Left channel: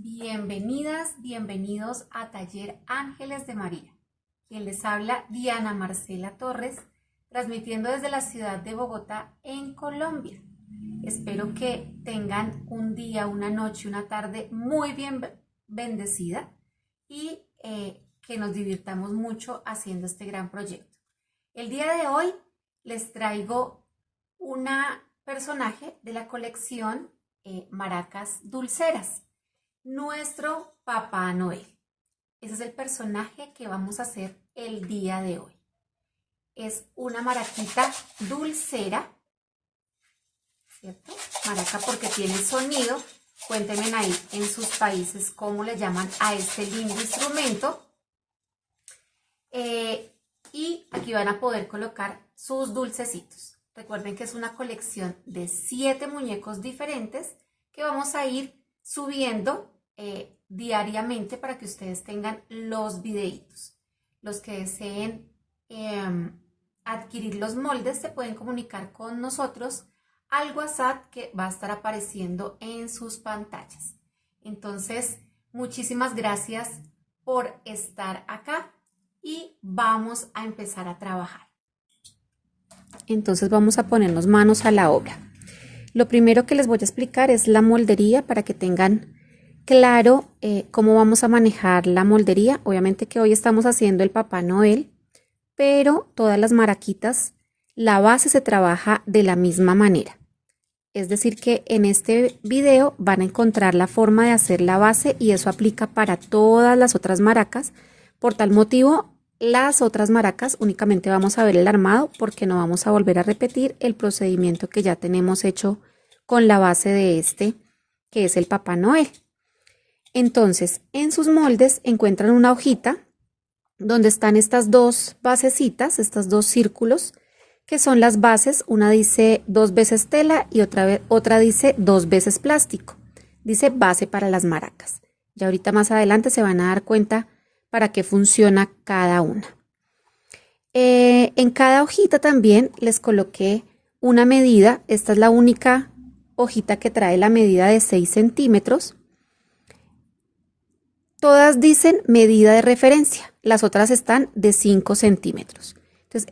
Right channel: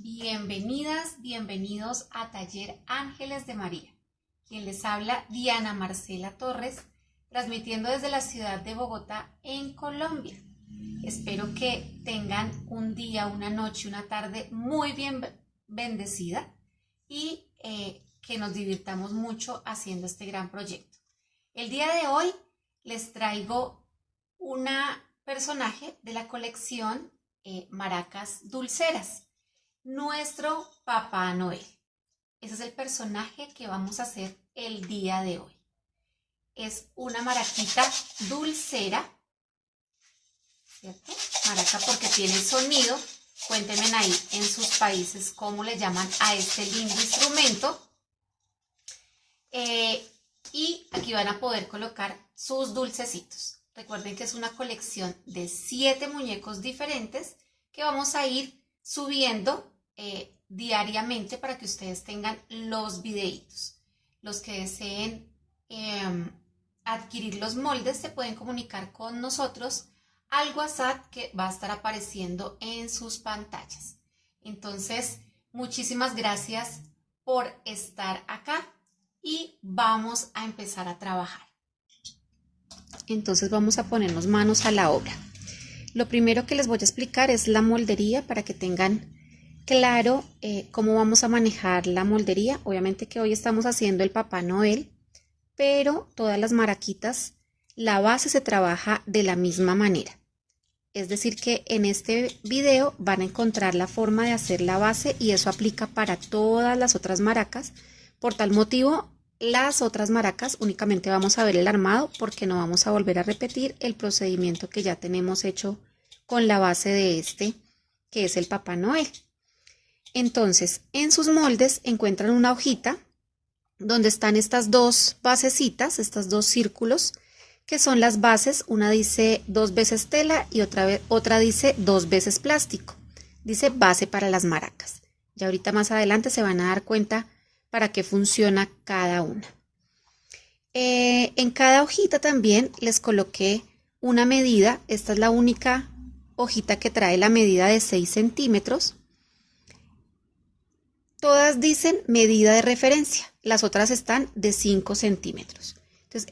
Bienvenidas, bienvenidos a Taller Ángeles de María. Quien les habla, Diana Marcela Torres, transmitiendo desde la ciudad de Bogotá, en Colombia. Espero que tengan un día, una noche, una tarde muy bien bendecida y que nos divirtamos mucho haciendo este gran proyecto. El día de hoy les traigo una personaje de la colección Maracas Dulceras, nuestro Papá Noel. Ese es el personaje que vamos a hacer el día de hoy. Es una maraquita dulcera, ¿cierto? Maraca porque tiene sonido. Cuéntenme ahí en sus países cómo le llaman a este lindo instrumento. Y aquí van a poder colocar sus dulcecitos. Recuerden que es una colección de 7 muñecos diferentes que vamos a ir subiendo diariamente para que ustedes tengan los videitos. Los que deseen adquirir los moldes se pueden comunicar con nosotros al WhatsApp que va a estar apareciendo en sus pantallas. Entonces, muchísimas gracias por estar acá y vamos a empezar a trabajar. Entonces vamos a ponernos manos a la obra. Lo primero que les voy a explicar es la moldería para que tengan claro cómo vamos a manejar la moldería. Obviamente que hoy estamos haciendo el Papá Noel, pero todas las maraquitas, la base se trabaja de la misma manera. Es decir que en este video van a encontrar la forma de hacer la base y eso aplica para todas las otras maracas. Por tal motivo, las otras maracas únicamente vamos a ver el armado porque no vamos a volver a repetir el procedimiento que ya tenemos hecho con la base de este, que es el Papá Noel. Entonces, en sus moldes encuentran una hojita donde están estas dos basecitas, estos dos círculos, que son las bases. Una dice 2 veces tela y otra dice 2 veces plástico. Dice base para las maracas. Ya ahorita más adelante se van a dar cuenta para qué funciona cada una. En cada hojita también les coloqué una medida. Esta es la única hojita que trae la medida de 6 centímetros. Todas dicen medida de referencia, las otras están de 5 centímetros. Entonces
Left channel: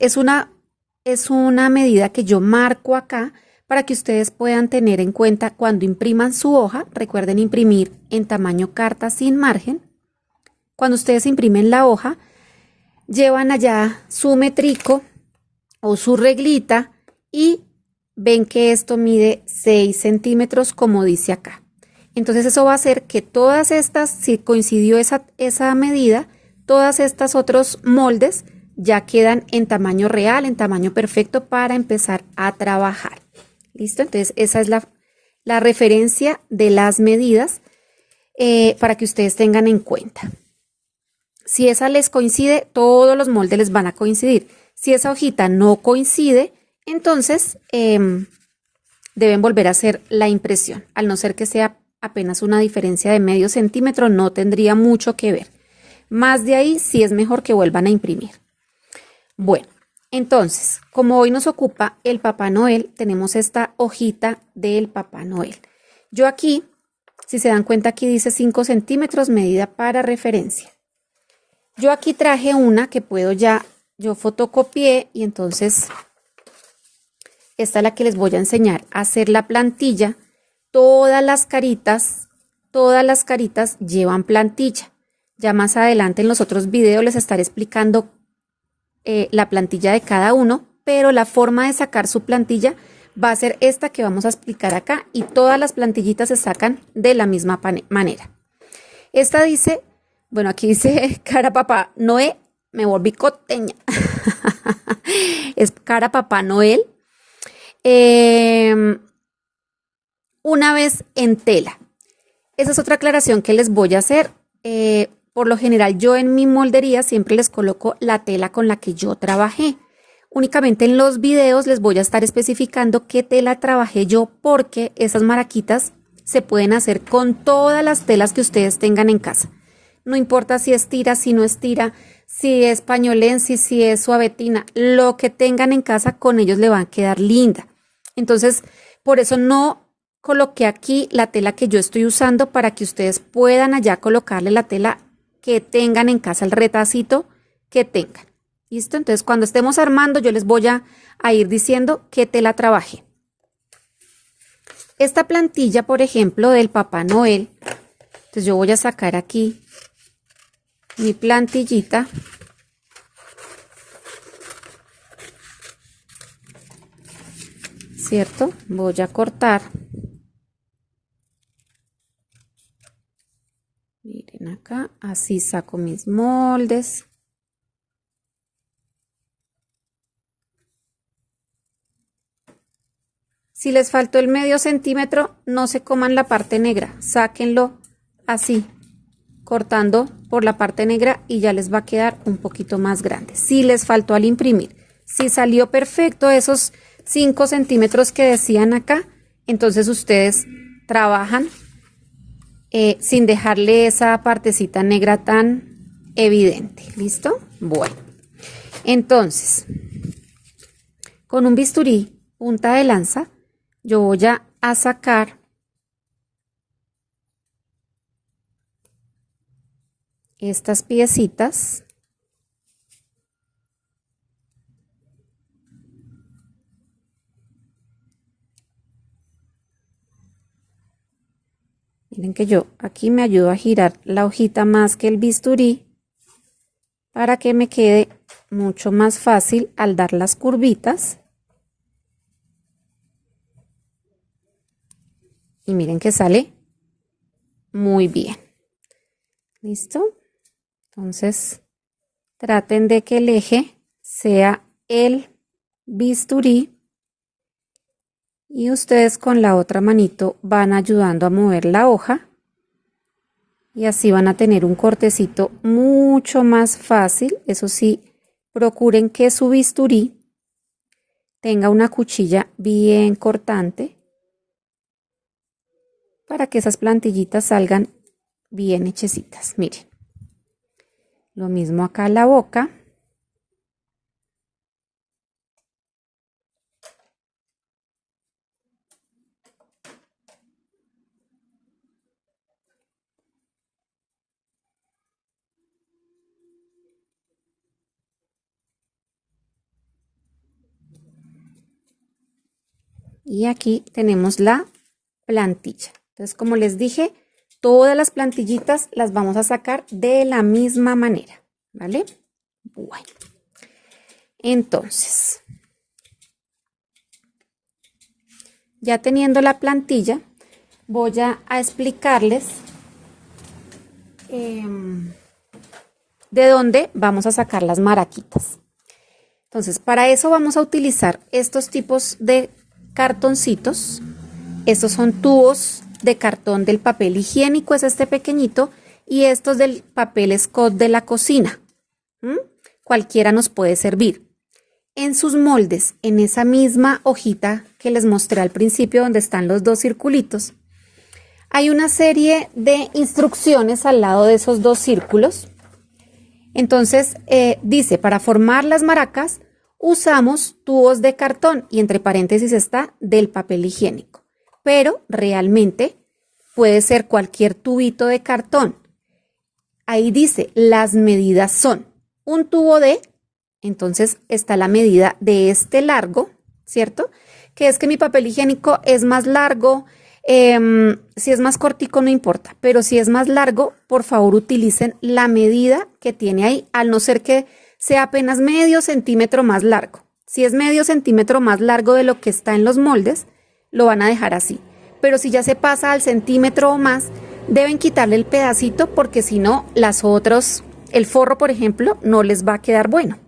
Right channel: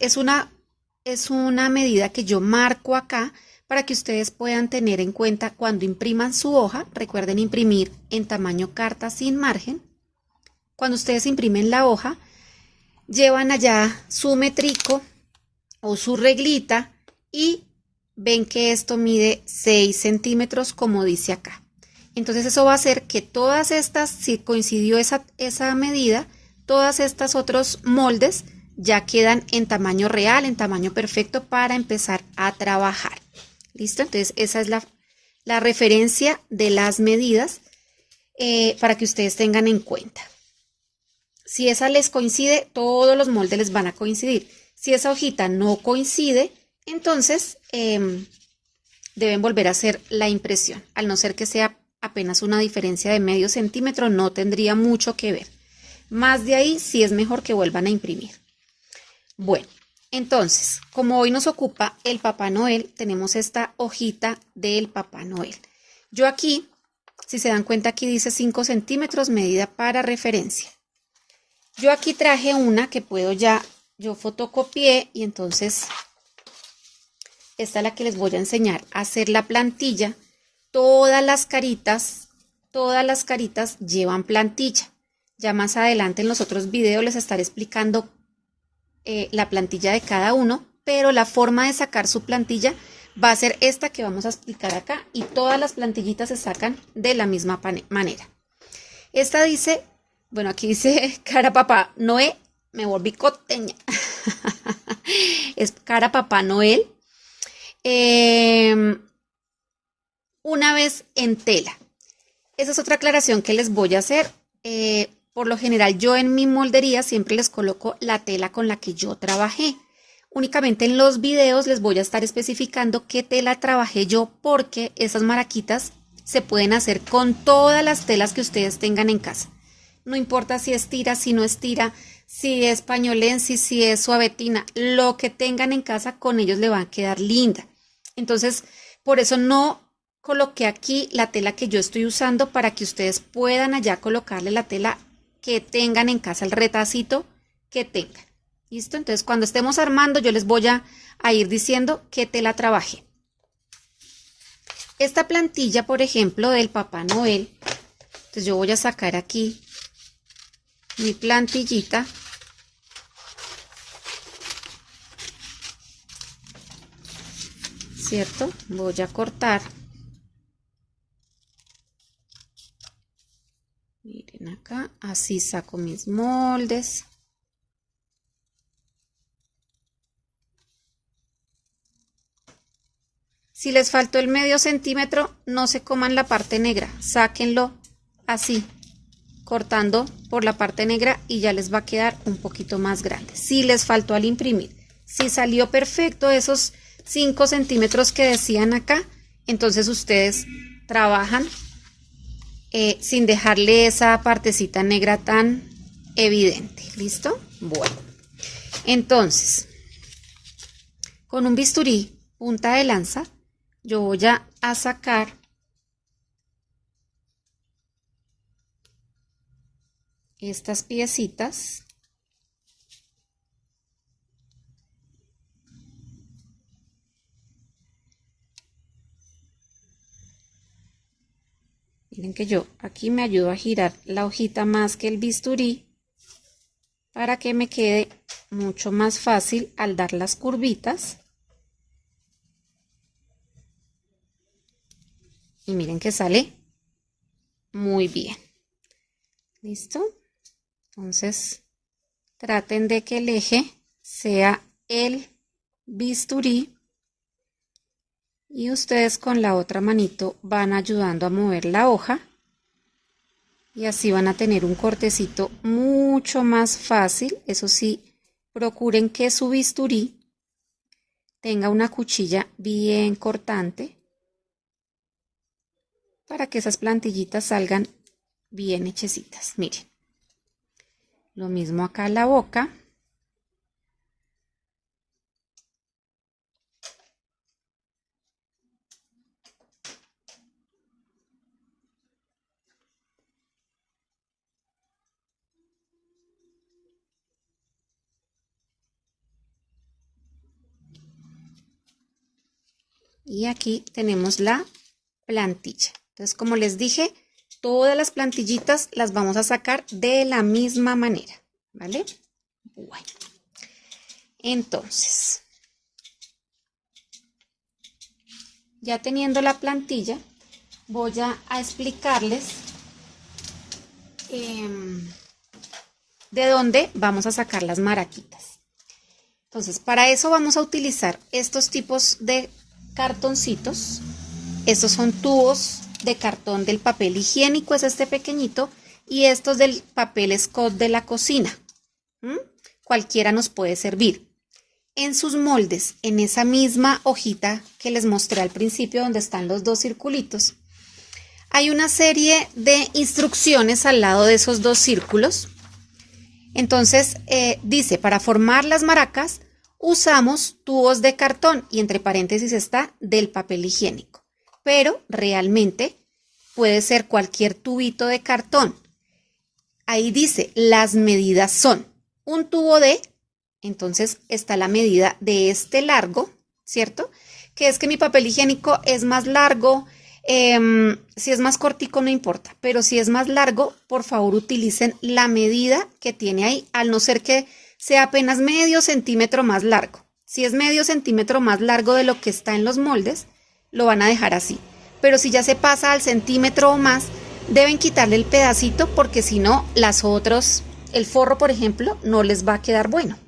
es una medida que yo marco acá para que ustedes puedan tener en cuenta cuando impriman su hoja. Recuerden imprimir en tamaño carta sin margen. Cuando ustedes imprimen la hoja, llevan allá su metrico o su reglita y ven que esto mide 6 centímetros como dice acá. Entonces eso va a hacer que todas estas, si coincidió esa medida, todas estas otros moldes ya quedan en tamaño real, en tamaño perfecto para empezar a trabajar. ¿Listo? Entonces esa es la referencia de las medidas para que ustedes tengan en cuenta. Si esa les coincide, todos los moldes les van a coincidir. Si esa hojita no coincide, entonces deben volver a hacer la impresión. Al no ser que sea apenas una diferencia de medio centímetro, no tendría mucho que ver. Más de ahí sí es mejor que vuelvan a imprimir. Bueno, entonces, como hoy nos ocupa el Papá Noel, tenemos esta hojita del Papá Noel. Yo aquí, si se dan cuenta, aquí dice 5 centímetros, medida para referencia. Yo aquí traje una que yo fotocopié y entonces esta es la que les voy a enseñar a hacer la plantilla. Todas las caritas llevan plantilla. Ya más adelante en los otros videos les estaré explicando la plantilla de cada uno, pero la forma de sacar su plantilla va a ser esta que vamos a explicar acá y todas las plantillitas se sacan de la misma manera. Esta dice, bueno, aquí dice cara Papá Noel, me volví costeña. Es cara Papá Noel. Una vez en tela. Esa es otra aclaración que les voy a hacer. Por lo general yo en mi moldería siempre les coloco la tela con la que yo trabajé. Únicamente en los videos les voy a estar especificando qué tela trabajé yo porque esas maraquitas se pueden hacer con todas las telas que ustedes tengan en casa. No importa si es tira, si no es tira, si es pañolense, si es suavetina, lo que tengan en casa con ellos le va a quedar linda. Entonces, por eso no coloqué aquí la tela que yo estoy usando para que ustedes puedan allá colocarle la tela que tengan en casa, el retacito que tengan. ¿Listo? Entonces cuando estemos armando yo les voy a ir diciendo qué tela trabajé. Esta plantilla, por ejemplo, del Papá Noel, entonces yo voy a sacar aquí mi plantillita. ¿Cierto? Voy a cortar. Miren acá, así saco mis moldes. Si les faltó el medio centímetro, no se coman la parte negra, sáquenlo así, cortando por la parte negra y ya les va a quedar un poquito más grande. Si les faltó al imprimir, si salió perfecto esos 5 centímetros que decían acá, entonces ustedes trabajan sin dejarle esa partecita negra tan evidente. ¿Listo? Bueno, entonces con un bisturí punta de lanza yo voy a sacar estas piecitas. Miren que yo aquí me ayudo a girar la hojita más que el bisturí para que me quede mucho más fácil al dar las curvitas. Y miren que sale muy bien. ¿Listo? Entonces traten de que el eje sea el bisturí. Y ustedes con la otra manito van ayudando a mover la hoja y así van a tener un cortecito mucho más fácil. Eso sí, procuren que su bisturí tenga una cuchilla bien cortante para que esas plantillitas salgan bien hechecitas. Miren, lo mismo acá la boca. Y aquí tenemos la plantilla. Entonces, como les dije, todas las plantillitas las vamos a sacar de la misma manera, ¿vale? Bueno, entonces, ya teniendo la plantilla, voy a explicarles de dónde vamos a sacar las maraquitas. Entonces, para eso vamos a utilizar estos tipos de cartoncitos. Estos son tubos de cartón del papel higiénico, es este pequeñito, y estos del papel Scott de la cocina. Cualquiera nos puede servir. En sus moldes, en esa misma hojita que les mostré al principio, donde están los dos circulitos, hay una serie de instrucciones al lado de esos dos círculos. Entonces, dice, para formar las maracas, usamos tubos de cartón y entre paréntesis está del papel higiénico. Pero realmente puede ser cualquier tubito de cartón. Ahí dice, las medidas son un tubo de, entonces está la medida de este largo, ¿cierto? Que es que mi papel higiénico es más largo, si es más cortico no importa, pero si es más largo, por favor utilicen la medida que tiene ahí, al no ser que sea apenas medio centímetro más largo. Si es medio centímetro más largo de lo que está en los moldes, lo van a dejar así. Pero si ya se pasa al centímetro o más, deben quitarle el pedacito porque si no, el forro, por ejemplo, no les va a quedar bueno.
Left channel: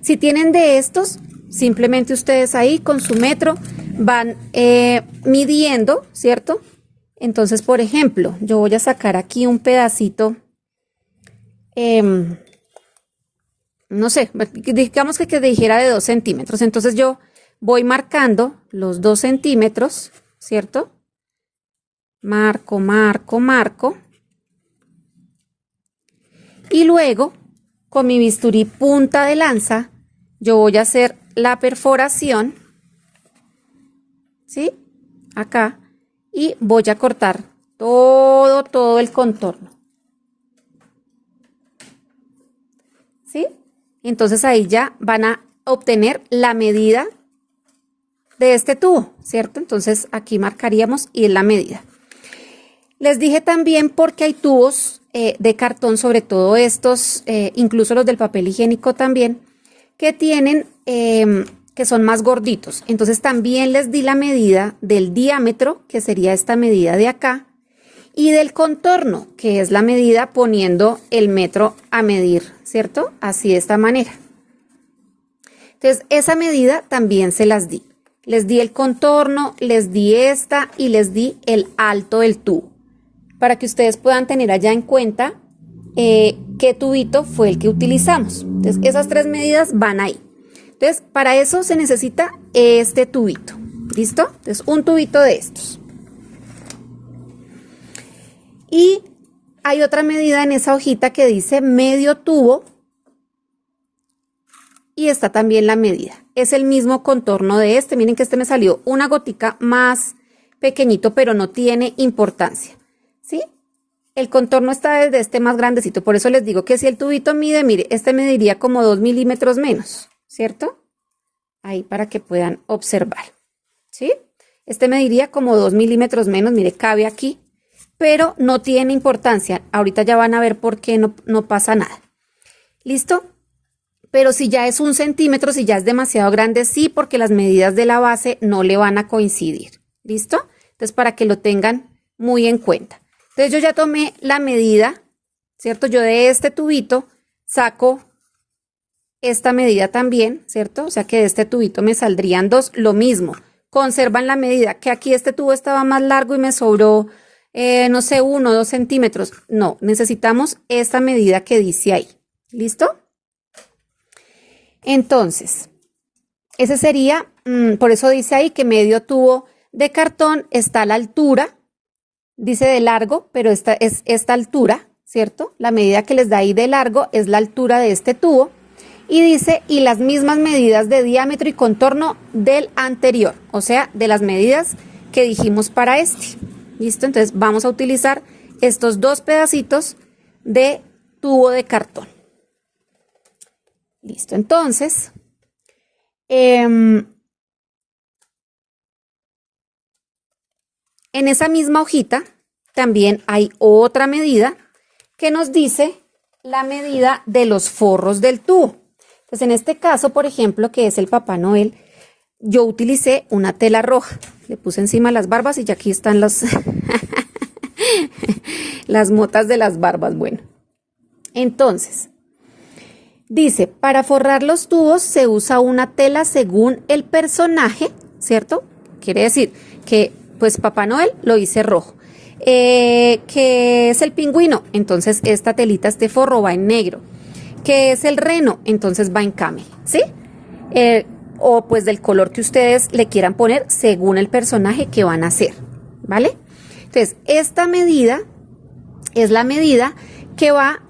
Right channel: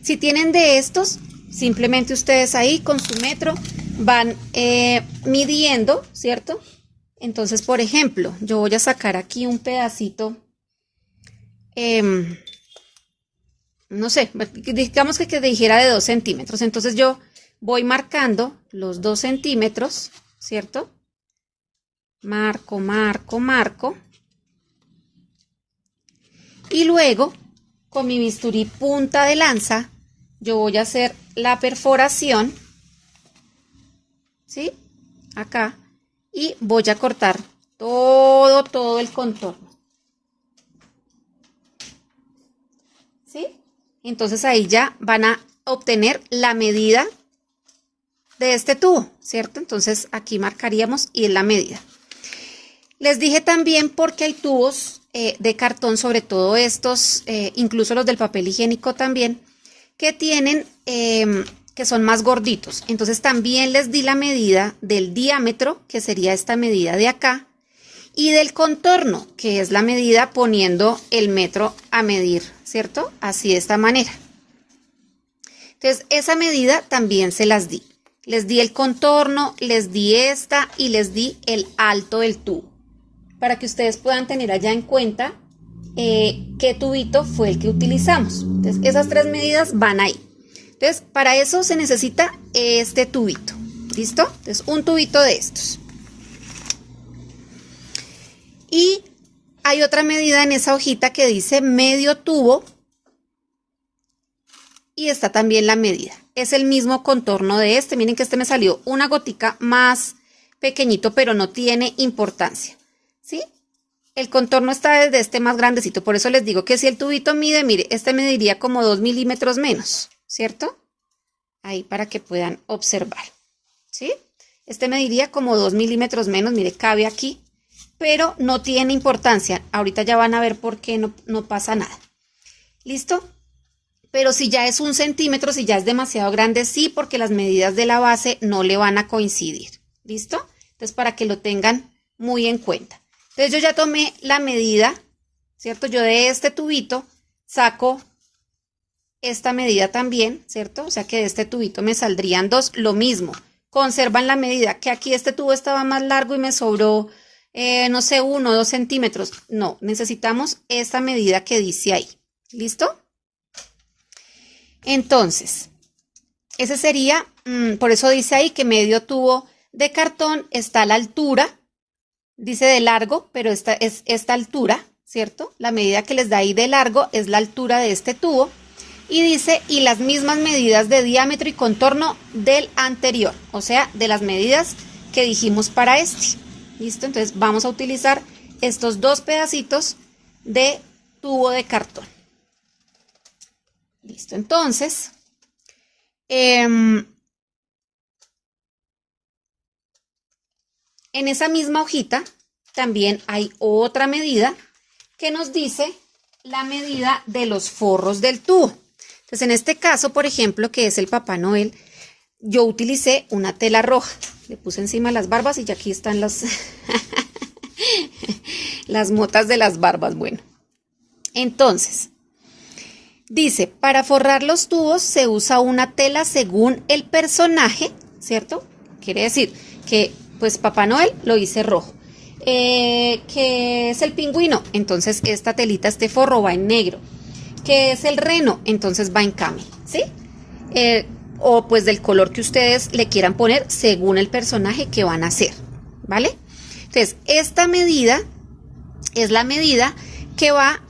Si tienen de estos, simplemente ustedes ahí con su metro van midiendo, ¿cierto? Entonces, por ejemplo, yo voy a sacar aquí un pedacito, no sé, digamos que dijera de 2 centímetros. Entonces yo voy marcando los 2 centímetros, ¿cierto? Marco, marco, marco. Y luego, con mi bisturí punta de lanza, yo voy a hacer la perforación, ¿sí? acá y voy a cortar todo el contorno. ¿Sí? Entonces ahí ya van a obtener la medida de este tubo, ¿cierto? Entonces aquí marcaríamos y es la medida. Les dije también porque hay tubos de cartón, sobre todo estos, incluso los del papel higiénico también, que tienen, que son más gorditos. Entonces también les di la medida del diámetro, que sería esta medida de acá, y del contorno, que es la medida poniendo el metro a medir, ¿cierto? Así de esta manera. Entonces esa medida también se las di. Les di el contorno, les di esta y les di el alto del tubo, para que ustedes puedan tener allá en cuenta qué tubito fue el que utilizamos. Entonces esas tres medidas van ahí. Entonces para eso se necesita este tubito, ¿listo? Entonces un tubito de estos. Y hay otra medida en esa hojita que dice medio tubo y está también la medida. Es el mismo contorno de este. Miren que este me salió una gotica más pequeñito, pero no tiene importancia, ¿sí? El contorno está desde este más grandecito, por eso les digo que si el tubito mide, mire, este mediría como 2 milímetros menos, ¿cierto? Ahí para que puedan observar, ¿sí? Este mediría como 2 milímetros menos, mire, cabe aquí, pero no tiene importancia. Ahorita ya van a ver por qué no pasa nada. ¿Listo? Pero si ya es 1 centímetro, si ya es demasiado grande, sí, porque las medidas de la base no le van a coincidir. ¿Listo? Entonces, para que lo tengan muy en cuenta. Entonces, yo ya tomé la medida, ¿cierto? Yo de este tubito saco esta medida también, ¿cierto? O sea que de este tubito me saldrían 2, lo mismo. Conservan la medida, que aquí este tubo estaba más largo y me sobró, no sé, 1 o 2 centímetros. No, necesitamos esta medida que dice ahí. ¿Listo? Entonces, ese sería, por eso dice ahí que medio tubo de cartón está a la altura, dice de largo, pero esta es esta altura, ¿cierto? La medida que les da ahí de largo es la altura de este tubo. Y dice, y las mismas medidas de diámetro y contorno del anterior, o sea, de las medidas que dijimos para este. ¿Listo? Entonces vamos a utilizar estos 2 pedacitos de tubo de cartón. Listo, entonces, en esa misma hojita también hay otra medida que nos dice la medida de los forros del tubo. Entonces, en este caso, por ejemplo, que es el Papá Noel, yo utilicé una tela roja. Le puse encima las barbas y ya aquí están las, las motas de las barbas. Bueno, entonces, dice, para forrar los tubos se usa una tela según el personaje, ¿cierto? Quiere decir que, pues, Papá Noel lo hice rojo. Que es el pingüino, entonces esta telita, este forro va en negro. Que es el reno, entonces va en camel, ¿sí? O pues del color que ustedes le quieran poner según el personaje que van a hacer, ¿vale? Entonces, esta medida es la medida que va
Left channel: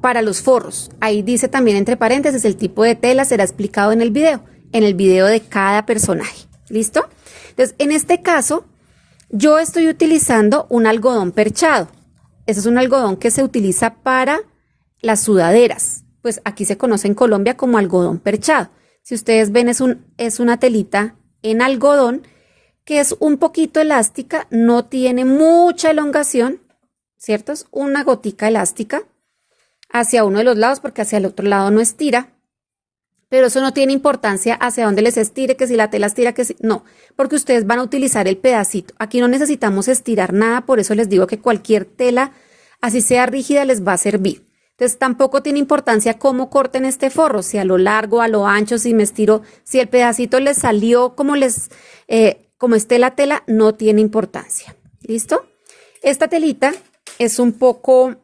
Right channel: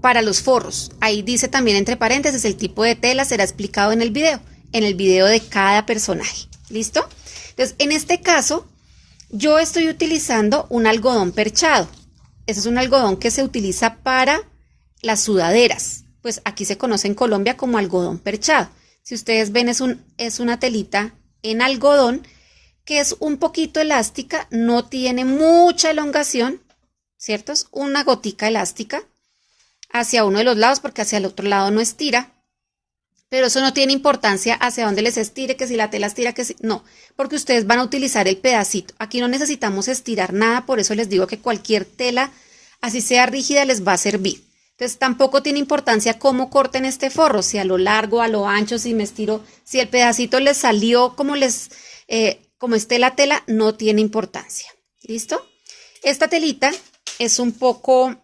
para los forros. Ahí dice también entre paréntesis el tipo de tela, será explicado en el video de cada personaje, ¿listo? Entonces, en este caso, yo estoy utilizando un algodón perchado. Ese es un algodón que se utiliza para las sudaderas. Pues aquí se conoce en Colombia como algodón perchado. Si ustedes ven, es una telita en algodón que es un poquito elástica, no tiene mucha elongación, ¿cierto? Es una gotica elástica hacia uno de los lados porque hacia el otro lado no estira. Pero eso no tiene importancia hacia dónde les estire, que si la tela estira, que si... No, porque ustedes van a utilizar el pedacito. Aquí no necesitamos estirar nada, por eso les digo que cualquier tela, así sea rígida, les va a servir. Entonces tampoco tiene importancia cómo corten este forro, si a lo largo, a lo ancho, si me estiro, si el pedacito les salió como esté la tela, no tiene importancia. ¿Listo? Esta telita es un poco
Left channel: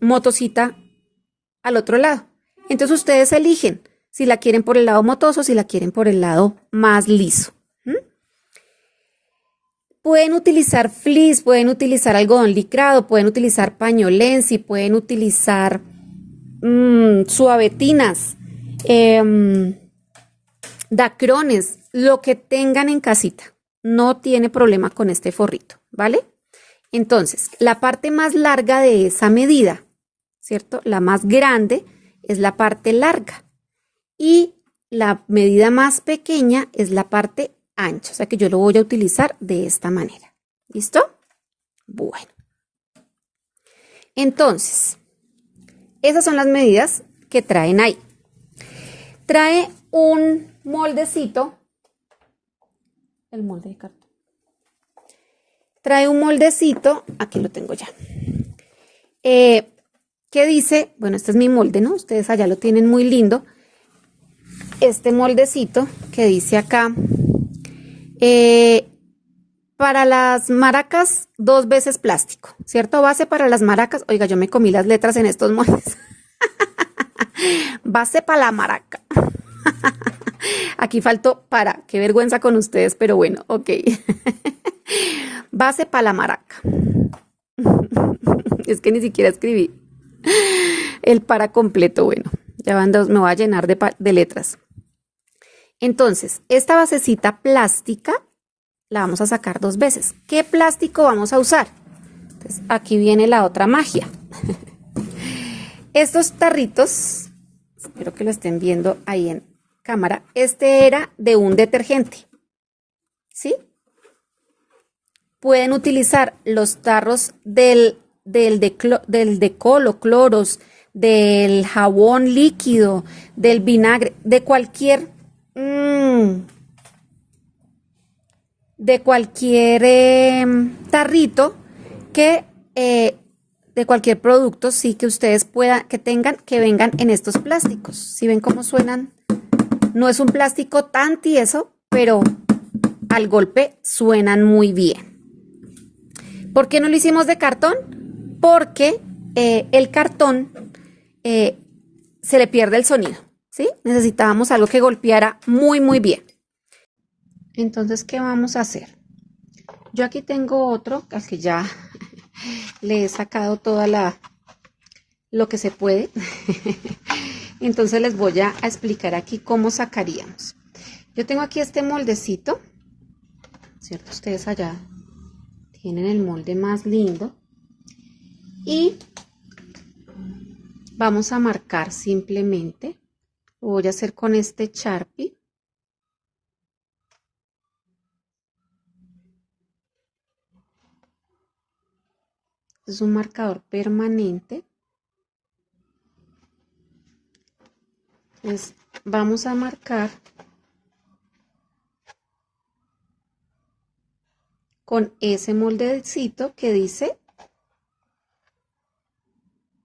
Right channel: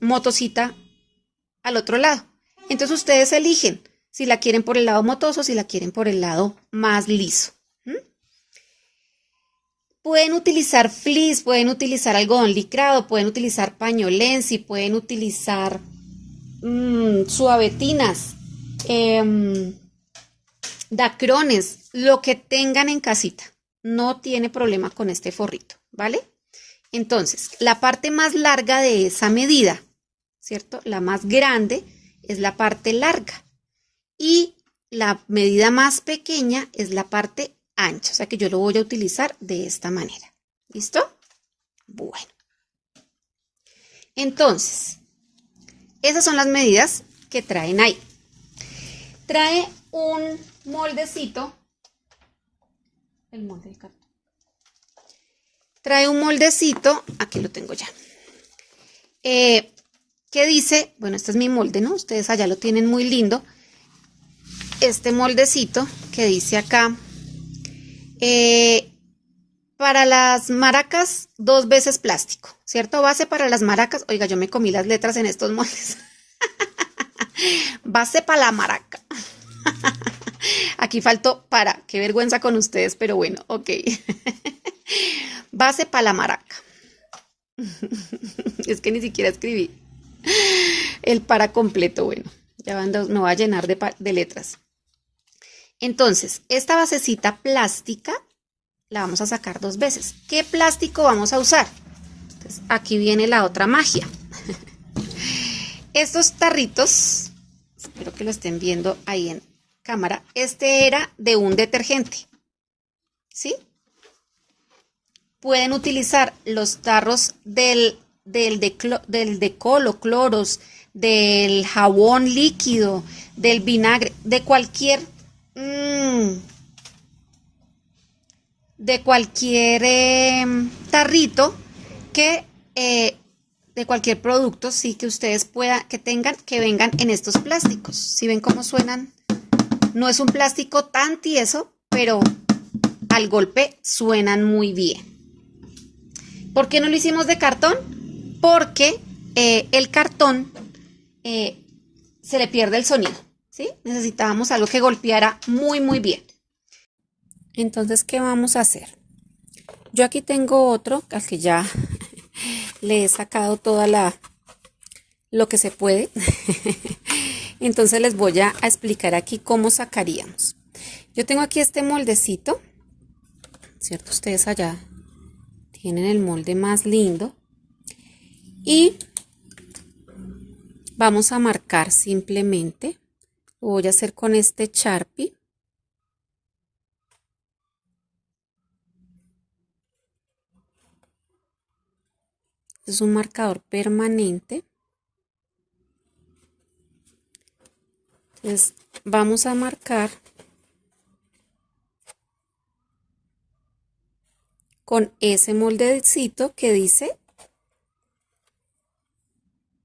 motosita al otro lado. Entonces ustedes eligen si la quieren por el lado motoso, si la quieren por el lado más liso. Pueden utilizar fleece, pueden utilizar algodón licrado, pueden utilizar pañolensi, pueden utilizar suavetinas. dacrones, lo que tengan en casita. No tiene problema con este forrito, ¿vale? Entonces, la parte más larga de esa medida, ¿cierto? La más grande es la parte larga y la medida más pequeña es la parte ancha. O sea que yo lo voy a utilizar de esta manera. ¿Listo? Bueno. Entonces, esas son las medidas que traen ahí. Trae un moldecito. El molde de cartón. Trae un moldecito, aquí lo tengo ya, que dice, bueno, este es mi molde, ¿no? Ustedes allá lo tienen muy lindo. Este moldecito que dice acá, para las maracas, 2 veces plástico, ¿cierto? Base para las maracas. Oiga, yo me comí las letras en estos moldes. Base para la maraca. Aquí faltó para, qué vergüenza con ustedes, pero bueno, ok. Base para la maraca. Es que ni siquiera escribí el para completo. Bueno, ya me voy a llenar de letras. Entonces, esta basecita plástica la vamos a sacar 2 veces. ¿Qué plástico vamos a usar? Entonces, aquí viene la otra magia. Estos tarritos, espero que lo estén viendo ahí en cámara, este era de un detergente, ¿sí? Pueden utilizar los tarros del decolo, cloros, del jabón líquido, del vinagre, de cualquier tarrito que de cualquier producto, sí, que ustedes puedan, que tengan, que vengan en estos plásticos. Si ven cómo suenan, no es un plástico tan tieso, pero al golpe suenan muy bien. ¿Por qué no lo hicimos de cartón? Porque el cartón se le pierde el sonido, ¿sí? Necesitábamos algo que golpeara muy, muy bien. Entonces, ¿qué vamos a hacer? Yo aquí tengo otro, al que ya le he sacado toda lo que se puede. Entonces les voy a explicar aquí cómo sacaríamos. Yo tengo aquí este moldecito, ¿cierto? Ustedes allá tienen el molde más lindo. Y vamos a marcar simplemente. Lo voy a hacer con este Sharpie. Es un marcador permanente. Entonces vamos a marcar con ese moldecito que dice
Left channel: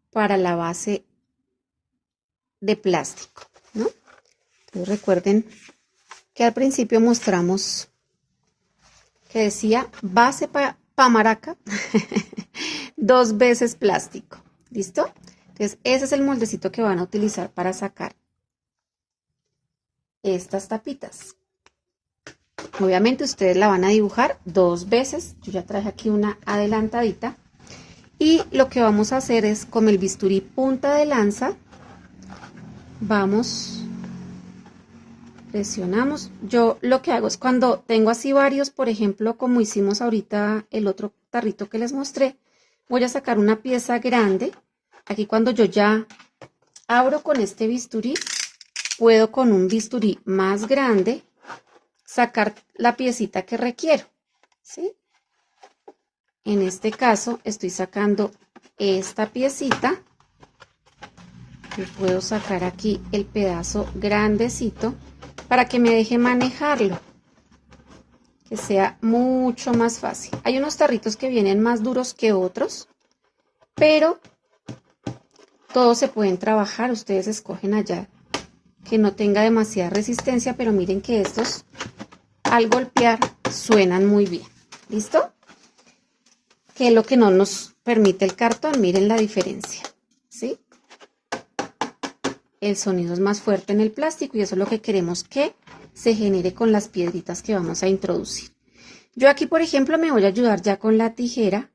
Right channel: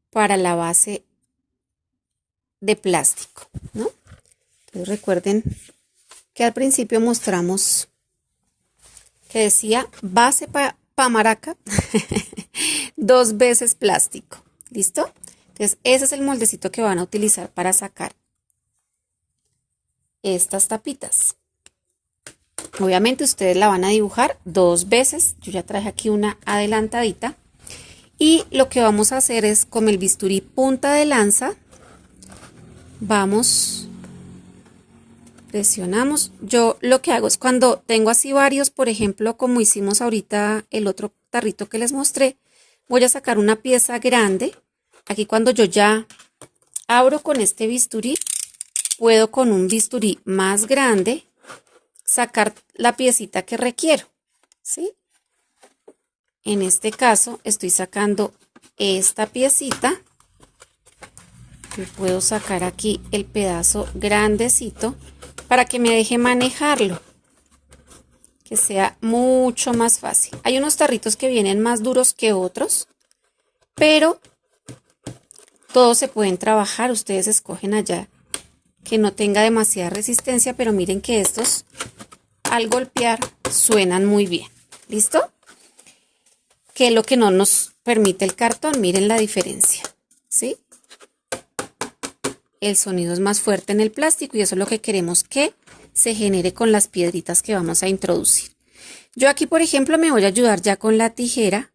para la base de plástico, ¿no? Entonces recuerden que al principio mostramos que decía base para maraca 2 veces plástico. ¿Listo? Entonces ese es el moldecito que van a utilizar para sacar estas tapitas. Obviamente ustedes la van a dibujar 2 veces. Yo ya traje aquí una adelantadita. Y lo que vamos a hacer es con el bisturí punta de lanza. Vamos, presionamos. Yo lo que hago es cuando tengo así varios, por ejemplo, como hicimos ahorita el otro tarrito que les mostré, voy a sacar una pieza grande. Aquí cuando yo ya abro con este bisturí, puedo con un bisturí más grande sacar la piecita que requiero, ¿sí? En este caso estoy sacando esta piecita. Me puedo sacar aquí el pedazo grandecito para que me deje manejarlo, que sea mucho más fácil. Hay unos tarritos que vienen más duros que otros, pero todos se pueden trabajar. Ustedes escogen allá que no tenga demasiada resistencia, pero miren que estos al golpear suenan muy bien. ¿Listo? Que es lo que no nos permite el cartón. Miren la diferencia, ¿sí? El sonido es más fuerte en el plástico y eso es lo que queremos que se genere con las piedritas que vamos a introducir. Yo aquí, por ejemplo, me voy a ayudar ya con la tijera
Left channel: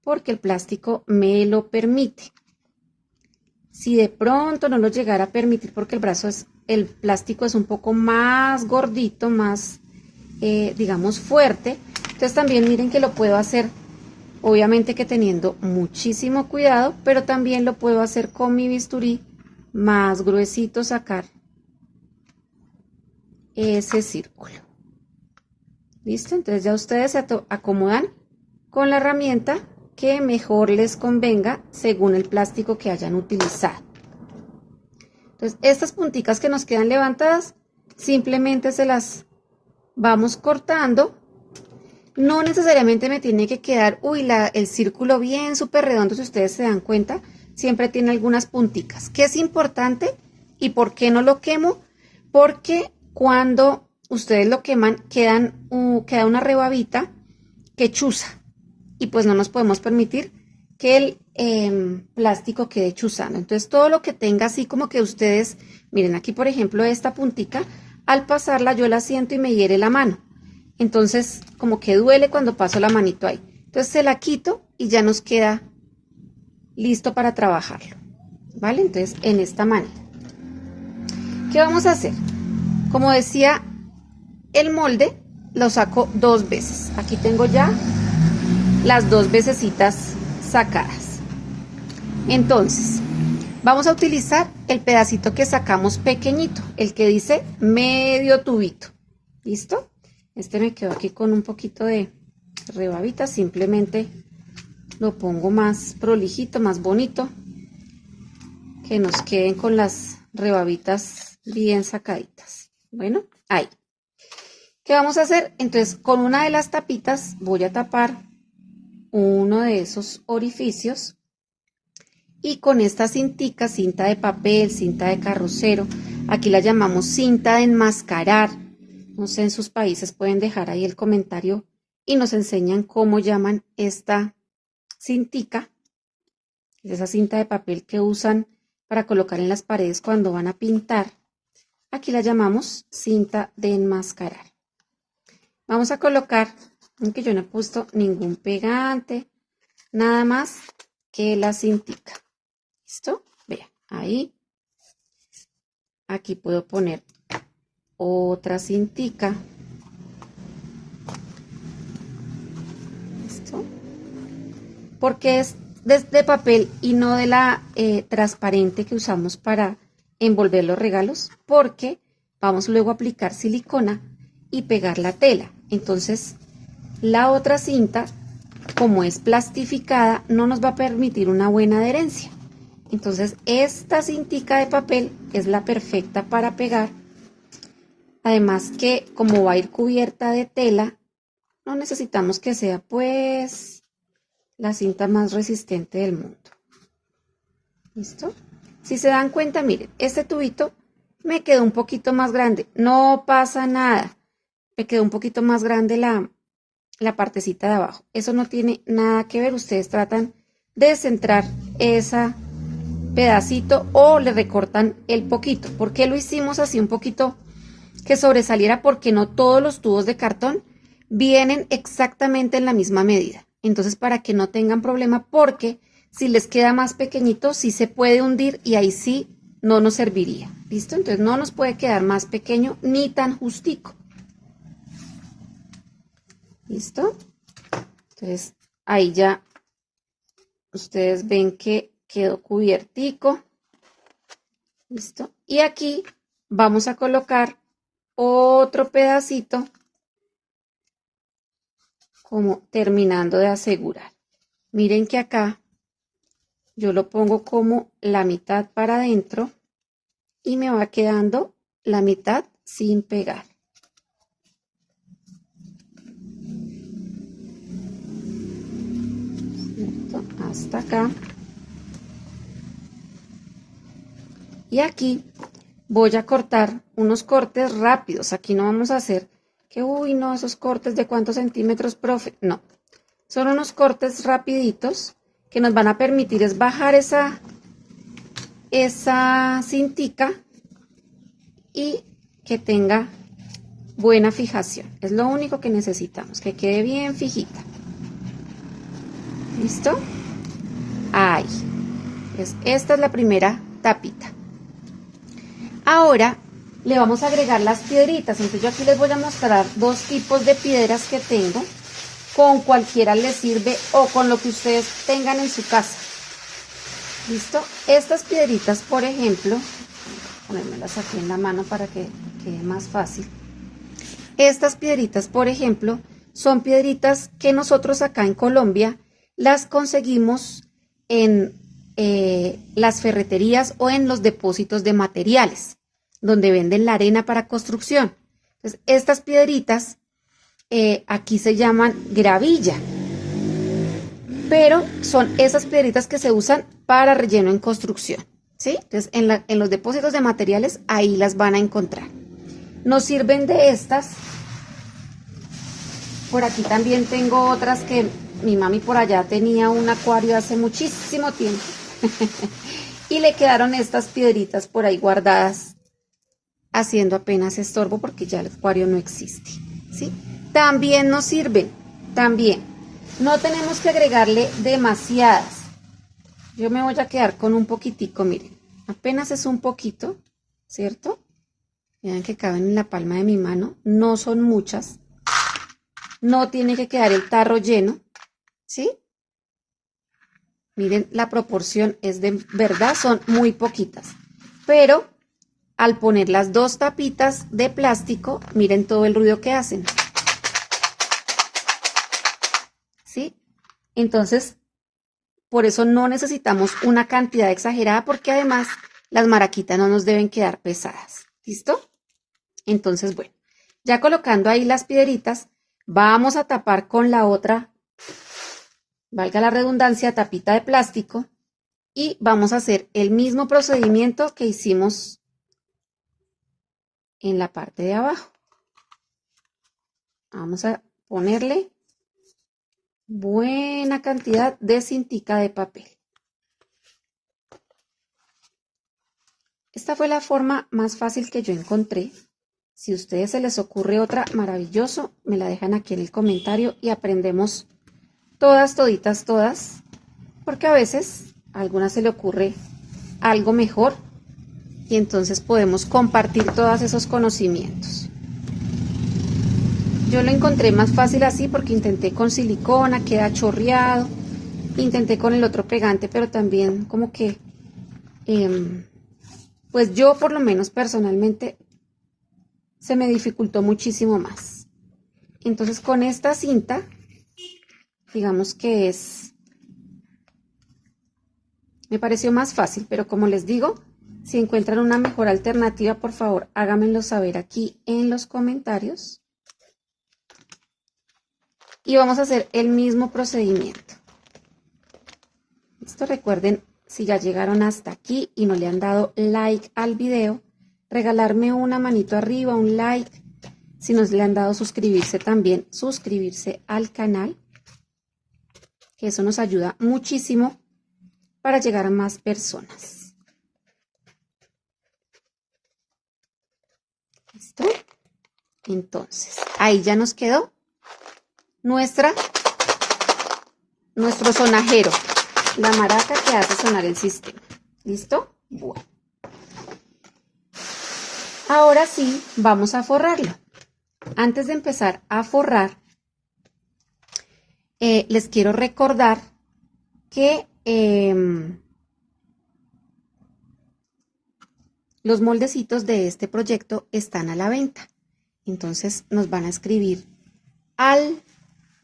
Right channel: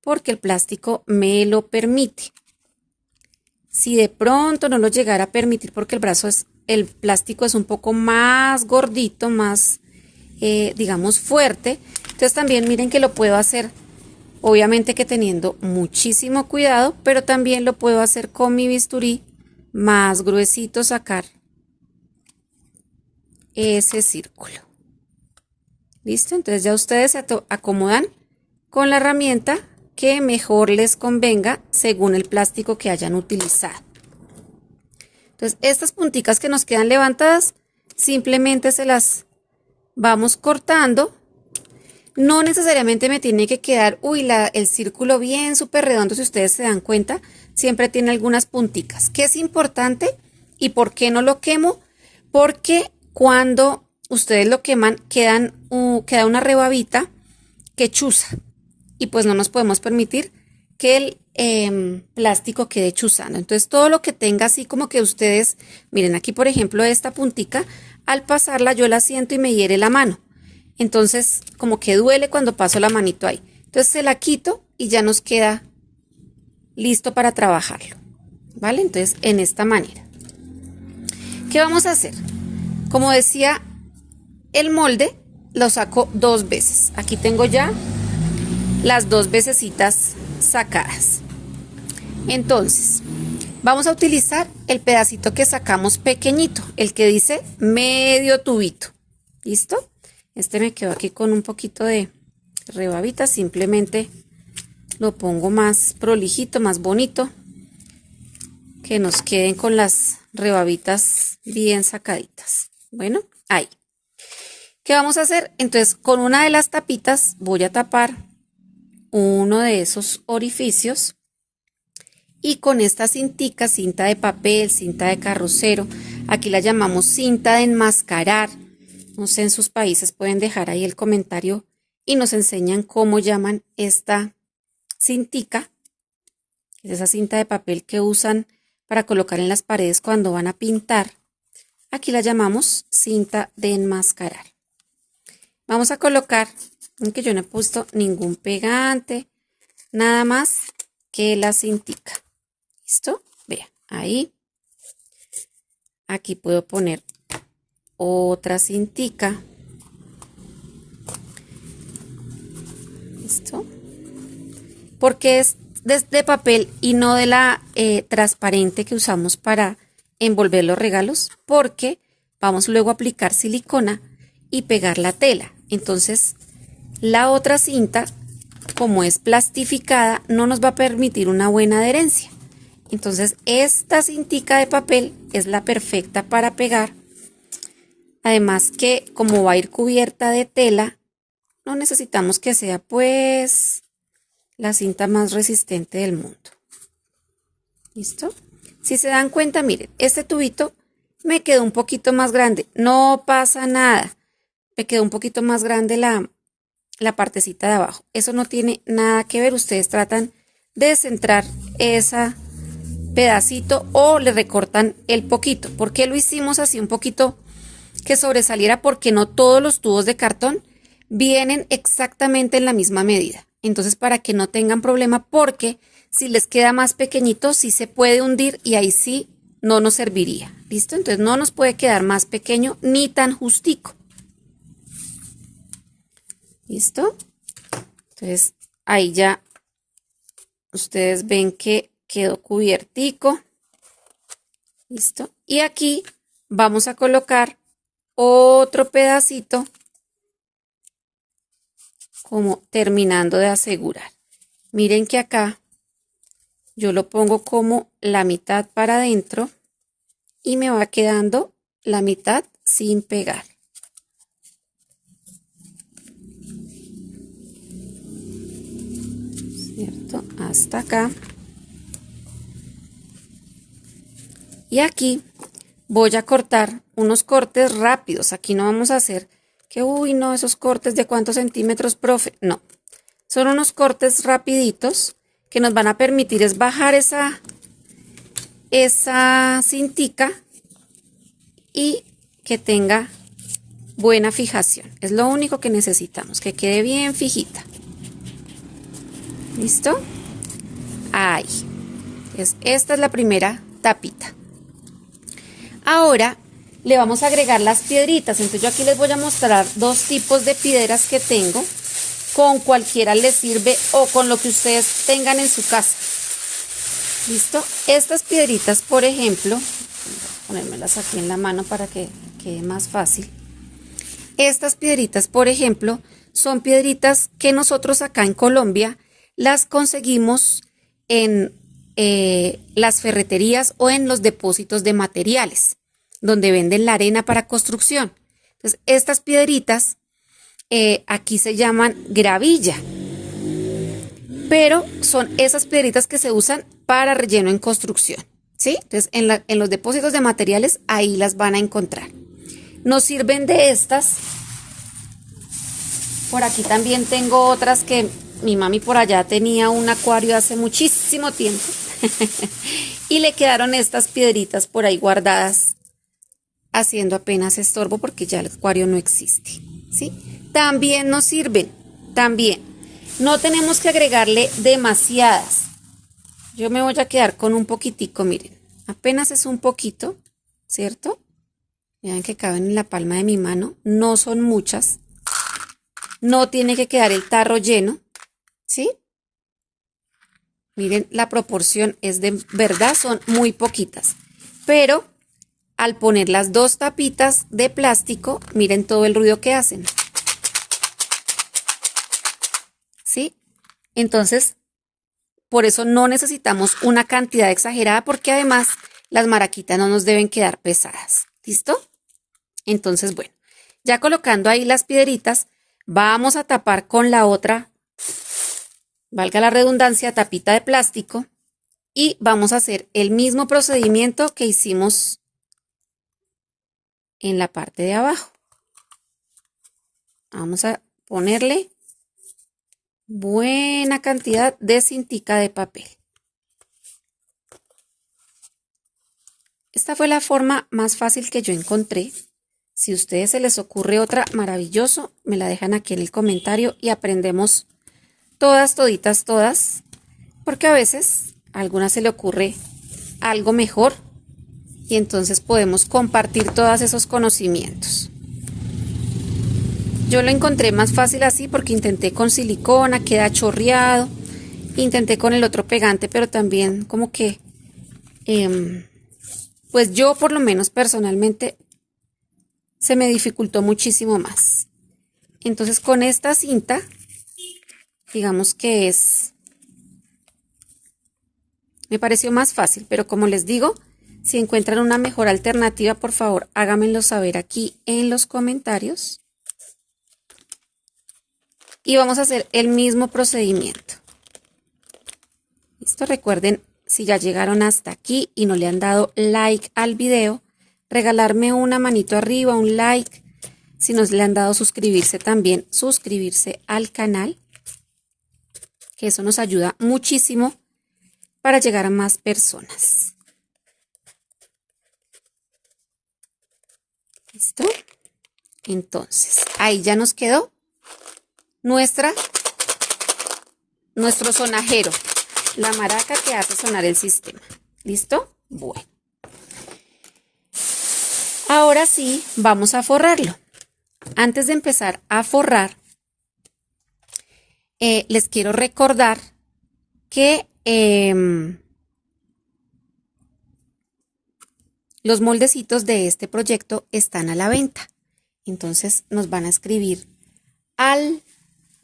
porque el plástico me lo permite. Si de pronto no lo llegara a permitir porque el brazo es el plástico es un poco más gordito, más, digamos, fuerte. Entonces también miren que lo puedo hacer, obviamente que teniendo muchísimo cuidado, pero también lo puedo hacer con mi bisturí más gruesito, sacar ese círculo. ¿Listo? Entonces ya ustedes se acomodan con la herramienta que mejor les convenga según el plástico que hayan utilizado. Entonces estas punticas que nos quedan levantadas, simplemente se las vamos cortando. No necesariamente me tiene que quedar, el círculo bien súper redondo, si ustedes se dan cuenta, siempre tiene algunas punticas. ¿Qué es importante y por qué no lo quemo? Porque cuando ustedes lo queman, queda una rebabita que chuza y pues no nos podemos permitir que el plástico quede chuzando. Entonces todo lo que tenga así como que ustedes, miren aquí por ejemplo esta puntica, al pasarla yo la siento y me hiere la mano. Entonces como que duele cuando paso la manito ahí. Entonces se la quito y ya nos queda listo para trabajarlo. ¿Vale? Entonces en esta manera. ¿Qué vamos a hacer? Como decía, el molde lo saco 2 veces. Aquí tengo ya las 2 vecesitas sacadas. Entonces, vamos a utilizar el pedacito que sacamos pequeñito, el que dice medio tubito. ¿Listo? Este me quedó aquí con un poquito de rebabita, simplemente lo pongo más prolijito, más bonito, que nos queden con las rebabitas bien sacaditas. Bueno, ahí. ¿Qué vamos a hacer? Entonces, con una de las tapitas voy a tapar uno de esos orificios y con esta cintica, cinta de papel, cinta de carrocero, aquí la llamamos cinta de enmascarar. No sé, en sus países pueden dejar ahí el comentario y nos enseñan cómo llaman esta cintica. Es esa cinta de papel que usan para colocar en las paredes cuando van a pintar. Aquí la llamamos cinta de enmascarar. Vamos a colocar, aunque yo no he puesto ningún pegante, nada más que la cintica. ¿Listo? Vean, ahí. Aquí puedo poner otra cintica. ¿Listo? Porque es de papel y no de la transparente que usamos para envolver los regalos, porque vamos luego a aplicar silicona y pegar la tela. Entonces, la otra cinta, como es plastificada, no nos va a permitir una buena adherencia. Entonces, esta cintica de papel es la perfecta para pegar. Además que como va a ir cubierta de tela, no necesitamos que sea pues la cinta más resistente del mundo. ¿Listo? Si se dan cuenta, miren, este tubito me quedó un poquito más grande. No pasa nada. Me quedó un poquito más grande la partecita de abajo. Eso no tiene nada que ver. Ustedes tratan de centrar ese pedacito o le recortan el poquito. ¿Por qué lo hicimos así un poquito que sobresaliera? Porque no todos los tubos de cartón vienen exactamente en la misma medida. Entonces, para que no tengan problema, porque si les queda más pequeñito, sí se puede hundir y ahí sí no nos serviría. ¿Listo? Entonces no nos puede quedar más pequeño ni tan justico. ¿Listo? Entonces ahí ya ustedes ven que quedó cubiertico. ¿Listo? Y aquí vamos a colocar otro pedacito como terminando de asegurar. Miren que acá yo lo pongo como la mitad para adentro y me va quedando la mitad sin pegar. ¿Cierto? Hasta acá. Y aquí voy a cortar unos cortes rápidos. Aquí no vamos a hacer que, uy, no, esos cortes de cuántos centímetros, profe. No, son unos cortes rapiditos que nos van a permitir es bajar esa cintica y que tenga buena fijación. Es lo único que necesitamos, que quede bien fijita. ¿Listo? Ahí. Esta es la primera tapita. Ahora le vamos a agregar las piedritas. Entonces yo aquí les voy a mostrar dos tipos de piedras que tengo. Con cualquiera les sirve o con lo que ustedes tengan en su casa. ¿Listo? Estas piedritas, por ejemplo, ponérmelas aquí en la mano para que quede más fácil. Estas piedritas, por ejemplo, son piedritas que nosotros acá en Colombia las conseguimos en las ferreterías o en los depósitos de materiales, donde venden la arena para construcción. Entonces, estas piedritas aquí se llaman gravilla, pero son esas piedritas que se usan para relleno en construcción, ¿sí? Entonces, en los depósitos de materiales, ahí las van a encontrar. Nos sirven de estas. Por aquí también tengo otras que mi mami por allá tenía un acuario hace muchísimo tiempo. Y le quedaron estas piedritas por ahí guardadas, haciendo apenas estorbo porque ya el acuario no existe, ¿sí? También nos sirven, también. No tenemos que agregarle demasiadas. Yo me voy a quedar con un poquitico, miren. Apenas es un poquito, ¿cierto? Vean que caben en la palma de mi mano. No son muchas. No tiene que quedar el tarro lleno, ¿sí? Miren, la proporción es de verdad, son muy poquitas. Pero al poner las dos tapitas de plástico, miren todo el ruido que hacen. ¿Sí? Entonces, por eso no necesitamos una cantidad exagerada, porque además las maraquitas no nos deben quedar pesadas. ¿Listo? Entonces, bueno, ya colocando ahí las piedritas, vamos a tapar con la otra, valga la redundancia, tapita de plástico, y vamos a hacer el mismo procedimiento que hicimos en la parte de abajo. Vamos a ponerle buena cantidad de cintica de papel. Esta fue la forma más fácil que yo encontré. Si a ustedes se les ocurre otra, maravilloso, me la dejan aquí en el comentario y aprendemos todas, toditas, todas, porque a veces a algunas se le ocurre algo mejor y entonces podemos compartir todos esos conocimientos. Yo lo encontré más fácil así porque intenté con silicona, queda chorreado, intenté con el otro pegante, pero también como que, pues yo por lo menos personalmente se me dificultó muchísimo más. Entonces con esta cinta, digamos que me pareció más fácil, pero como les digo, si encuentran una mejor alternativa, por favor, háganmelo saber aquí en los comentarios. Y vamos a hacer el mismo procedimiento. Listo, recuerden, si ya llegaron hasta aquí y no le han dado like al video, regalarme una manito arriba, un like. Si no le han dado suscribirse también, suscribirse al canal, que eso nos ayuda muchísimo para llegar a más personas. ¿Listo? Entonces, ahí ya nos quedó nuestro sonajero, la maraca que hace sonar el sistema. ¿Listo? Bueno. Ahora sí, vamos a forrarlo. Antes de empezar a forrar, les quiero recordar que los moldecitos de este proyecto están a la venta. Entonces nos van a escribir al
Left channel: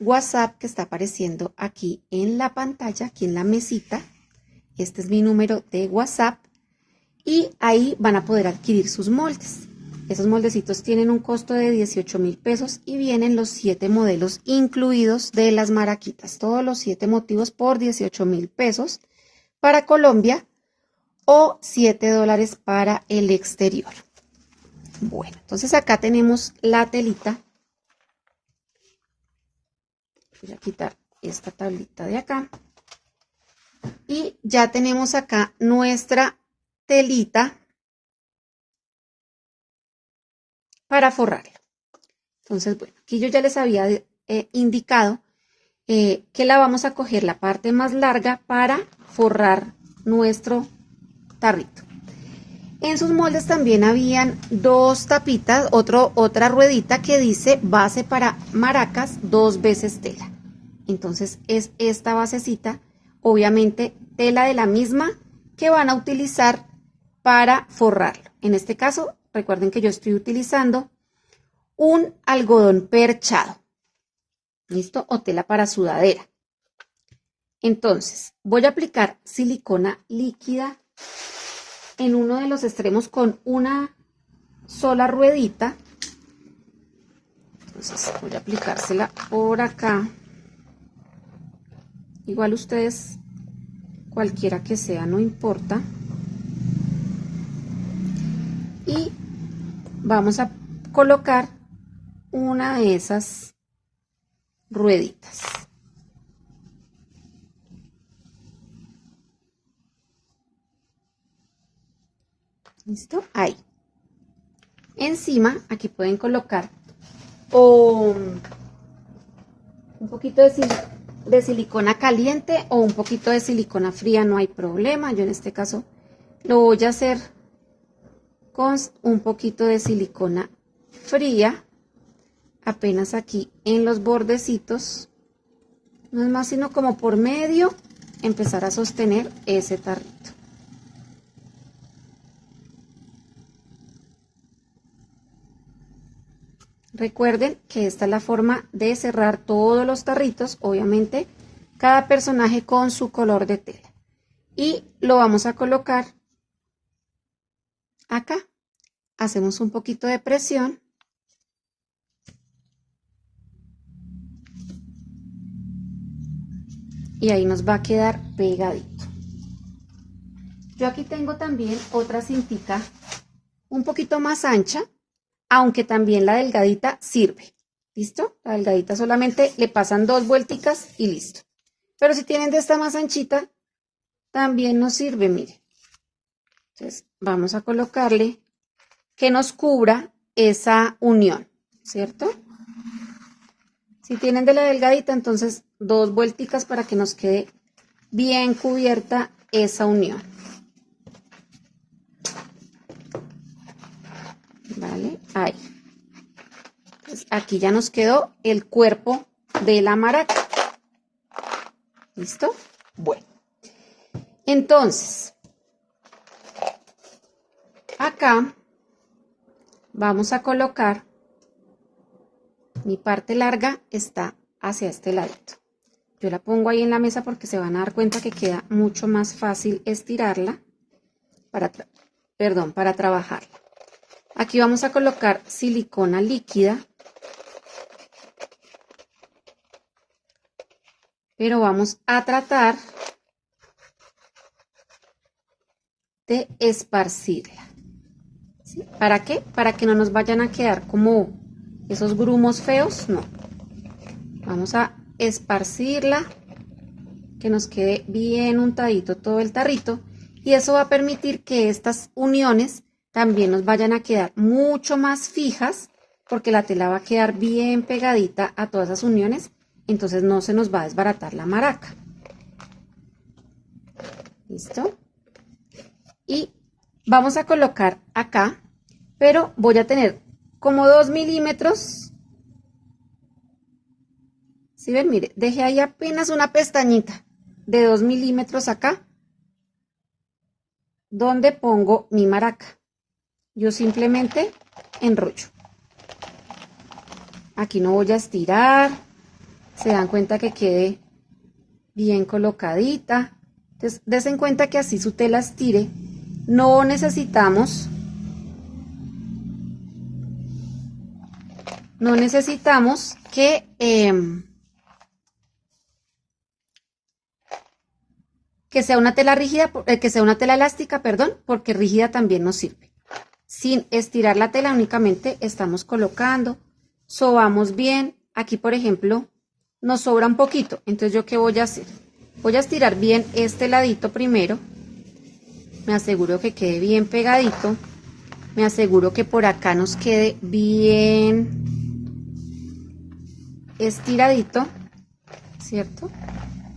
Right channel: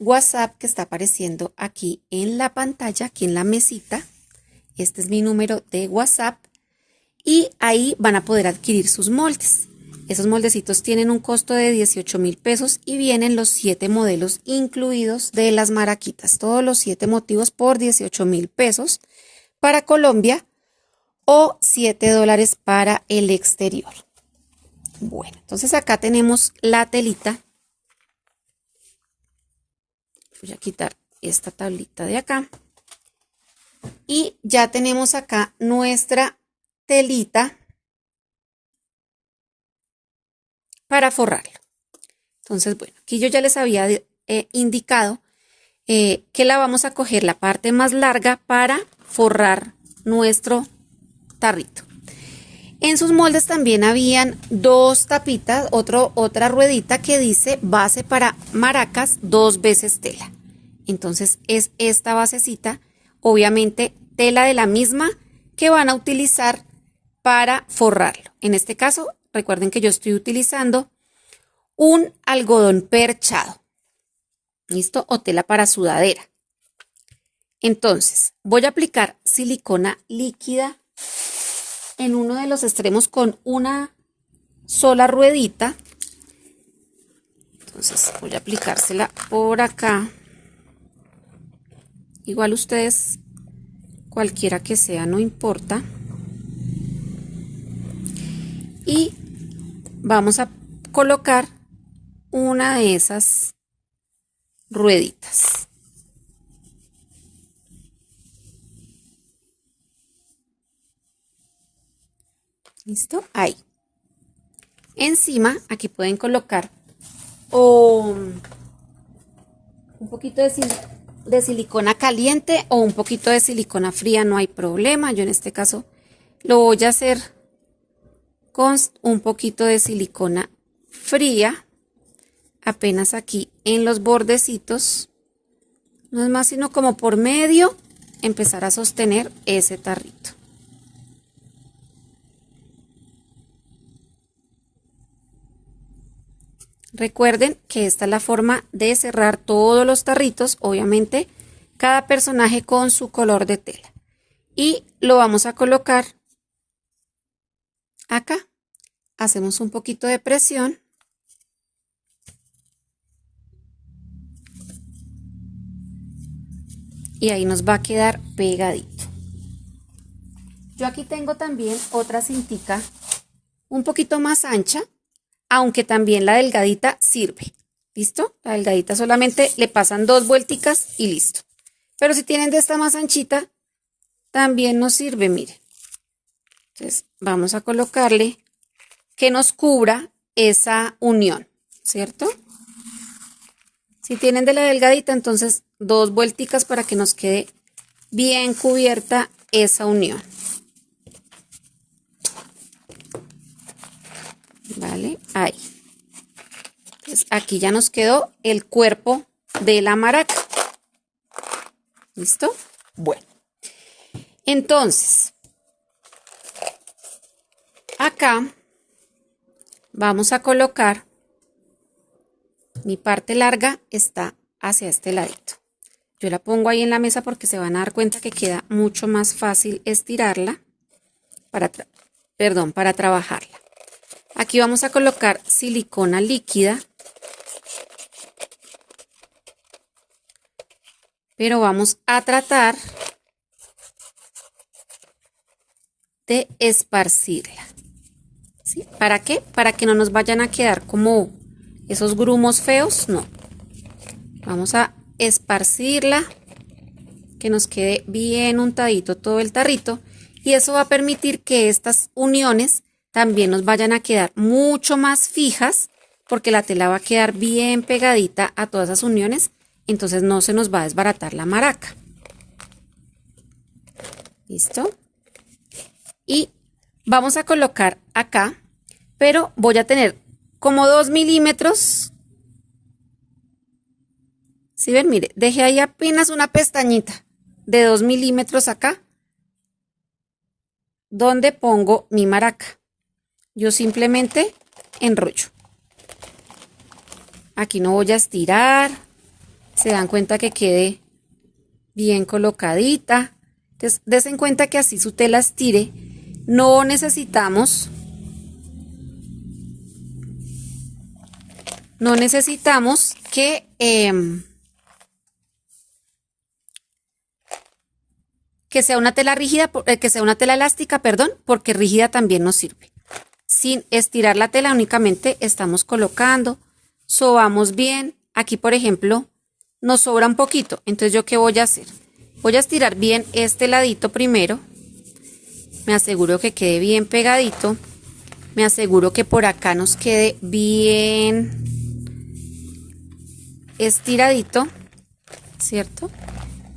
WhatsApp que está apareciendo aquí en la pantalla, aquí en la mesita. Este es mi número de WhatsApp y ahí van a poder adquirir sus moldes. Esos moldecitos tienen un costo de 18.000 pesos y vienen los 7 modelos incluidos de las maraquitas. Todos los 7 motivos por 18.000 pesos para Colombia o $7 para el exterior. Bueno, entonces acá tenemos la telita. Voy a quitar esta tablita de acá. Y ya tenemos acá nuestra telita para forrarlo. Entonces, bueno, aquí yo ya les había indicado que la vamos a coger la parte más larga para forrar nuestro tarrito. En sus moldes también habían dos tapitas, otra ruedita que dice base para maracas 2 veces tela. Entonces es esta basecita, obviamente tela de la misma que van a utilizar para forrarlo. En este caso, recuerden que yo estoy utilizando un algodón perchado, ¿listo? O tela para sudadera. Entonces, voy a aplicar silicona líquida en uno de los extremos con una sola ruedita. Entonces, voy a aplicársela por acá. Igual ustedes, cualquiera que sea, no importa. Y vamos a colocar una de esas rueditas. ¿Listo? Ahí. Encima, aquí pueden colocar un poquito de silicona caliente o un poquito de silicona fría, no hay problema. Yo en este caso lo voy a hacer con un poquito de silicona fría, apenas aquí en los bordecitos. No es más sino como por medio empezar a sostener ese tarrito. Recuerden que esta es la forma de cerrar todos los tarritos, obviamente cada personaje con su color de tela. Y lo vamos a colocar acá. Hacemos un poquito de presión. Y ahí nos va a quedar pegadito. Yo aquí tengo también otra cintica un poquito más ancha, aunque también la delgadita sirve. ¿Listo? La delgadita solamente le pasan 2 vuelticas y listo. Pero si tienen de esta más anchita, también nos sirve, miren. Entonces vamos a colocarle que nos cubra esa unión, ¿cierto? Si tienen de la delgadita, entonces 2 vuelticas para que nos quede bien cubierta esa unión. Vale, ahí. Entonces aquí ya nos quedó el cuerpo de la maraca. ¿Listo? Bueno. Entonces, acá vamos a colocar, mi parte larga está hacia este ladito. Yo la pongo ahí en la mesa porque se van a dar cuenta que queda mucho más fácil estirarla para trabajarla. Aquí vamos a colocar silicona líquida, pero vamos a tratar de esparcirla. ¿Sí? ¿Para qué? Para que no nos vayan a quedar como esos grumos feos, no. Vamos a esparcirla, que nos quede bien untadito todo el tarrito, y eso va a permitir que estas uniones también nos vayan a quedar mucho más fijas, porque la tela va a quedar bien pegadita a todas esas uniones, entonces no se nos va a desbaratar la maraca. ¿Listo? Y vamos a colocar acá, pero voy a tener como 2 milímetros. ¿Sí ven? Mire, dejé ahí apenas una pestañita de 2 milímetros acá, donde pongo mi maraca. Yo simplemente enrollo. Aquí no voy a estirar. Se dan cuenta que quede bien colocadita. Entonces, des en cuenta que así su tela estire. No necesitamos que sea una tela rígida, que sea una tela elástica, perdón, porque rígida también nos sirve. Sin estirar la tela, únicamente estamos colocando, sobamos bien. Aquí, por ejemplo, nos sobra un poquito. Entonces, ¿yo qué voy a hacer? Voy a estirar bien este ladito primero. Me aseguro que quede bien pegadito. Me aseguro que por acá nos quede bien estiradito, ¿cierto?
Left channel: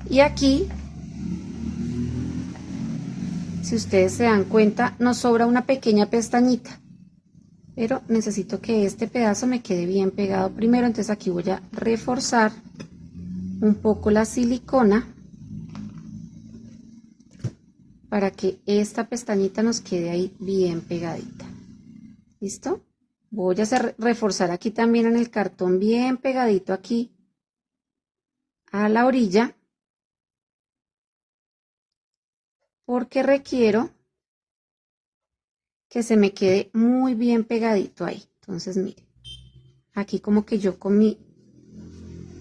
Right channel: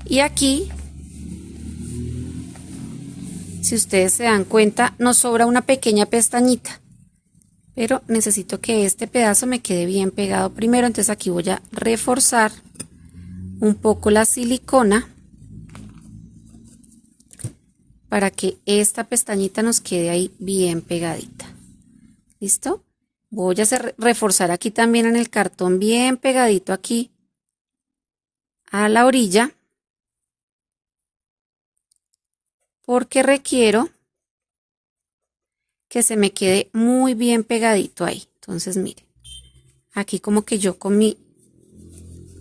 Y aquí si ustedes se dan cuenta, nos sobra una pequeña pestañita. Pero necesito que este pedazo me quede bien pegado primero. Entonces aquí voy a reforzar un poco la silicona para que esta pestañita nos quede ahí bien pegadita. ¿Listo? Voy a reforzar aquí también en el cartón bien pegadito aquí a la orilla, porque requiero que se me quede muy bien pegadito ahí. Entonces miren, aquí como que yo con mi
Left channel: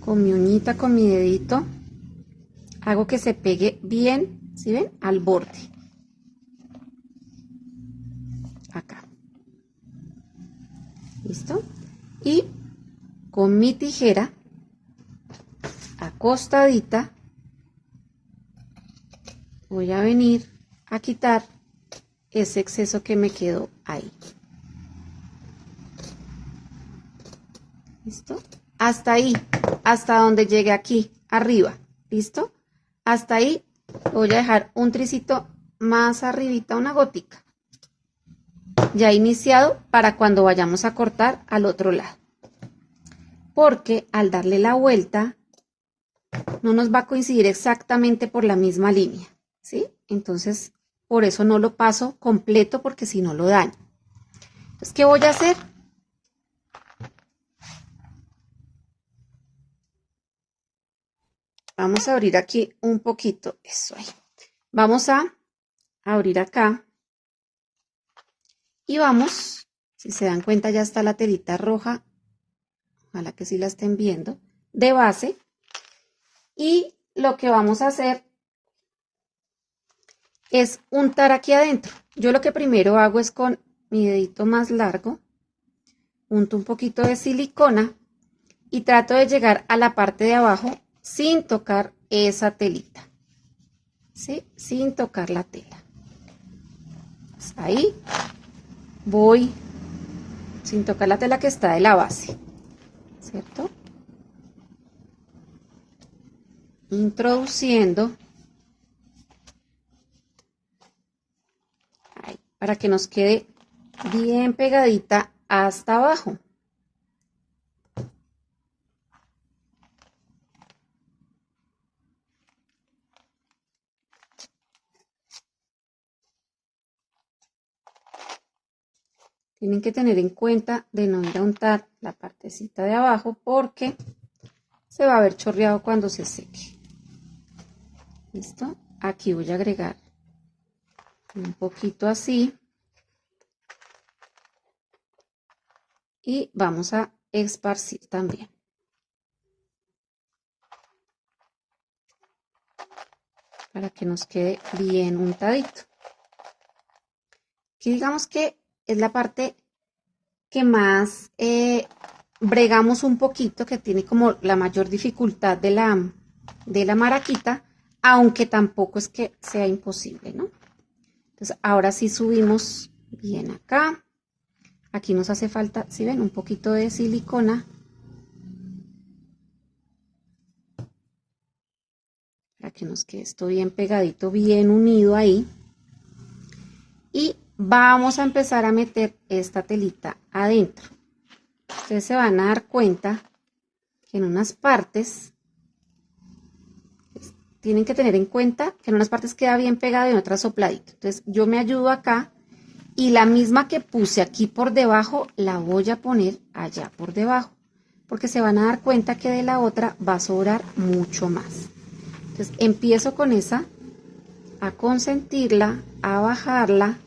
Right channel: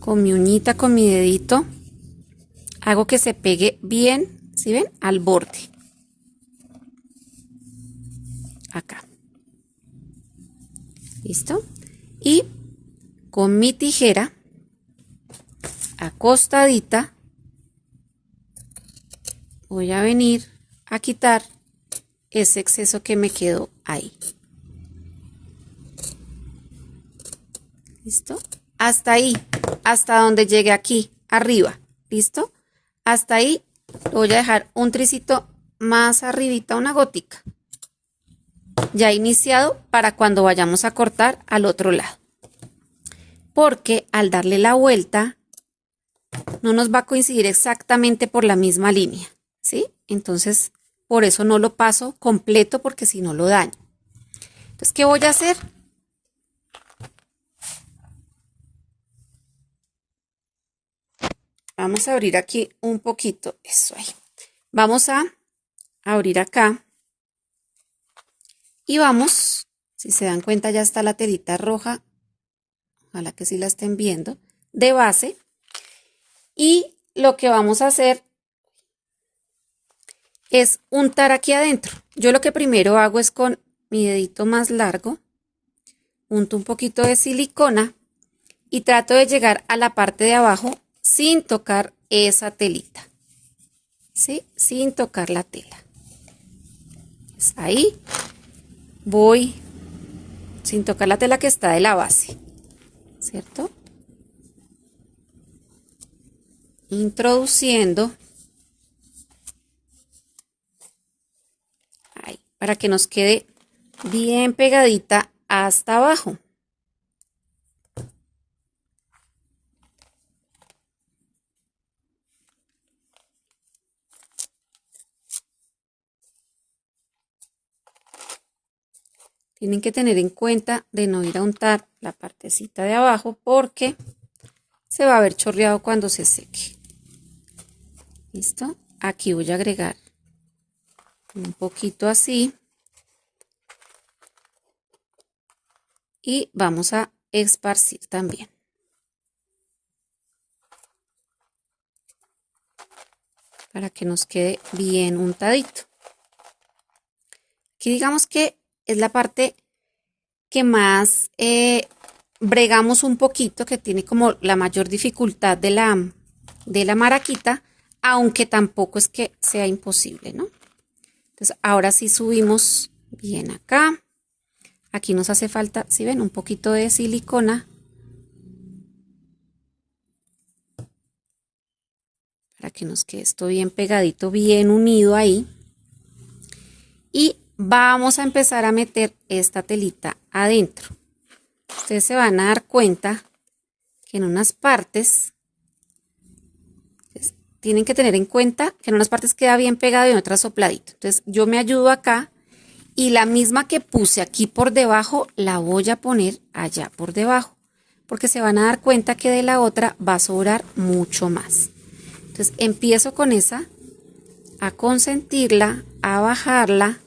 uñita, con mi dedito, hago que se pegue bien, ¿sí ven? Al borde. Acá. ¿Listo? Y con mi tijera, acostadita, voy a venir a quitar ese exceso que me quedó ahí. ¿Listo? Hasta ahí, hasta donde llegue aquí, arriba. ¿Listo? Hasta ahí voy a dejar un tricito más arribita, una gotica. Ya iniciado para cuando vayamos a cortar al otro lado. Porque al darle la vuelta, no nos va a coincidir exactamente por la misma línea, ¿sí? Entonces, por eso no lo paso completo, porque si no lo daño. Entonces, ¿qué voy a hacer? Vamos a abrir aquí un poquito, eso ahí. Vamos a abrir acá y vamos, si se dan cuenta ya está la telita roja, ojalá que sí la estén viendo, de base. Y lo que vamos a hacer es untar aquí adentro. Yo lo que primero hago es con mi dedito más largo, unto un poquito de silicona y trato de llegar a la parte de abajo sin tocar esa telita, ¿sí? Sin tocar la tela. Pues ahí voy sin tocar la tela que está de la base, ¿cierto? Introduciendo ahí para que nos quede bien pegadita hasta abajo. Tienen que tener en cuenta de no ir a untar la partecita de abajo porque se va a ver chorreado cuando se seque. ¿Listo? Aquí voy a agregar un poquito así. Y vamos a esparcir también. Para que nos quede bien untadito. Aquí digamos que es la parte que más bregamos un poquito, que tiene como la mayor dificultad de la maraquita, aunque tampoco es que sea imposible, ¿no? Entonces ahora sí subimos bien acá. Aquí nos hace falta, si ven, un poquito de silicona para que nos quede esto bien pegadito, bien unido ahí. Y vamos a empezar a meter esta telita adentro. Ustedes se van a dar cuenta que en unas partes tienen que tener en cuenta que en unas partes queda bien pegado y en otras sopladito. Entonces yo me ayudo acá y la misma que puse aquí por debajo la voy a poner allá por debajo, porque se van a dar cuenta que de la otra va a sobrar mucho más. Entonces empiezo con esa a consentirla, a bajarla.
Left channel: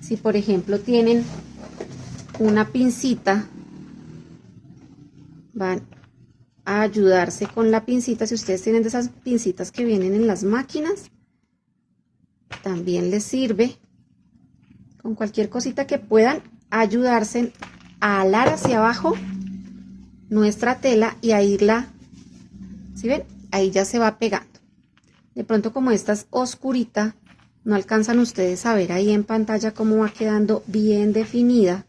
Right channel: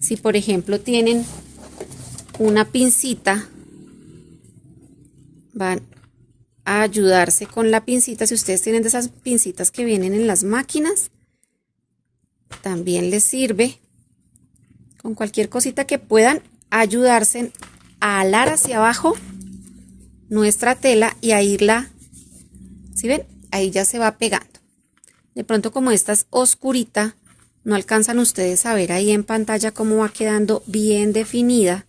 Si por ejemplo tienen una pincita, van a ayudarse con la pincita. Si ustedes tienen de esas pincitas que vienen en las máquinas, también les sirve. Con cualquier cosita que puedan ayudarse a alar hacia abajo nuestra tela y a irla, ¿sí ven? Ahí ya se va pegando. De pronto, como esta es oscurita, no alcanzan ustedes a ver ahí en pantalla cómo va quedando bien definida.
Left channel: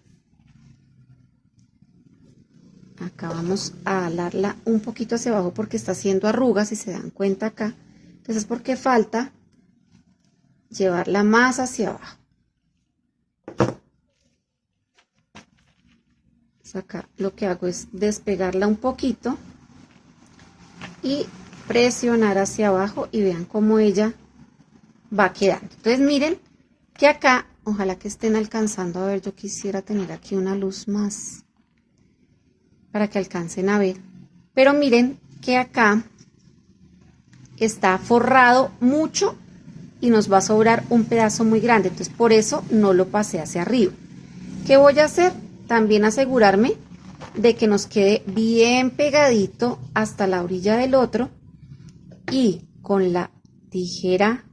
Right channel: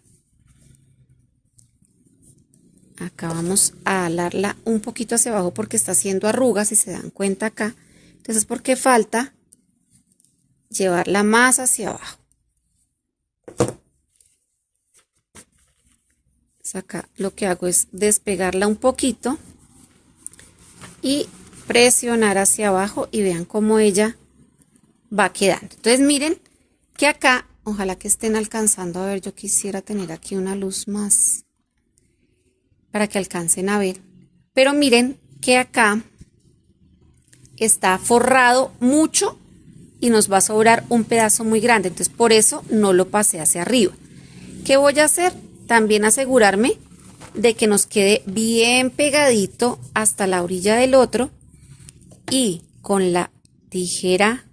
Acá vamos a alarla un poquito hacia abajo porque está haciendo arrugas, si se dan cuenta acá. Entonces es porque falta llevarla más hacia abajo. Pues acá lo que hago es despegarla un poquito y presionar hacia abajo y vean cómo ella va quedando. Entonces miren que acá, ojalá que estén alcanzando a ver, yo quisiera tener aquí una luz más para que alcancen a ver, pero miren que acá está forrado mucho y nos va a sobrar un pedazo muy grande, entonces por eso no lo pasé hacia arriba. ¿Qué voy a hacer? También asegurarme de que nos quede bien pegadito hasta la orilla del otro y con la tijera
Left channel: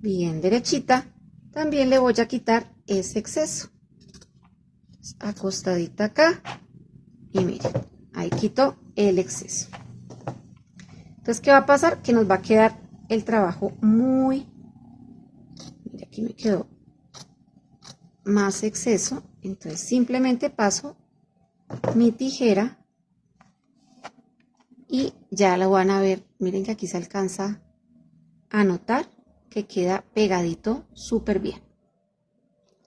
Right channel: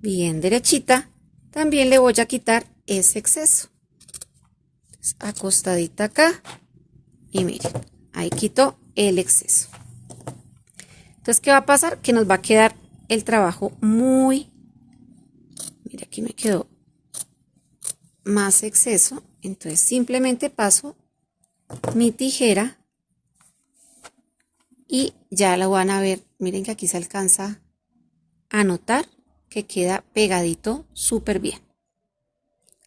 bien derechita también le voy a quitar ese exceso. Entonces, acostadita acá y miren, ahí quito el exceso. Entonces, ¿qué va a pasar? Que nos va a quedar el trabajo muy... Mira, aquí me quedó más exceso. Entonces, simplemente paso mi tijera y ya lo van a ver. Miren que aquí se alcanza a notar que queda pegadito súper bien.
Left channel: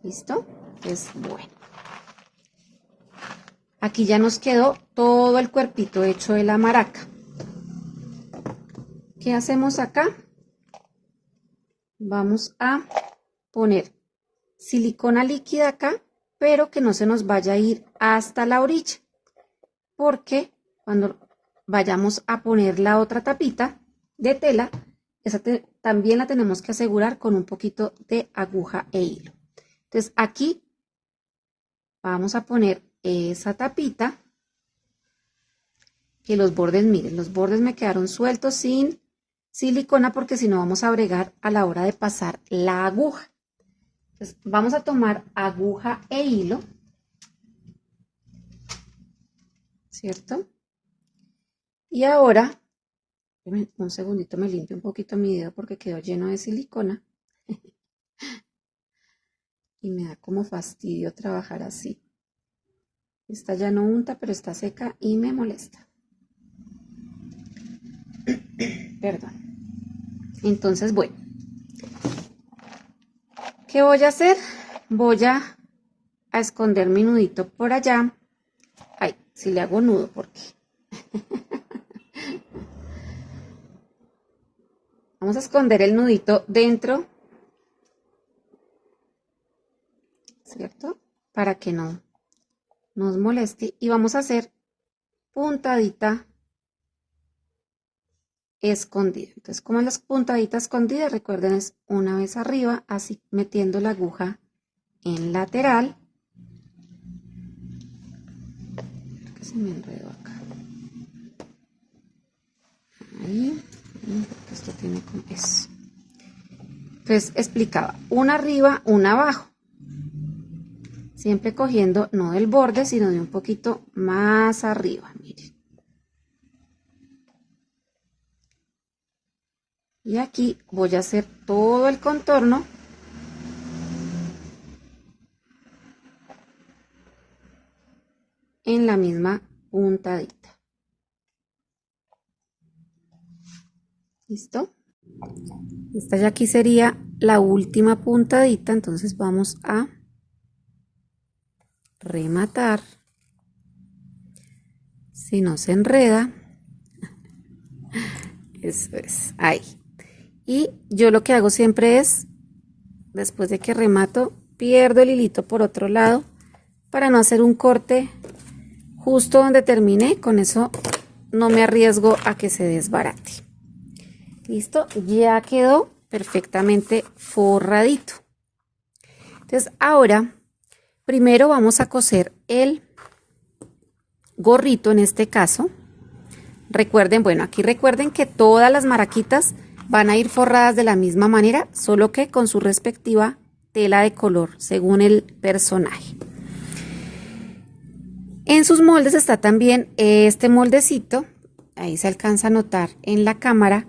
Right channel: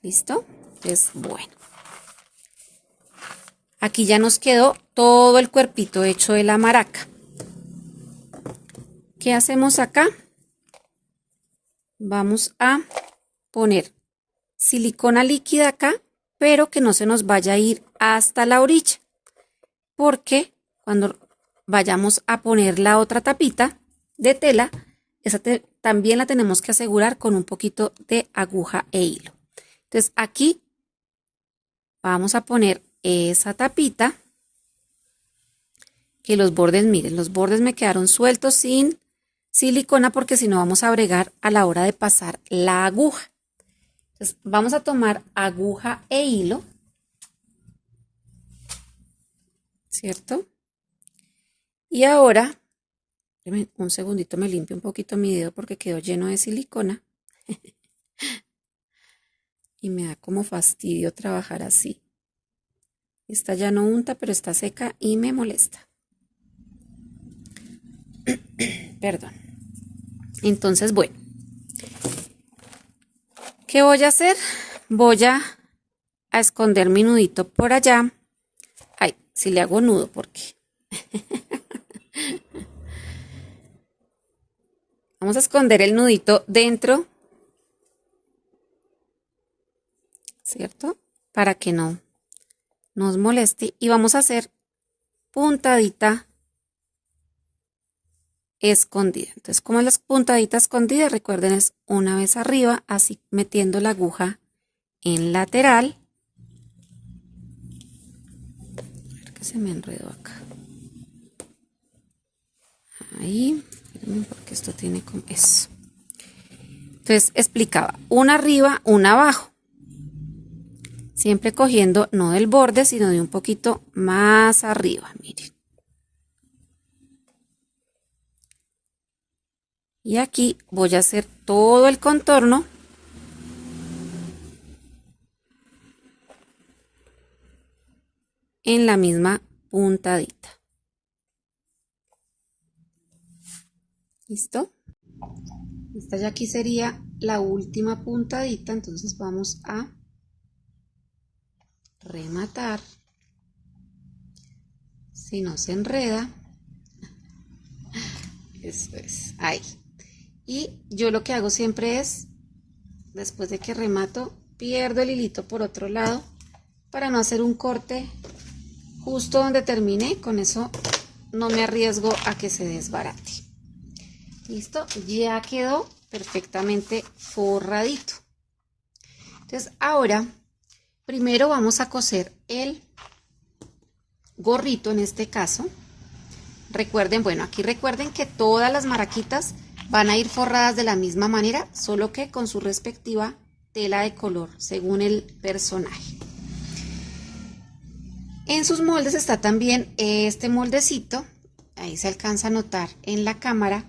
¿Listo? Entonces, bueno. Aquí ya nos quedó todo el cuerpito hecho de la maraca. ¿Qué hacemos acá? Vamos a poner silicona líquida acá, pero que no se nos vaya a ir hasta la orilla, porque cuando vayamos a poner la otra tapita de tela, esa también la tenemos que asegurar con un poquito de aguja e hilo. Entonces aquí vamos a poner esa tapita, que los bordes, miren, los bordes me quedaron sueltos sin silicona porque si no vamos a bregar a la hora de pasar la aguja. Entonces vamos a tomar aguja e hilo, ¿cierto? Y ahora, un segundito, me limpio un poquito mi dedo porque quedó lleno de silicona y me da como fastidio trabajar así. Esta ya no unta, pero está seca y me molesta. Perdón. Entonces, bueno, ¿qué voy a hacer? Voy a esconder mi nudito por allá. Ay, si le hago nudo, porque vamos a esconder el nudito dentro, ¿cierto? Para que no nos moleste y vamos a hacer puntadita escondida. Entonces, como es la puntadita escondida, recuerden, es una vez arriba, así metiendo la aguja en lateral. A ver que se me enredó acá. Ahí, porque esto tiene como eso. Entonces, explicaba, una arriba, una abajo. Siempre cogiendo no del borde, sino de un poquito más arriba, miren. Y aquí voy a hacer todo el contorno en la misma puntadita. ¿Listo? Esta ya aquí sería la última puntadita, entonces vamos a rematar. Si no se enreda, eso es, ahí. Y yo lo que hago siempre es, después de que remato, pierdo el hilito por otro lado para no hacer un corte justo donde terminé. Con eso no me arriesgo a que se desbarate. Listo, ya quedó perfectamente forradito. Entonces ahora, primero vamos a coser el gorrito en este caso. Recuerden, bueno, aquí recuerden que todas las maraquitas van a ir forradas de la misma manera, solo que con su respectiva tela de color, según el personaje. En sus moldes está también este moldecito, ahí se alcanza a notar en la cámara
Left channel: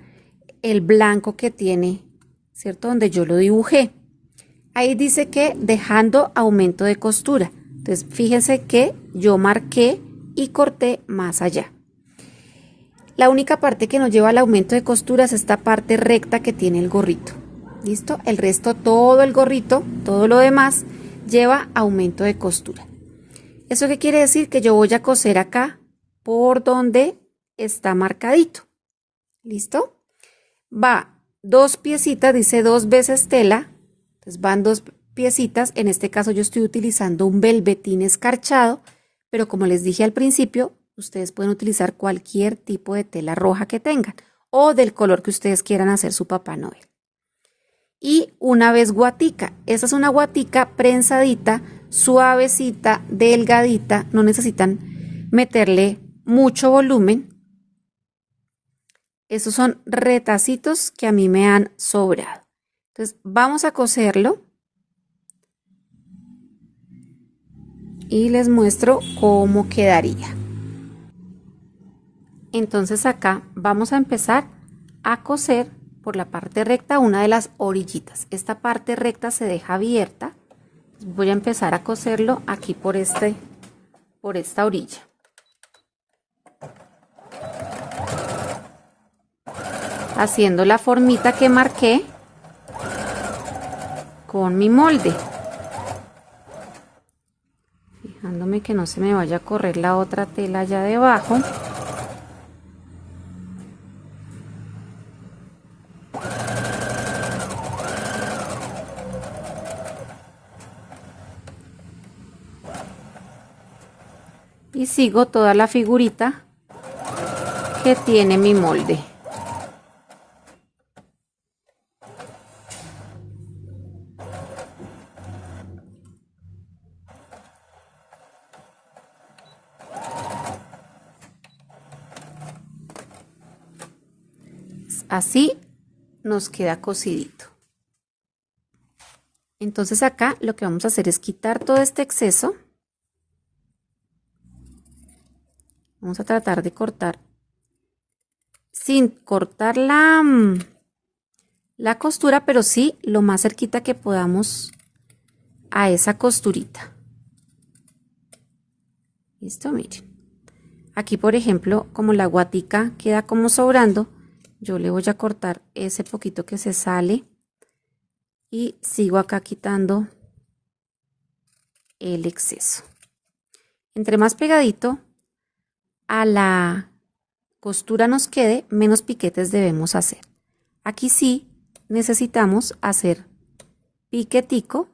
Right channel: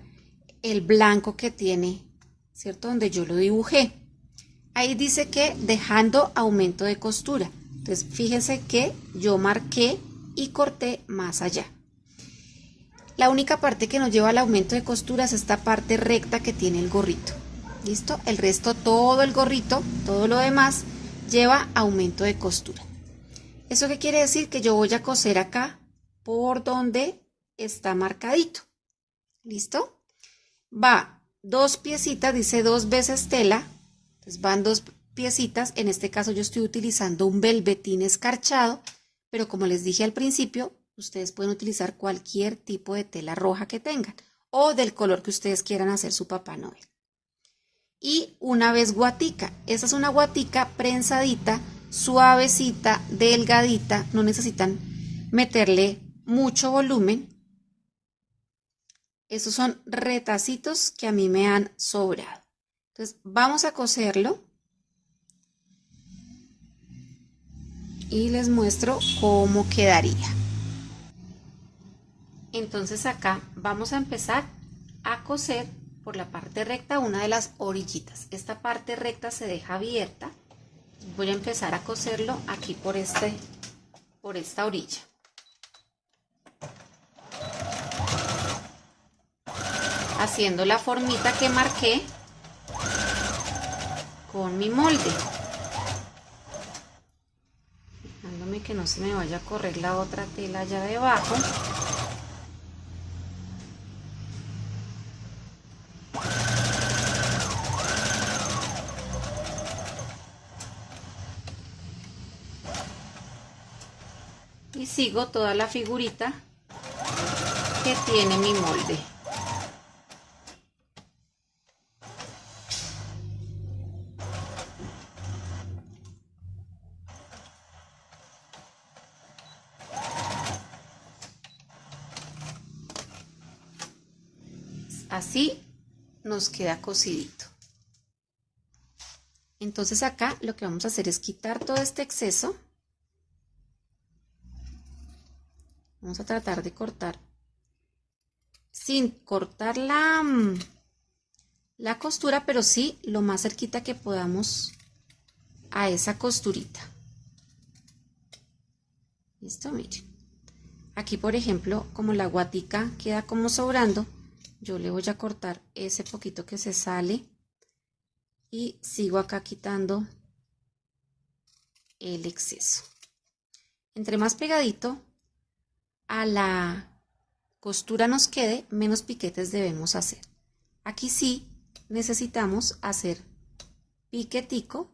el blanco que tiene, ¿cierto? Donde yo lo dibujé. Ahí dice que dejando aumento de costura. Entonces, fíjense que yo marqué y corté más allá. La única parte que nos lleva al aumento de costura es esta parte recta que tiene el gorrito. ¿Listo? El resto, todo el gorrito, todo lo demás, lleva aumento de costura. ¿Eso qué quiere decir? Que yo voy a coser acá por donde está marcadito. ¿Listo? Va 2 piecitas, dice 2 veces tela. Entonces van 2 piecitas. En este caso yo estoy utilizando un velvetín escarchado, pero como les dije al principio, ustedes pueden utilizar cualquier tipo de tela roja que tengan o del color que ustedes quieran hacer su Papá Noel. Y una vez guatica, esa es una guatica prensadita, suavecita, delgadita, no necesitan meterle mucho volumen. Esos son retacitos que a mí me han sobrado. Entonces vamos a coserlo y les muestro cómo quedaría. Entonces acá vamos a empezar a coser por la parte recta una de las orillitas. Esta parte recta se deja abierta. Voy a empezar a coserlo aquí por esta orilla. Haciendo la formita que marqué con mi molde. Fijándome que no se me vaya a correr la otra tela allá debajo. Y sigo toda la figurita que tiene mi molde. Así nos queda cosidito. Entonces acá lo que vamos a hacer es quitar todo este exceso. Vamos a tratar de cortar sin cortar la costura, pero sí lo más cerquita que podamos a esa costurita. Listo, miren. Aquí, por ejemplo, como la guatica queda como sobrando, yo le voy a cortar ese poquito que se sale y sigo acá quitando el exceso. Entre más pegadito a la costura nos quede, menos piquetes debemos hacer. Aquí sí necesitamos hacer piquetico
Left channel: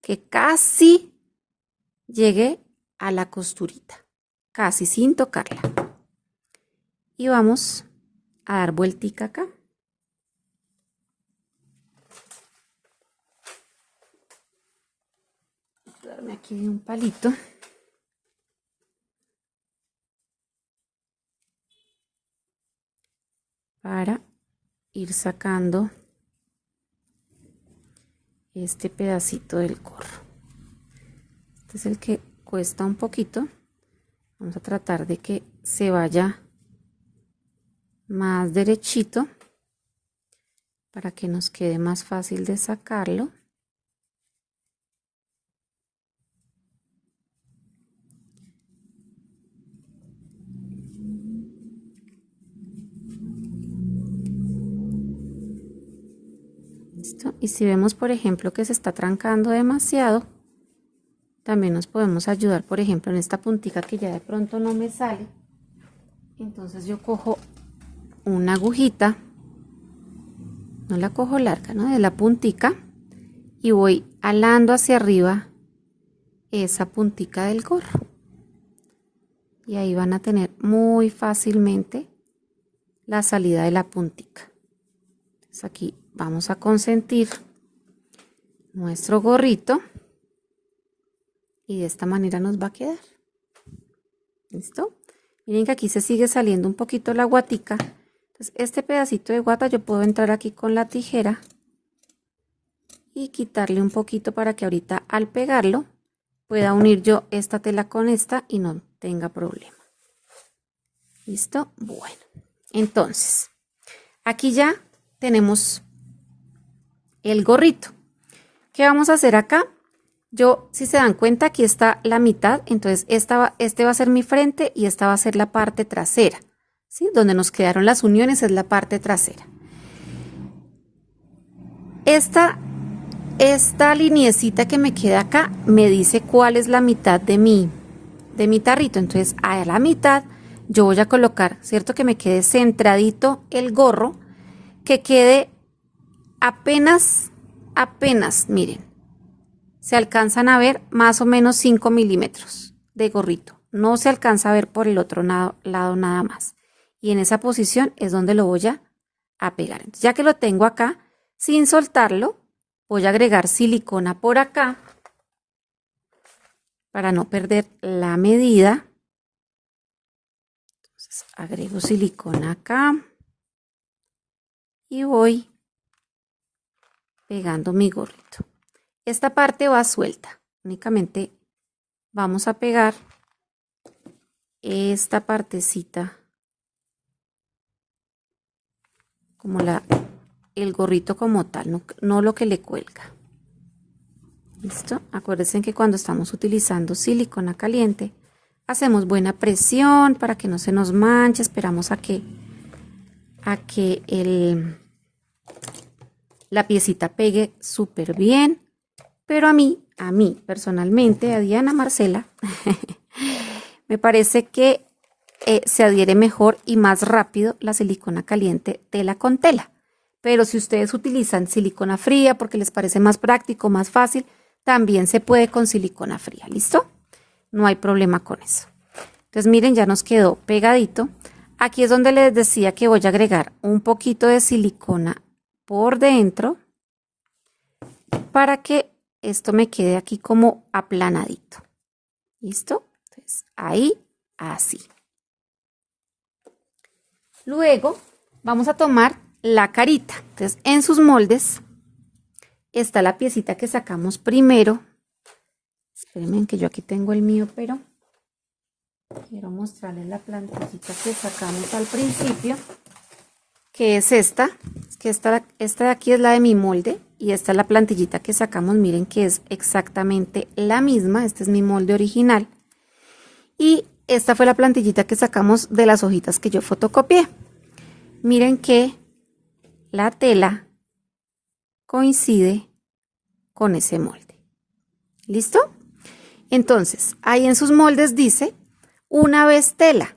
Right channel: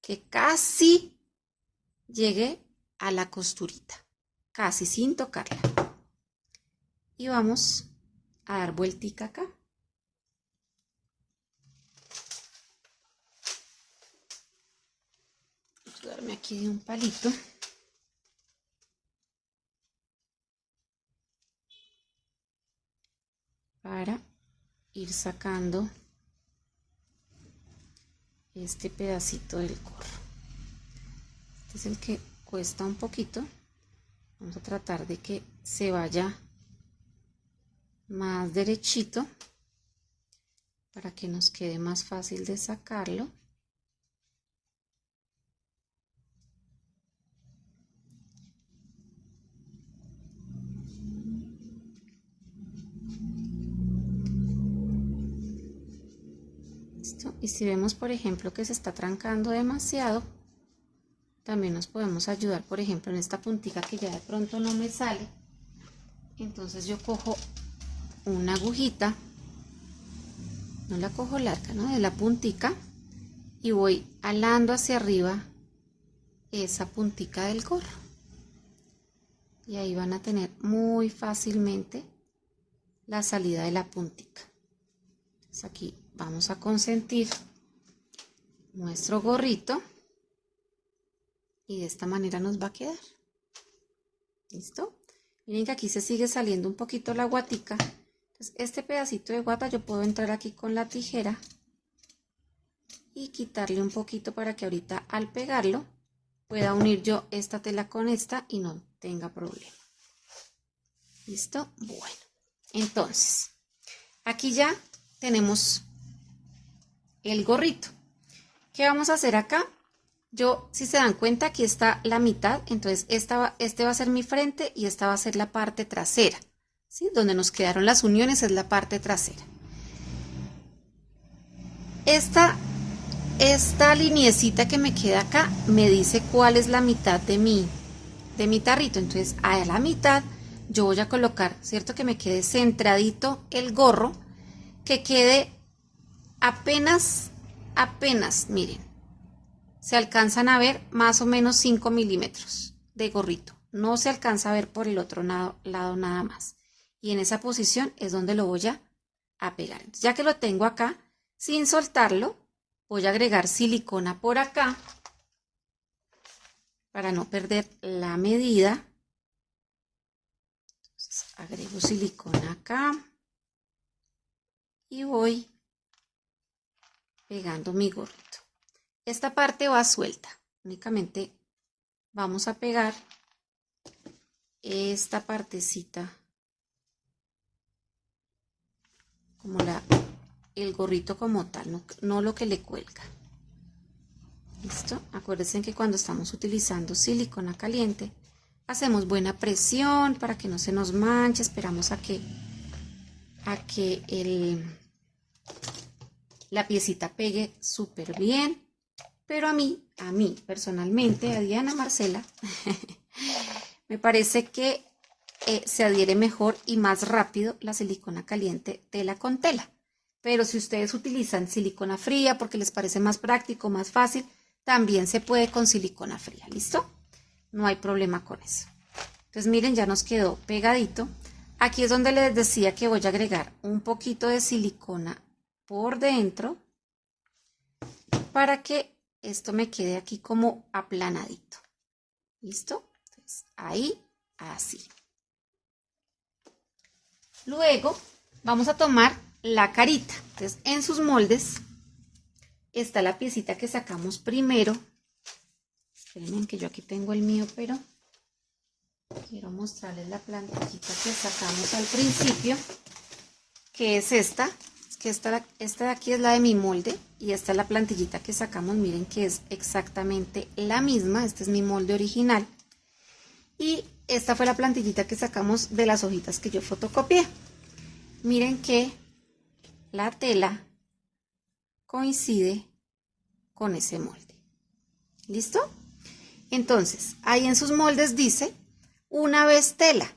que casi llegue a la costurita, casi sin tocarla. Y vamos a dar vueltica acá. Voy a ayudarme aquí de un palito. Para ir sacando este pedacito del gorro. Este es el que cuesta un poquito. Vamos a tratar de que se vaya más derechito para que nos quede más fácil de sacarlo. ¿Listo? Y si vemos, por ejemplo, que se está trancando demasiado, también nos podemos ayudar, por ejemplo, en esta puntita que ya de pronto no me sale. Entonces yo cojo una agujita, no la cojo larga, ¿no? De la puntica, y voy alando hacia arriba esa puntica del gorro. Y ahí van a tener muy fácilmente la salida de la puntica. Entonces aquí vamos a consentir nuestro gorrito y de esta manera nos va a quedar. ¿Listo? Miren que aquí se sigue saliendo un poquito la guatica. Entonces este pedacito de guata yo puedo entrar aquí con la tijera y quitarle un poquito para que ahorita al pegarlo pueda unir yo esta tela con esta y no tenga problema. ¿Listo? Bueno, entonces aquí ya tenemos el gorrito. ¿Qué vamos a hacer acá? Yo, si se dan cuenta, aquí está la mitad, entonces este va a ser mi frente y esta va a ser la parte trasera, ¿sí? Donde nos quedaron las uniones es la parte trasera. esta liniecita que me queda acá me dice cuál es la mitad de mi tarrito. Entonces a la mitad yo voy a colocar, ¿cierto? Que me quede centradito el gorro, que quede apenas, miren, se alcanzan a ver más o menos 5 milímetros de gorrito. No se alcanza a ver por el otro lado nada más. Y en esa posición es donde lo voy a pegar. Entonces, ya que lo tengo acá, sin soltarlo, voy a agregar silicona por acá para no perder la medida. Entonces, agrego silicona acá y voy pegando mi gorrito. Esta parte va suelta, únicamente vamos a pegar esta partecita como el gorrito como tal, no lo que le cuelga. ¿Listo? Acuérdense que cuando estamos utilizando silicona caliente, hacemos buena presión para que no se nos manche, esperamos a que la piecita pegue súper bien, pero a mí personalmente, a Diana Marcela, me parece que se adhiere mejor y más rápido la silicona caliente tela con tela. Pero si ustedes utilizan silicona fría porque les parece más práctico, más fácil, también se puede con silicona fría, ¿listo? No hay problema con eso. Entonces miren, ya nos quedó pegadito. Aquí es donde les decía que voy a agregar un poquito de silicona por dentro para que esto me quede aquí como aplanadito. ¿Listo? Entonces ahí, así. Luego vamos a tomar la carita. Entonces en sus moldes está la piecita que sacamos primero. Espérenme que yo aquí tengo el mío, pero quiero mostrarles la plantillita que sacamos al principio, que es esta. Que esta de aquí es la de mi molde y esta es la plantillita que sacamos. Miren que es exactamente la misma. Este es mi molde original. Y esta fue la plantillita que sacamos de las hojitas que yo fotocopié. Miren que la tela coincide con ese molde. ¿Listo? Entonces, ahí en sus moldes dice una vez tela.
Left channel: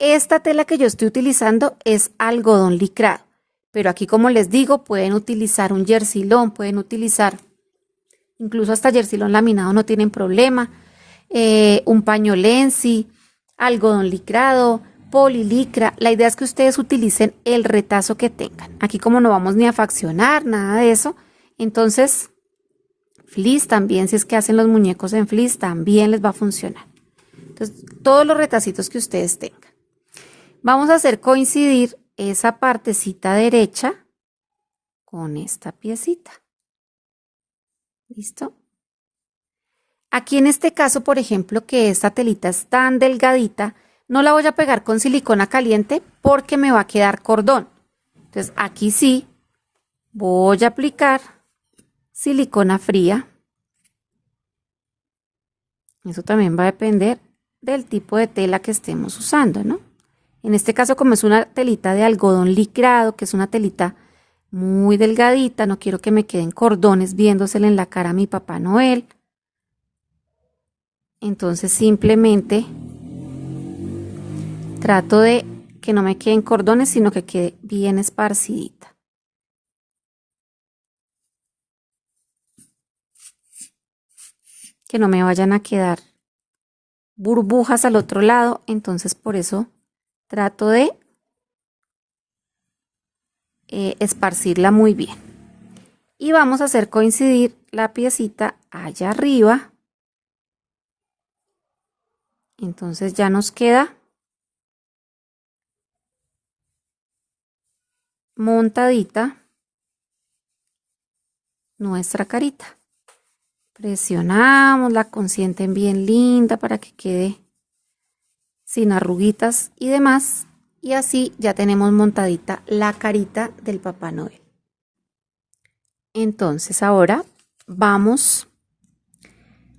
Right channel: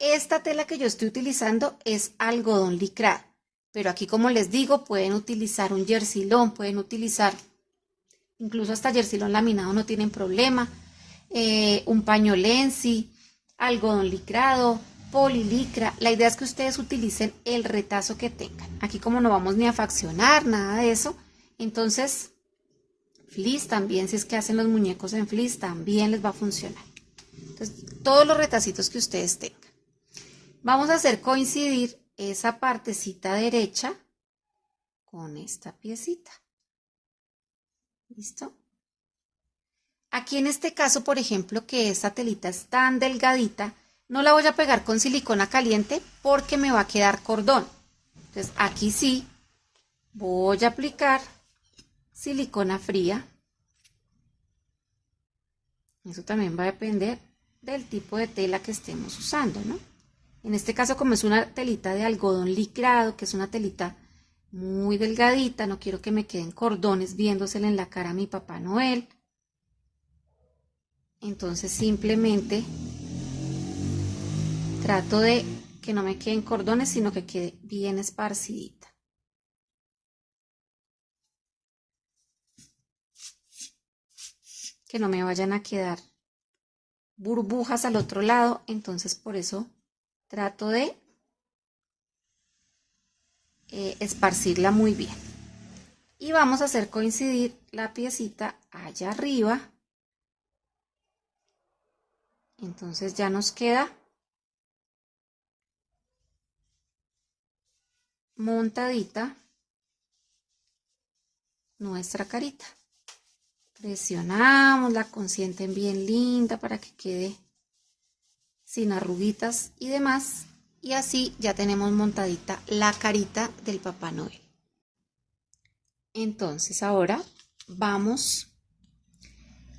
Esta tela que yo estoy utilizando es algodón licrado. Pero aquí, como les digo, pueden utilizar un jersilón, pueden utilizar incluso hasta jersilón laminado, no tienen problema. Un paño lenzi, algodón licrado, polilicra. La idea es que ustedes utilicen el retazo que tengan. Aquí como no vamos ni a faccionar, nada de eso, entonces fleece también, si es que hacen los muñecos en fleece, también les va a funcionar. Entonces, todos los retacitos que ustedes tengan. Vamos a hacer coincidir esa partecita derecha con esta piecita. ¿Listo? Aquí en este caso, por ejemplo, que esta telita es tan delgadita, no la voy a pegar con silicona caliente porque me va a quedar cordón. Entonces aquí sí voy a aplicar silicona fría. Eso también va a depender del tipo de tela que estemos usando, ¿no? En este caso, como es una telita de algodón licrado, que es una telita muy delgadita, no quiero que me queden cordones viéndosele en la cara a mi Papá Noel. Entonces simplemente trato de que no me queden cordones, sino que quede bien esparcidita. Que no me vayan a quedar burbujas al otro lado, entonces por eso trato de esparcirla muy bien. Y vamos a hacer coincidir la piecita allá arriba. Entonces ya nos queda montadita nuestra carita. Presionamos, la consienten bien linda para que quede sin arruguitas y demás. Y así ya tenemos montadita la carita del Papá Noel. Entonces ahora vamos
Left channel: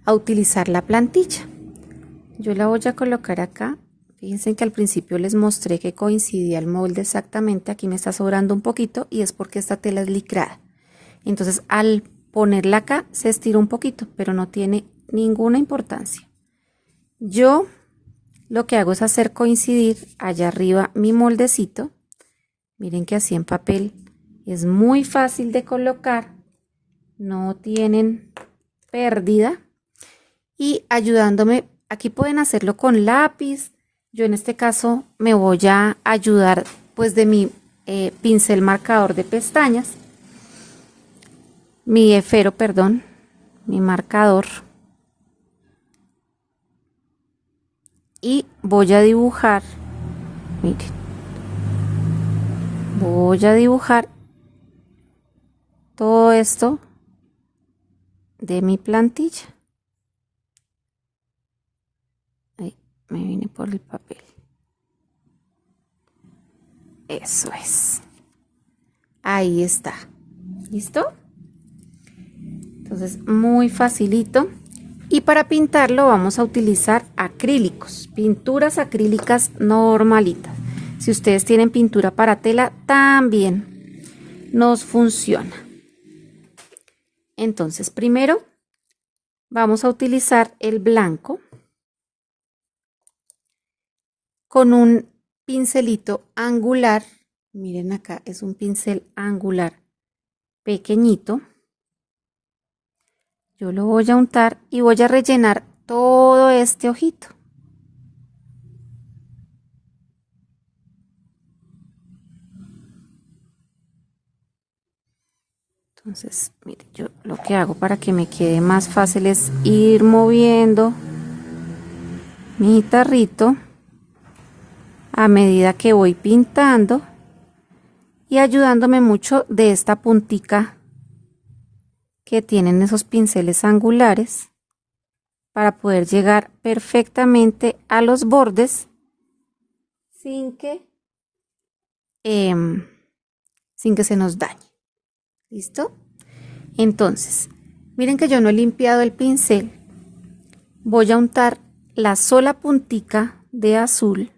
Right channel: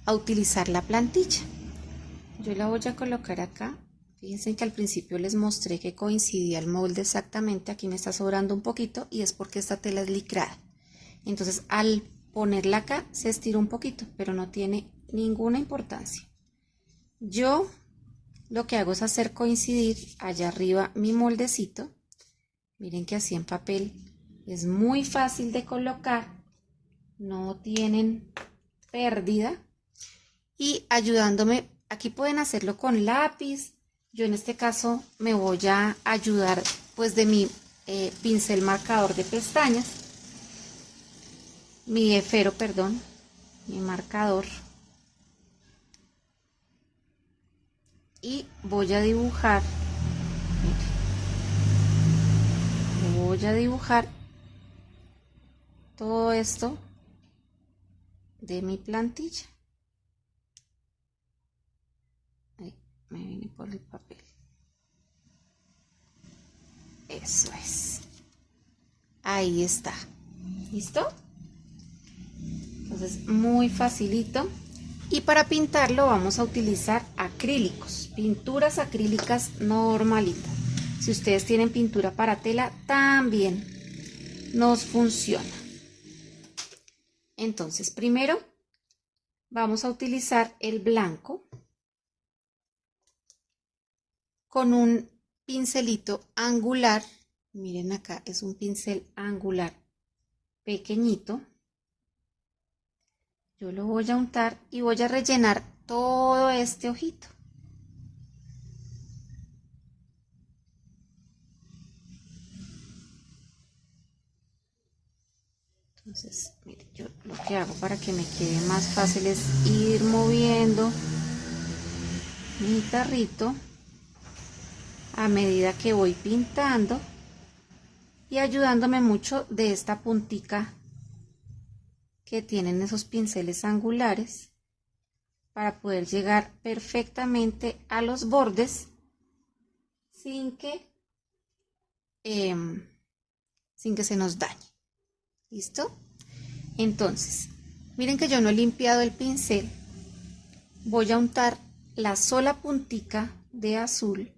a utilizar la plantilla. Yo la voy a colocar acá. Fíjense que al principio les mostré que coincidía el molde exactamente. Aquí me está sobrando un poquito y es porque esta tela es licrada. Entonces al ponerla acá se estira un poquito, pero no tiene ninguna importancia. Yo lo que hago es hacer coincidir allá arriba mi moldecito. Miren que así en papel es muy fácil de colocar, no tienen pérdida. Y ayudándome, aquí pueden hacerlo con lápiz. Yo en este caso me voy a ayudar pues de mi pincel marcador de pestañas, mi esfero, perdón, mi marcador. Y voy a dibujar, miren, voy a dibujar todo esto de mi plantilla. Ahí me vine por el papel. Eso es. Ahí está. ¿Listo? Entonces, muy facilito. Y para pintarlo vamos a utilizar acrílicos, pinturas acrílicas normalitas. Si ustedes tienen pintura para tela, también nos funciona. Entonces, primero vamos a utilizar el blanco con un pincelito angular. Miren acá, es un pincel angular pequeñito. Yo lo voy a untar y voy a rellenar todo este ojito. Entonces, mire, yo lo que hago para que me quede más fácil es ir moviendo mi tarrito a medida que voy pintando y ayudándome mucho de esta puntica que tienen esos pinceles angulares para poder llegar perfectamente a los bordes sin que se nos dañe. ¿Listo? Entonces, miren que yo no he limpiado el pincel. Voy a untar la sola puntica de azul.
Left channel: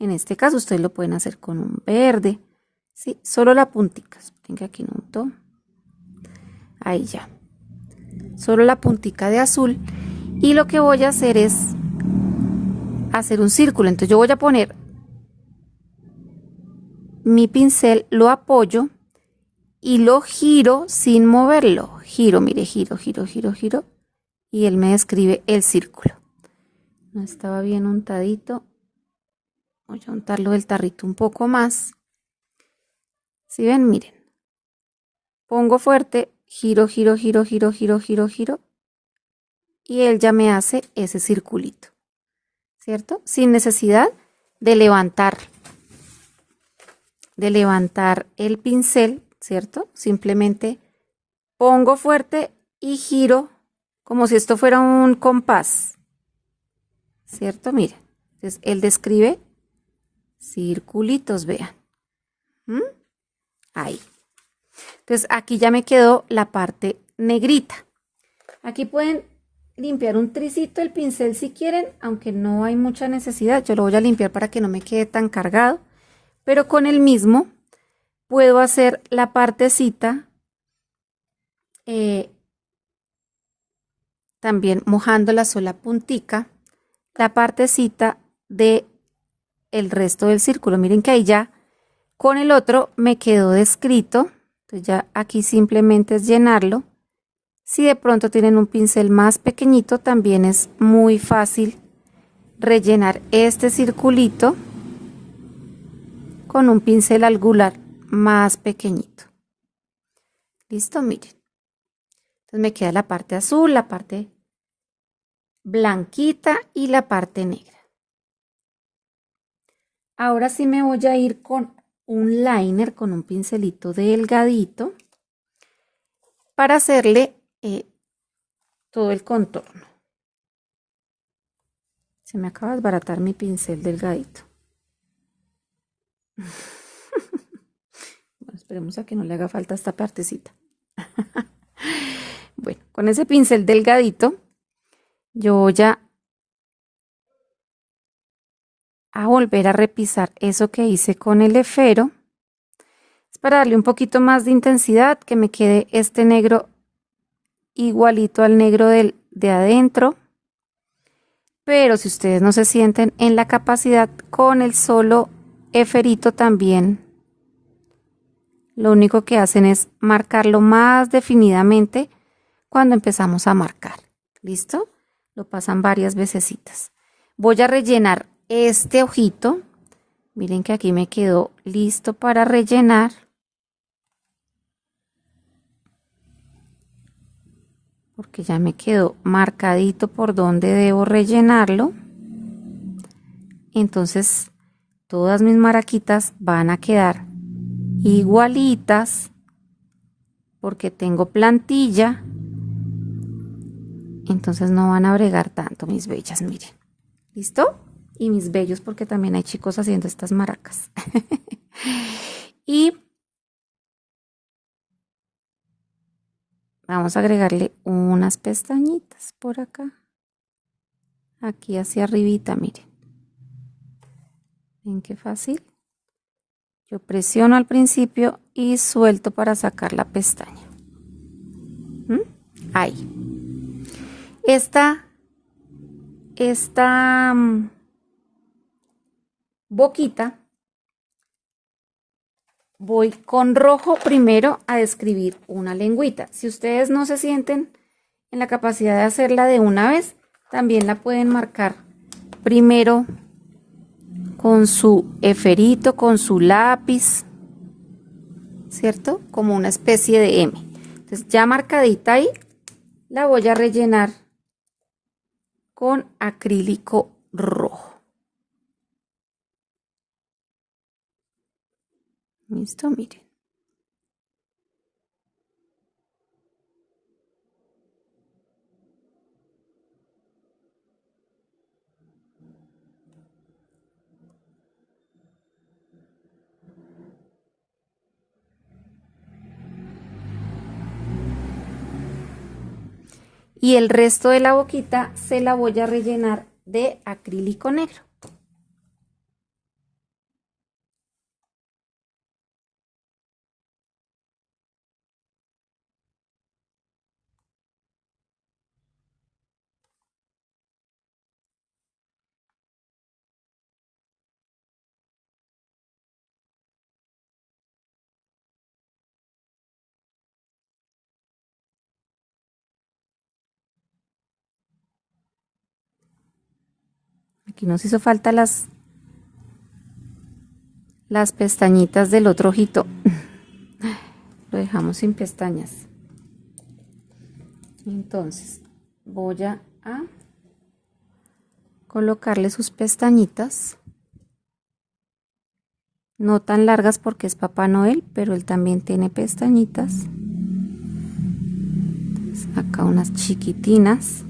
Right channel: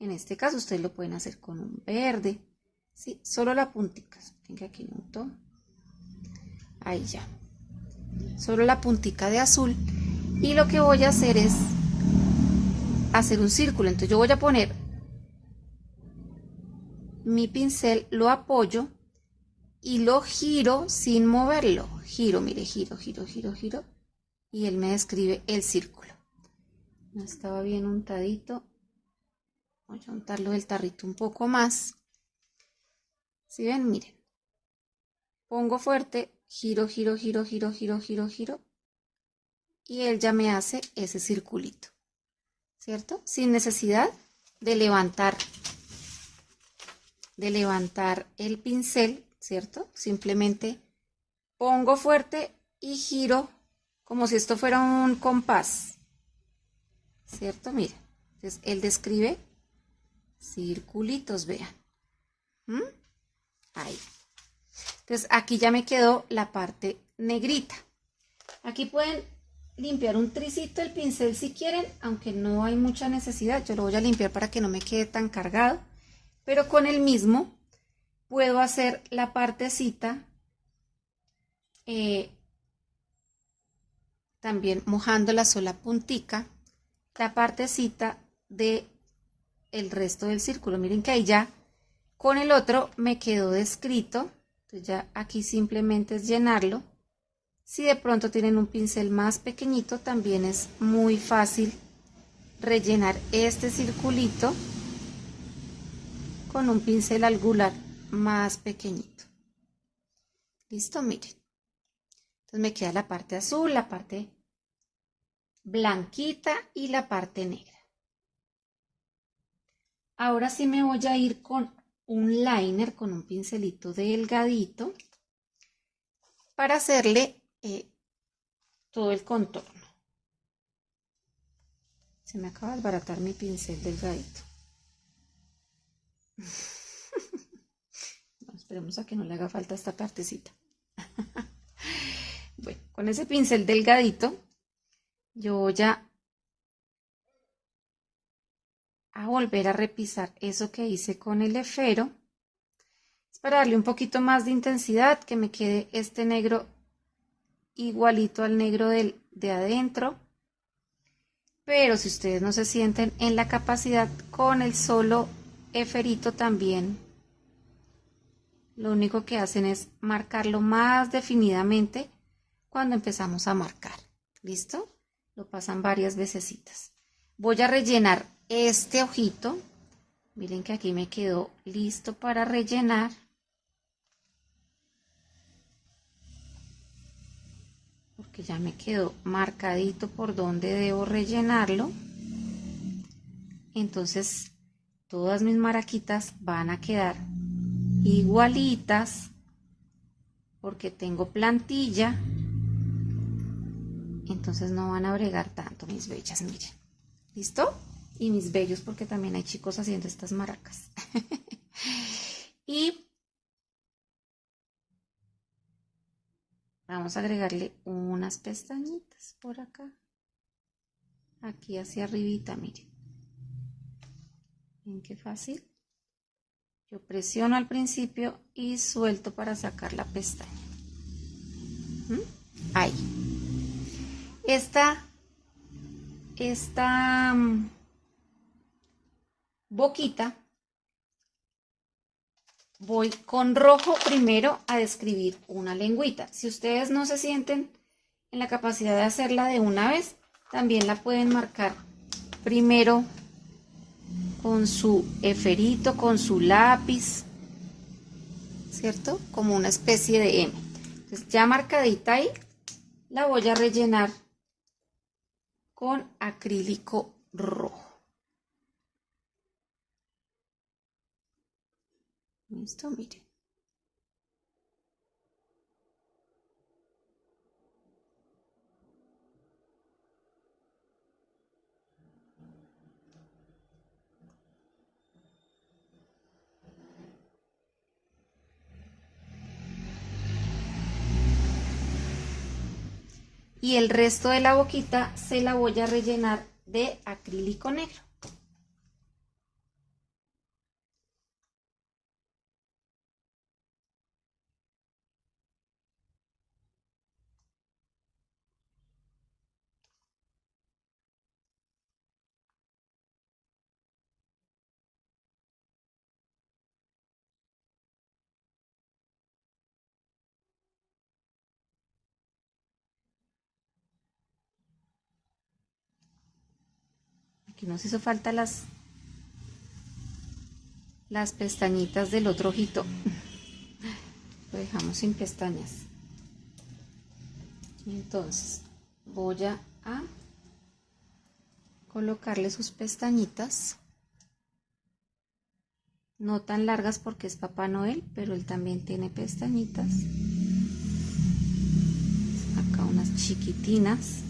En este caso ustedes lo pueden hacer con un verde. Sí, solo la puntica. Miren que aquí no untó. Ahí ya. Solo la puntica de azul. Y lo que voy a hacer es hacer un círculo. Entonces yo voy a poner mi pincel, lo apoyo y lo giro sin moverlo. Giro, mire, giro, giro, giro, giro. Y él me describe el círculo. No estaba bien untadito. Voy a untarlo del tarrito un poco más. Si ven, miren. Pongo fuerte, giro, giro, giro, giro, giro, giro, giro. Y él ya me hace ese circulito. ¿Cierto? Sin necesidad de levantar el pincel, ¿cierto? Simplemente pongo fuerte y giro como si esto fuera un compás, ¿cierto? Mira, entonces él describe circulitos, vean. Ahí. Entonces aquí ya me quedó la parte negrita. Aquí pueden limpiar un tricito el pincel si quieren, aunque no hay mucha necesidad. Yo lo voy a limpiar para que no me quede tan cargado, pero con el mismo puedo hacer la partecita también mojando la sola puntica, la partecita de el resto del círculo. Miren que ahí ya con el otro me quedó descrito. Entonces ya aquí simplemente es llenarlo. Si de pronto tienen un pincel más pequeñito, también es muy fácil rellenar este circulito con un pincel angular más pequeñito. Listo, miren. Entonces me queda la parte azul, la parte blanquita y la parte negra. Ahora sí me voy a ir con un liner, con un pincelito delgadito, para hacerle todo el contorno. Se me acaba de desbaratar mi pincel delgadito. Bueno, esperemos a que no le haga falta esta partecita. Bueno, con ese pincel delgadito, yo voy a volver a repisar eso que hice con el esfero. Para darle un poquito más de intensidad, que me quede este negro igualito al negro de adentro. Pero si ustedes no se sienten en la capacidad, con el solo eferito también, lo único que hacen es marcarlo más definidamente cuando empezamos a marcar. ¿Listo? Lo pasan varias vecesitas. Voy a rellenar este ojito. Miren que aquí me quedó listo para rellenar. Porque ya me quedó marcadito por donde debo rellenarlo. Entonces todas mis maraquitas van a quedar igualitas porque tengo plantilla. Entonces no van a bregar tanto, mis bellas, miren. ¿Listo? Y mis bellos, porque también hay chicos haciendo estas maracas. Y vamos a agregarle unas pestañitas por acá. Aquí hacia arribita, miren. ¿Ven qué fácil? Yo presiono al principio y suelto para sacar la pestaña. Ahí. Esta boquita, voy con rojo primero a describir una lengüita. Si ustedes no se sienten en la capacidad de hacerla de una vez, también la pueden marcar primero con su eferito, con su lápiz, ¿cierto? Como una especie de M. Entonces ya marcadita ahí, la voy a rellenar con acrílico rojo. Listo, miren. Y el resto de la boquita se la voy a rellenar de acrílico negro. Aquí nos hizo falta las pestañitas del otro ojito. Lo dejamos sin pestañas. Entonces voy a colocarle sus pestañitas. No tan largas porque es Papá Noel, pero él también tiene pestañitas. Acá unas chiquitinas.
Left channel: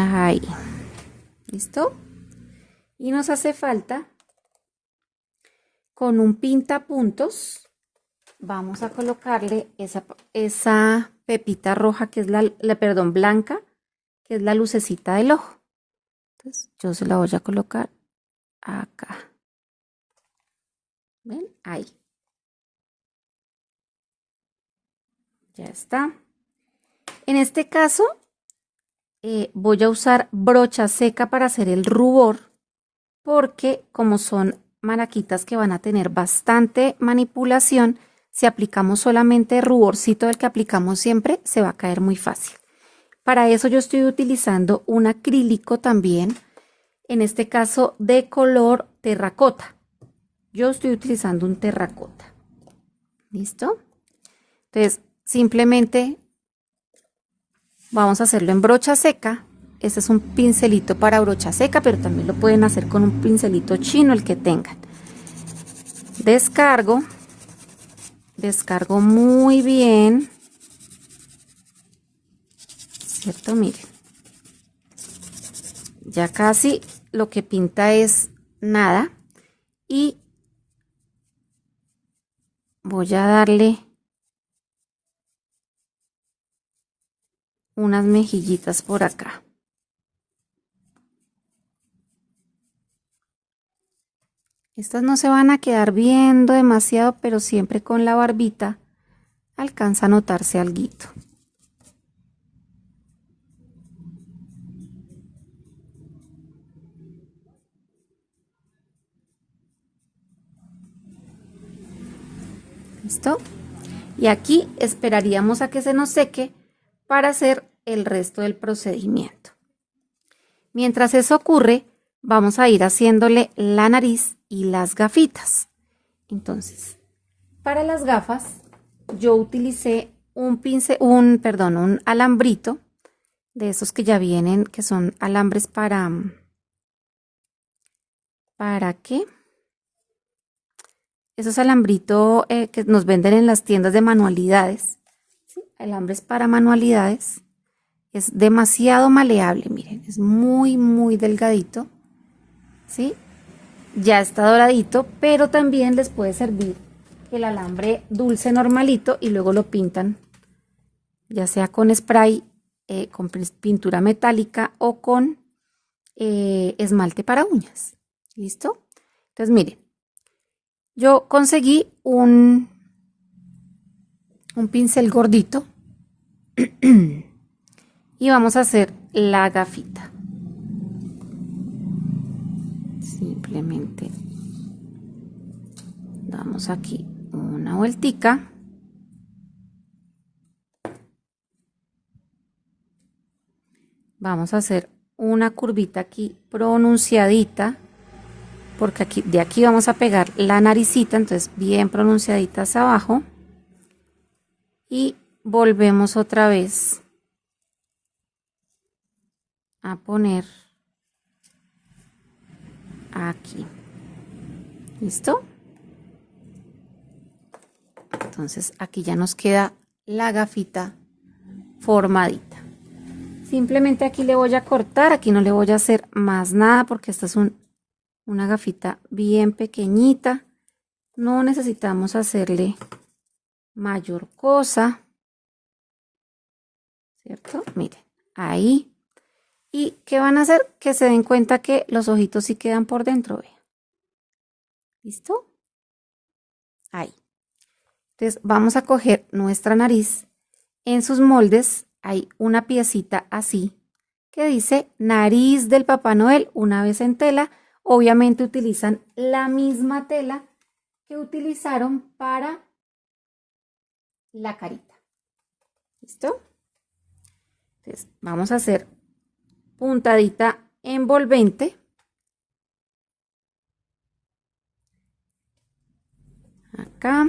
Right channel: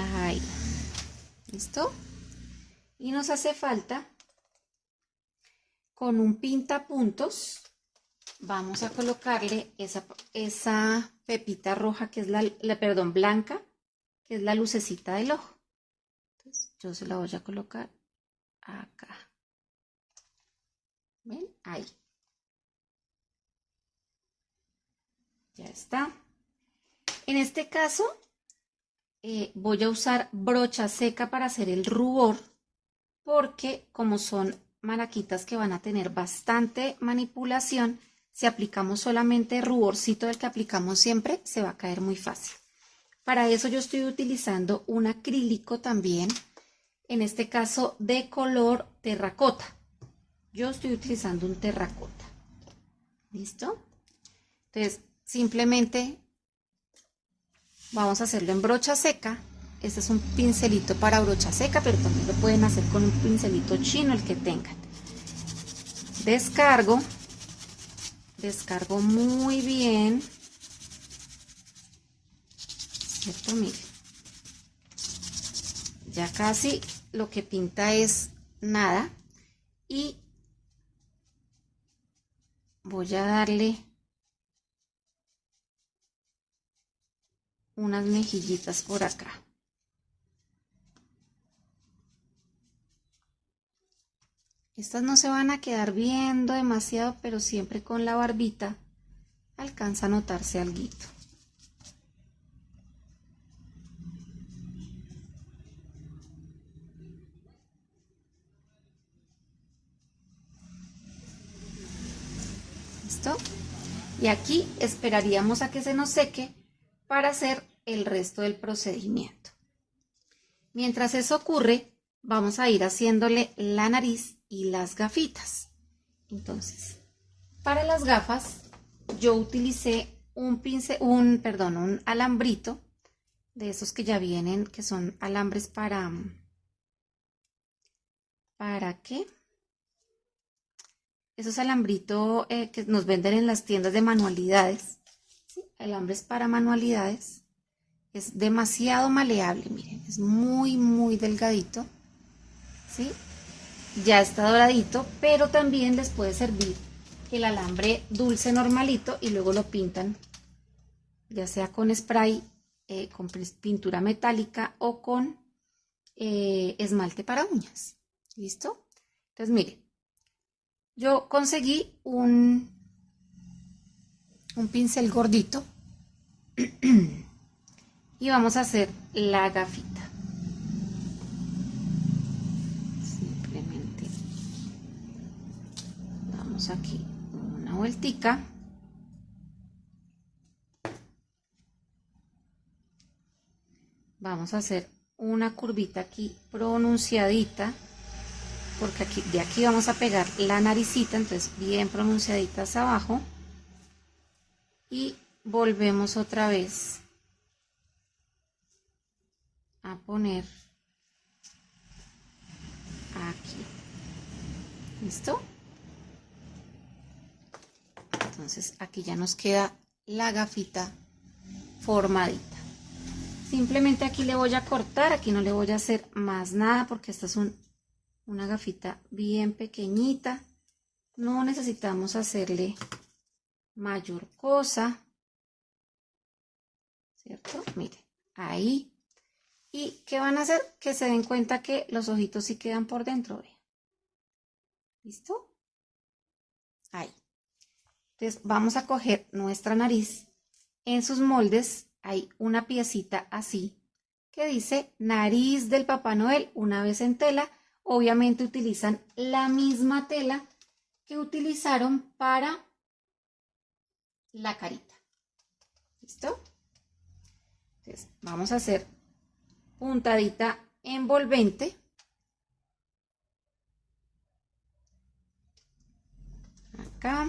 Ahí. ¿Listo? Y nos hace falta, con un pintapuntos, vamos a colocarle esa pepita roja que es perdón, blanca, que es la lucecita del ojo. Entonces yo se la voy a colocar acá. ¿Ven? Ahí. Ya está. En este caso voy a usar brocha seca para hacer el rubor, porque como son maraquitas que van a tener bastante manipulación, si aplicamos solamente ruborcito, el que aplicamos siempre, se va a caer muy fácil. Para eso yo estoy utilizando un acrílico también, en este caso de color terracota. Yo estoy utilizando un terracota. ¿Listo? Entonces, simplemente vamos a hacerlo en brocha seca. Este es un pincelito para brocha seca, pero también lo pueden hacer con un pincelito chino, el que tengan. Descargo muy bien, ¿cierto? Miren, ya casi lo que pinta es nada, y voy a darle unas mejillitas por acá. Estas no se van a quedar viendo demasiado, pero siempre con la barbita alcanza a notarse alguito. ¿Listo? Y aquí esperaríamos a que se nos seque para hacer el resto del procedimiento. Mientras eso ocurre, vamos a ir haciéndole la nariz y las gafitas. Entonces, para las gafas, yo utilicé un alambrito de esos que ya vienen, que son alambres ¿para qué? Esos alambritos que nos venden en las tiendas de manualidades, ¿sí? Alambres para manualidades. Es demasiado maleable, miren, es muy delgadito, ¿sí? Ya está doradito, pero también les puede servir el alambre dulce normalito y luego lo pintan, ya sea con spray, con pintura metálica o con esmalte para uñas. ¿Listo? Entonces, miren, yo conseguí un pincel gordito y vamos a hacer la gafita. Simplemente damos aquí una vueltica. Vamos a hacer una curvita aquí pronunciadita, porque aquí, de aquí vamos a pegar la naricita, entonces bien pronunciaditas abajo. Y volvemos otra vez a poner aquí. ¿Listo? Entonces aquí ya nos queda la gafita formadita. Simplemente aquí le voy a cortar, aquí no le voy a hacer más nada porque esta es una gafita bien pequeñita. No necesitamos hacerle mayor cosa, ¿cierto? Miren, ahí. ¿Y qué van a hacer? Que se den cuenta que los ojitos sí quedan por dentro, vean. ¿Listo? Ahí. Entonces vamos a coger nuestra nariz. En sus moldes hay una piecita así que dice nariz del Papá Noel, una vez en tela. Obviamente utilizan la misma tela que utilizaron para la carita. ¿Listo? Entonces vamos a hacer puntadita envolvente. Acá.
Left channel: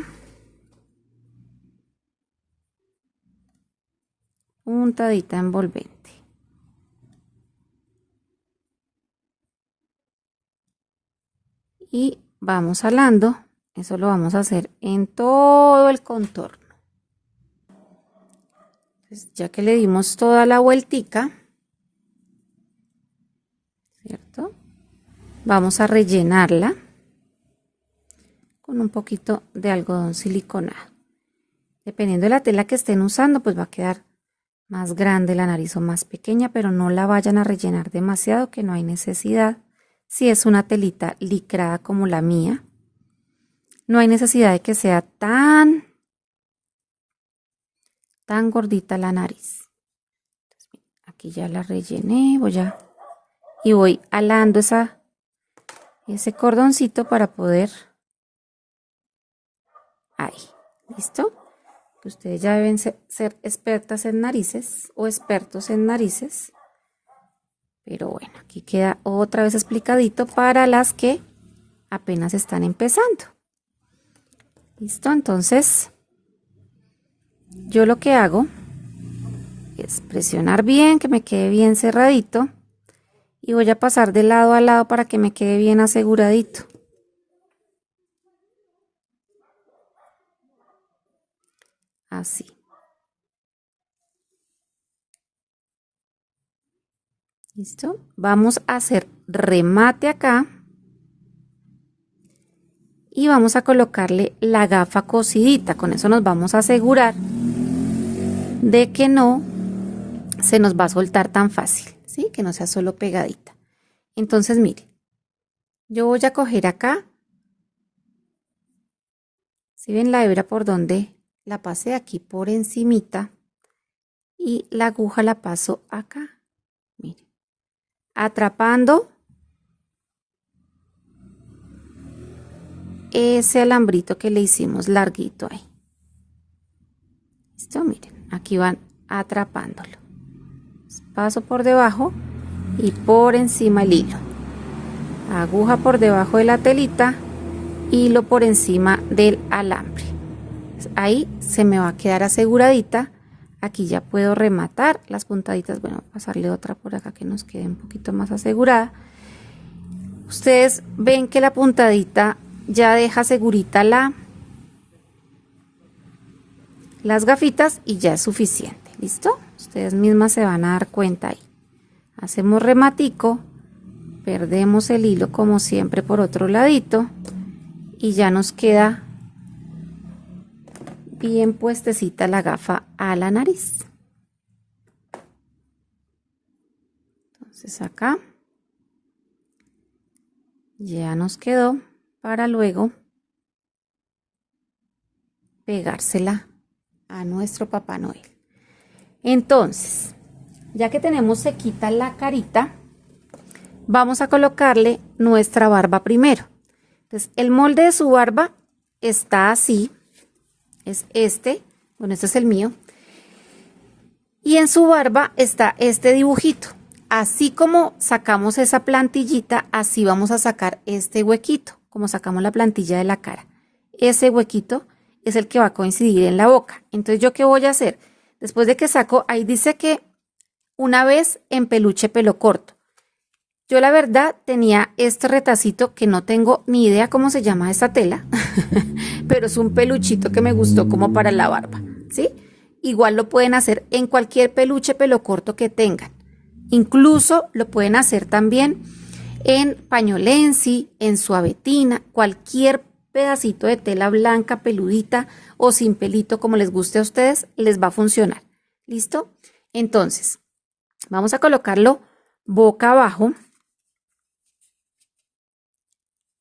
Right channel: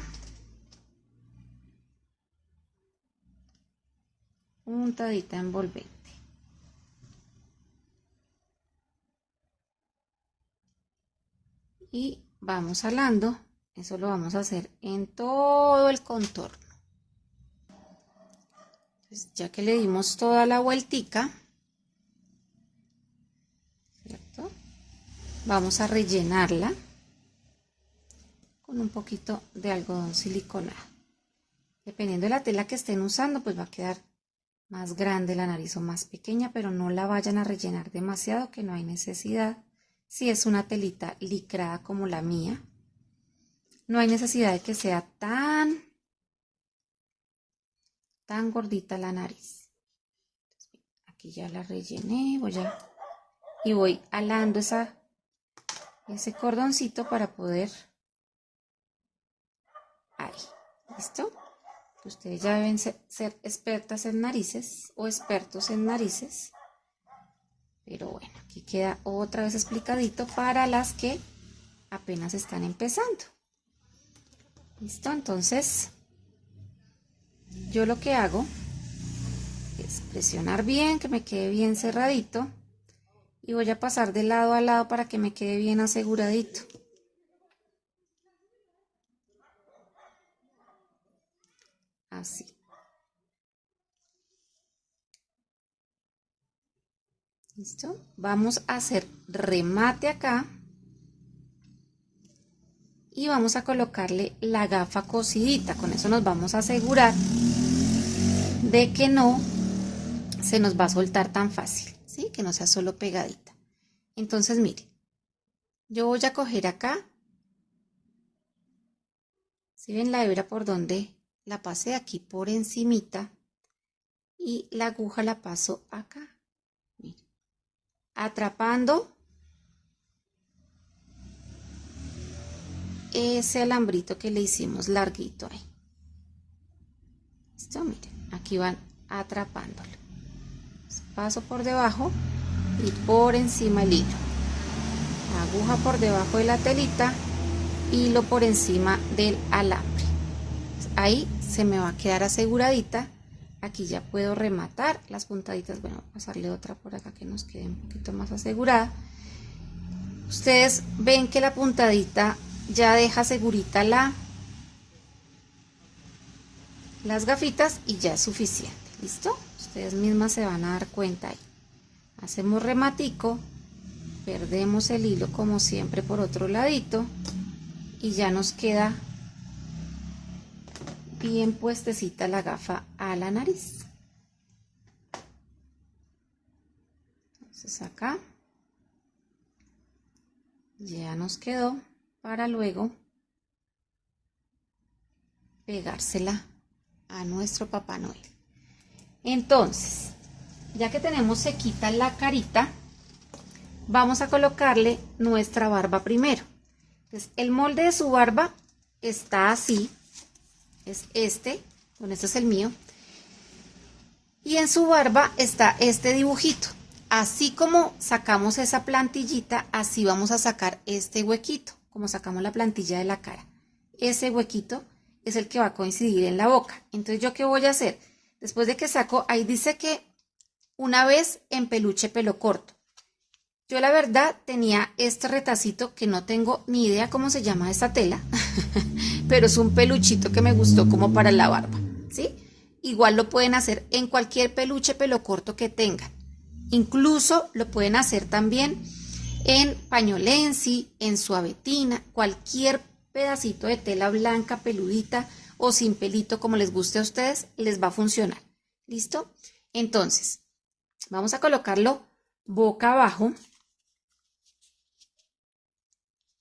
Puntadita envolvente. Y vamos jalando. Eso lo vamos a hacer en todo el contorno. Pues ya que le dimos toda la vueltica, ¿cierto? Vamos a rellenarla con un poquito de algodón siliconado. Dependiendo de la tela que estén usando, pues va a quedar más grande la nariz o más pequeña, pero no la vayan a rellenar demasiado, que no hay necesidad. Si es una telita licrada como la mía, no hay necesidad de que sea tan gordita la nariz. Aquí ya la rellené, voy alando ese cordoncito para poder, ahí, ¿listo? Ustedes ya deben ser expertas en narices o expertos en narices, pero bueno, aquí queda otra vez explicadito para las que apenas están empezando. ¿Listo? Entonces, yo lo que hago es presionar bien, que me quede bien cerradito, y voy a pasar de lado a lado para que me quede bien aseguradito. Así. ¿Listo? Vamos a hacer remate acá. y vamos a colocarle la gafa cosidita. Con eso nos vamos a asegurar de que no se nos va a soltar tan fácil, ¿sí? Que no sea solo pegadita. Entonces, mire, yo voy a coger acá, ¿sí ven la hebra por donde la pasé? Aquí por encimita, y la aguja la paso acá, mire, atrapando ese alambrito que le hicimos larguito ahí. ¿Listo? Miren, aquí van atrapándolo. Paso por debajo y por encima el hilo. Aguja por debajo de la telita, hilo por encima del alambre. Ahí se me va a quedar aseguradita. Aquí ya puedo rematar las puntaditas. Bueno, pasarle otra por acá que nos quede un poquito más asegurada. Ustedes ven que la puntadita ya deja segurita las gafitas y ya es suficiente. ¿Listo? Ustedes mismas se van a dar cuenta ahí. Hacemos rematico, perdemos el hilo como siempre por otro ladito y ya nos queda bien puestecita la gafa a la nariz. Entonces acá ya nos quedó para luego pegársela a nuestro Papá Noel. Entonces, ya que tenemos sequita la carita, vamos a colocarle nuestra barba primero. Entonces, el molde de su barba está así, es este, bueno, este es el mío, y en su barba está este dibujito. Así como sacamos esa plantillita, así vamos a sacar este huequito, como sacamos la plantilla de la cara. Ese huequito es el que va a coincidir en la boca. Entonces, ¿yo qué voy a hacer? Después de que saco, ahí dice que una vez en peluche pelo corto. Yo la verdad tenía este retacito que no tengo ni idea cómo se llama esta tela, pero es un peluchito que me gustó como para la barba, ¿sí? Igual lo pueden hacer en cualquier peluche pelo corto que tengan. Incluso lo pueden hacer también en pañolensi, en suavetina, cualquier pedacito de tela blanca, peludita o sin pelito, como les guste a ustedes, les va a funcionar. ¿Listo? Entonces, vamos a colocarlo boca abajo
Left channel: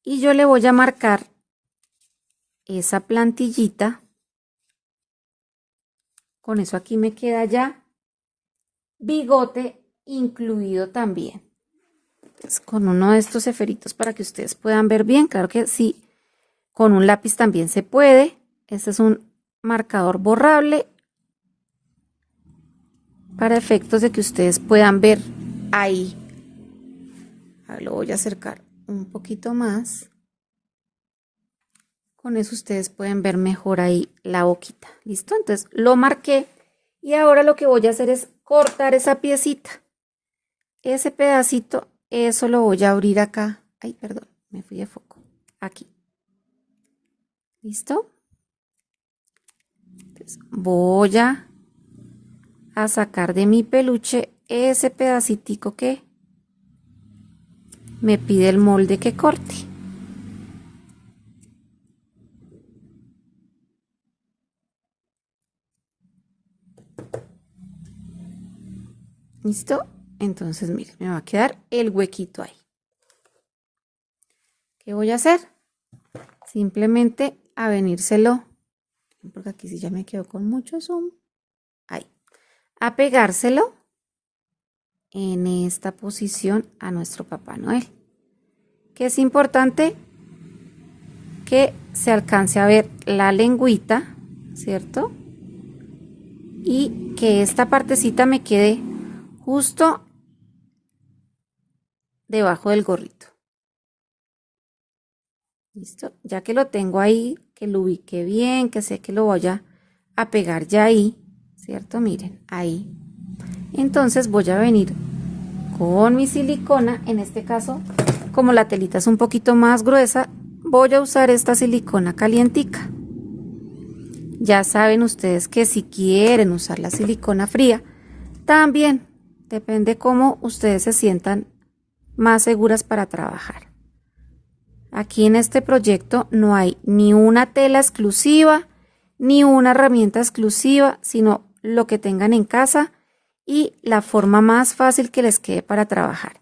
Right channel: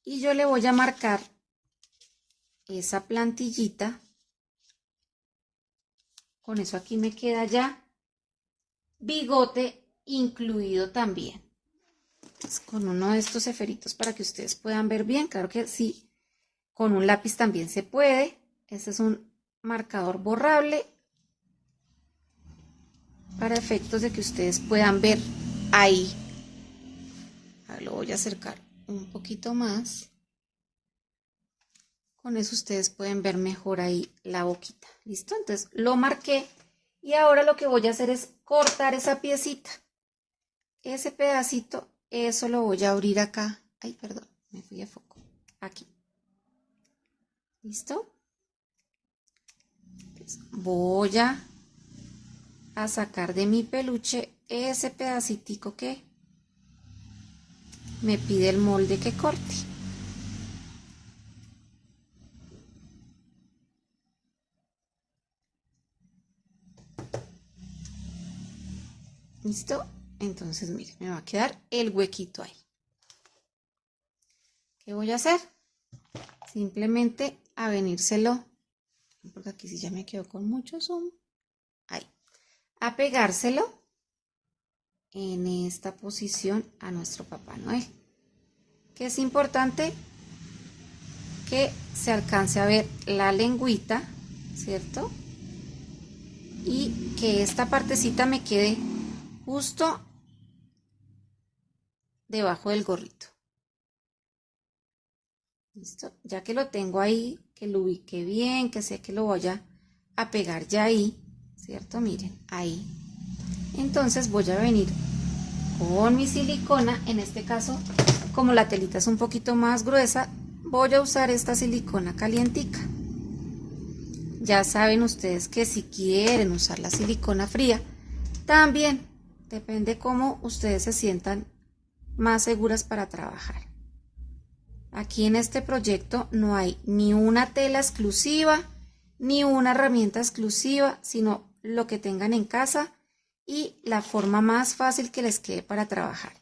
y yo le voy a marcar esa plantillita. Con eso aquí me queda ya bigote incluido también. Entonces, con uno de estos esferitos para que ustedes puedan ver bien, claro que sí, con un lápiz también se puede. Este es un marcador borrable para efectos de que ustedes puedan ver ahí. Ahora lo voy a acercar un poquito más. Con eso ustedes pueden ver mejor ahí la boquita. ¿Listo? Entonces lo marqué y ahora lo que voy a hacer es cortar esa piecita. Ese pedacito, eso lo voy a abrir acá. Ay, perdón, me fui de foco. Aquí. ¿Listo? Entonces, voy a sacar de mi peluche ese pedacitico que me pide el molde que corte. ¿Listo? Entonces, miren, me va a quedar el huequito ahí. ¿Qué voy a hacer? Simplemente a venírselo, porque aquí sí ya me quedó con mucho zoom. Ahí. A pegárselo en esta posición a nuestro Papá Noel. Que es importante que se alcance a ver la lengüita, ¿cierto? Y que esta partecita me quede justo debajo del gorrito. ¿Listo? Ya que lo tengo ahí, que lo ubique bien, que sé que lo voy a pegar ya ahí, ¿cierto? Miren, ahí. Entonces voy a venir con mi silicona, en este caso, como la telita es un poquito más gruesa, voy a usar esta silicona calientica. Ya saben ustedes que si quieren usar la silicona fría, también depende cómo ustedes se sientan más seguras para trabajar. Aquí en este proyecto no hay ni una tela exclusiva, ni una herramienta exclusiva, sino lo que tengan en casa y la forma más fácil que les quede para trabajar.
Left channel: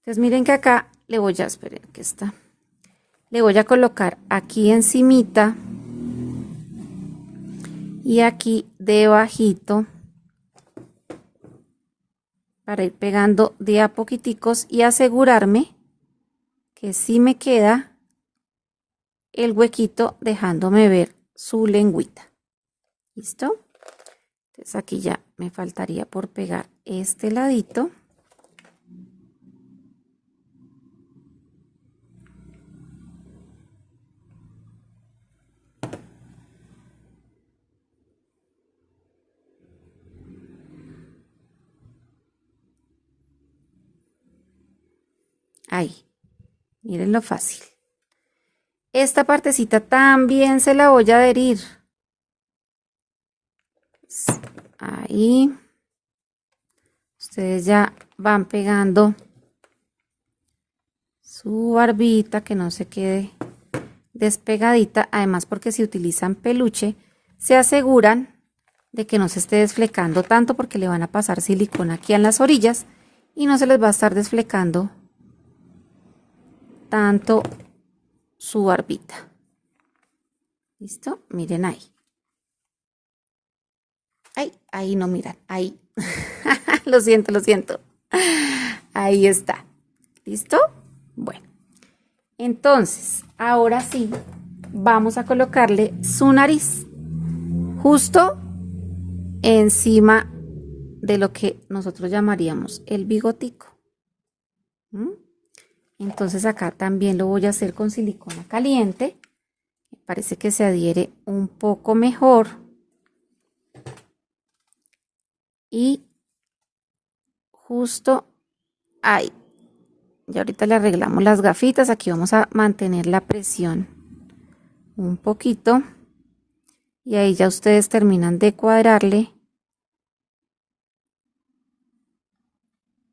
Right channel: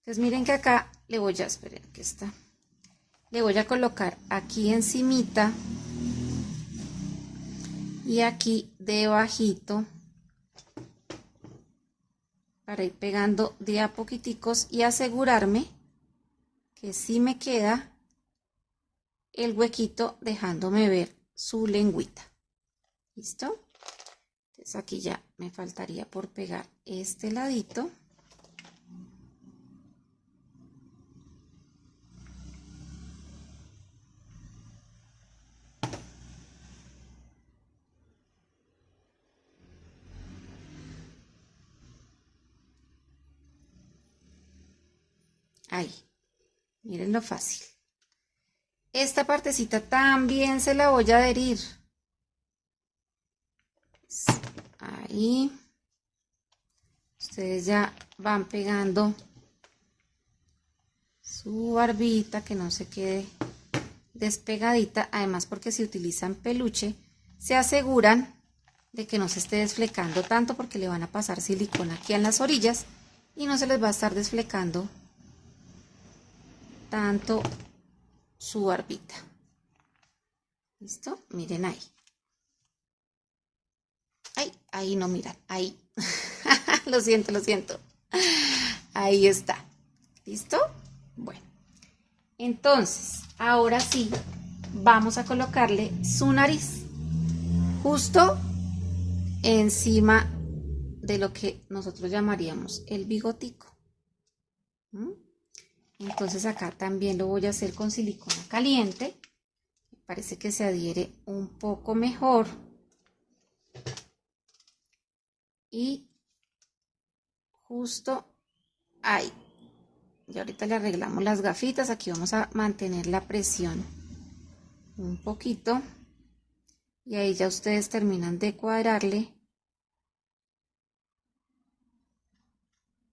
Entonces miren que acá le voy a, esperen que está, le voy a colocar aquí encimita y aquí debajito para ir pegando de a poquiticos y asegurarme que sí me queda el huequito dejándome ver su lengüita. ¿Listo? Entonces aquí ya me faltaría por pegar este ladito. Ahí, miren lo fácil. Esta partecita también se la voy a adherir. Ahí. Ustedes ya van pegando su barbita, que no se quede despegadita. Además, porque si utilizan peluche, se aseguran de que no se esté desflecando tanto, porque le van a pasar silicona aquí en las orillas y no se les va a estar desflecando tanto su barbita. ¿Listo? Miren ahí. Ay, ahí no miran, ahí. Lo siento, lo siento. Ahí está. ¿Listo? Bueno. Entonces, ahora sí, vamos a colocarle su nariz justo encima de lo que nosotros llamaríamos el bigotico. Entonces acá también lo voy a hacer con silicona caliente. Me parece que se adhiere un poco mejor. Y justo ahí. Y ahorita le arreglamos las gafitas. Aquí vamos a mantener la presión un poquito. Y ahí ya ustedes terminan de cuadrarle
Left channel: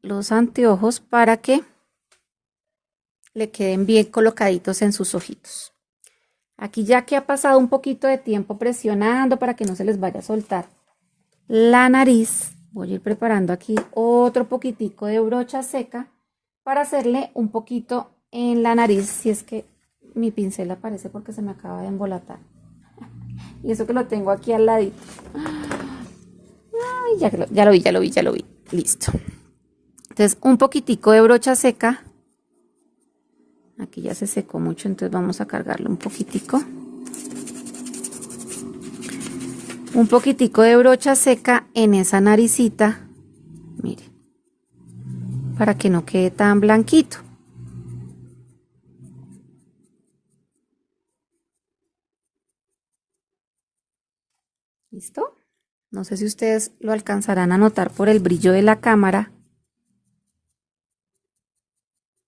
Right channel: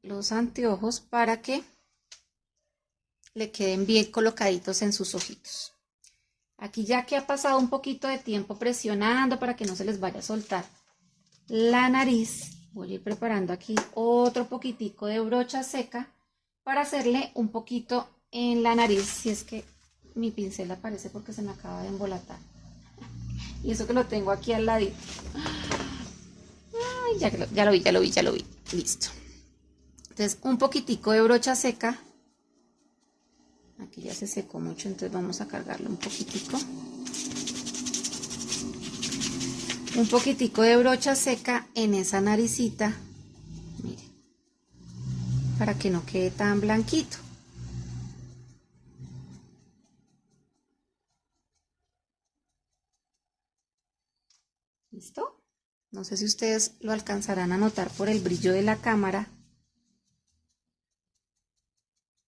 los anteojos para que le queden bien colocaditos en sus ojitos. Aquí ya que ha pasado un poquito de tiempo presionando para que no se les vaya a soltar la nariz, voy a ir preparando aquí otro poquitico de brocha seca para hacerle un poquito en la nariz, si es que mi pincel aparece porque se me acaba de embolatar. Y eso que lo tengo aquí al ladito. Ay, ya lo vi. Listo. Entonces, un poquitico de brocha seca. Aquí ya se secó mucho, entonces vamos a cargarlo un poquitico. Un poquitico de brocha seca en esa naricita. Miren. Para que no quede tan blanquito. ¿Listo? No sé si ustedes lo alcanzarán a notar por el brillo de la cámara.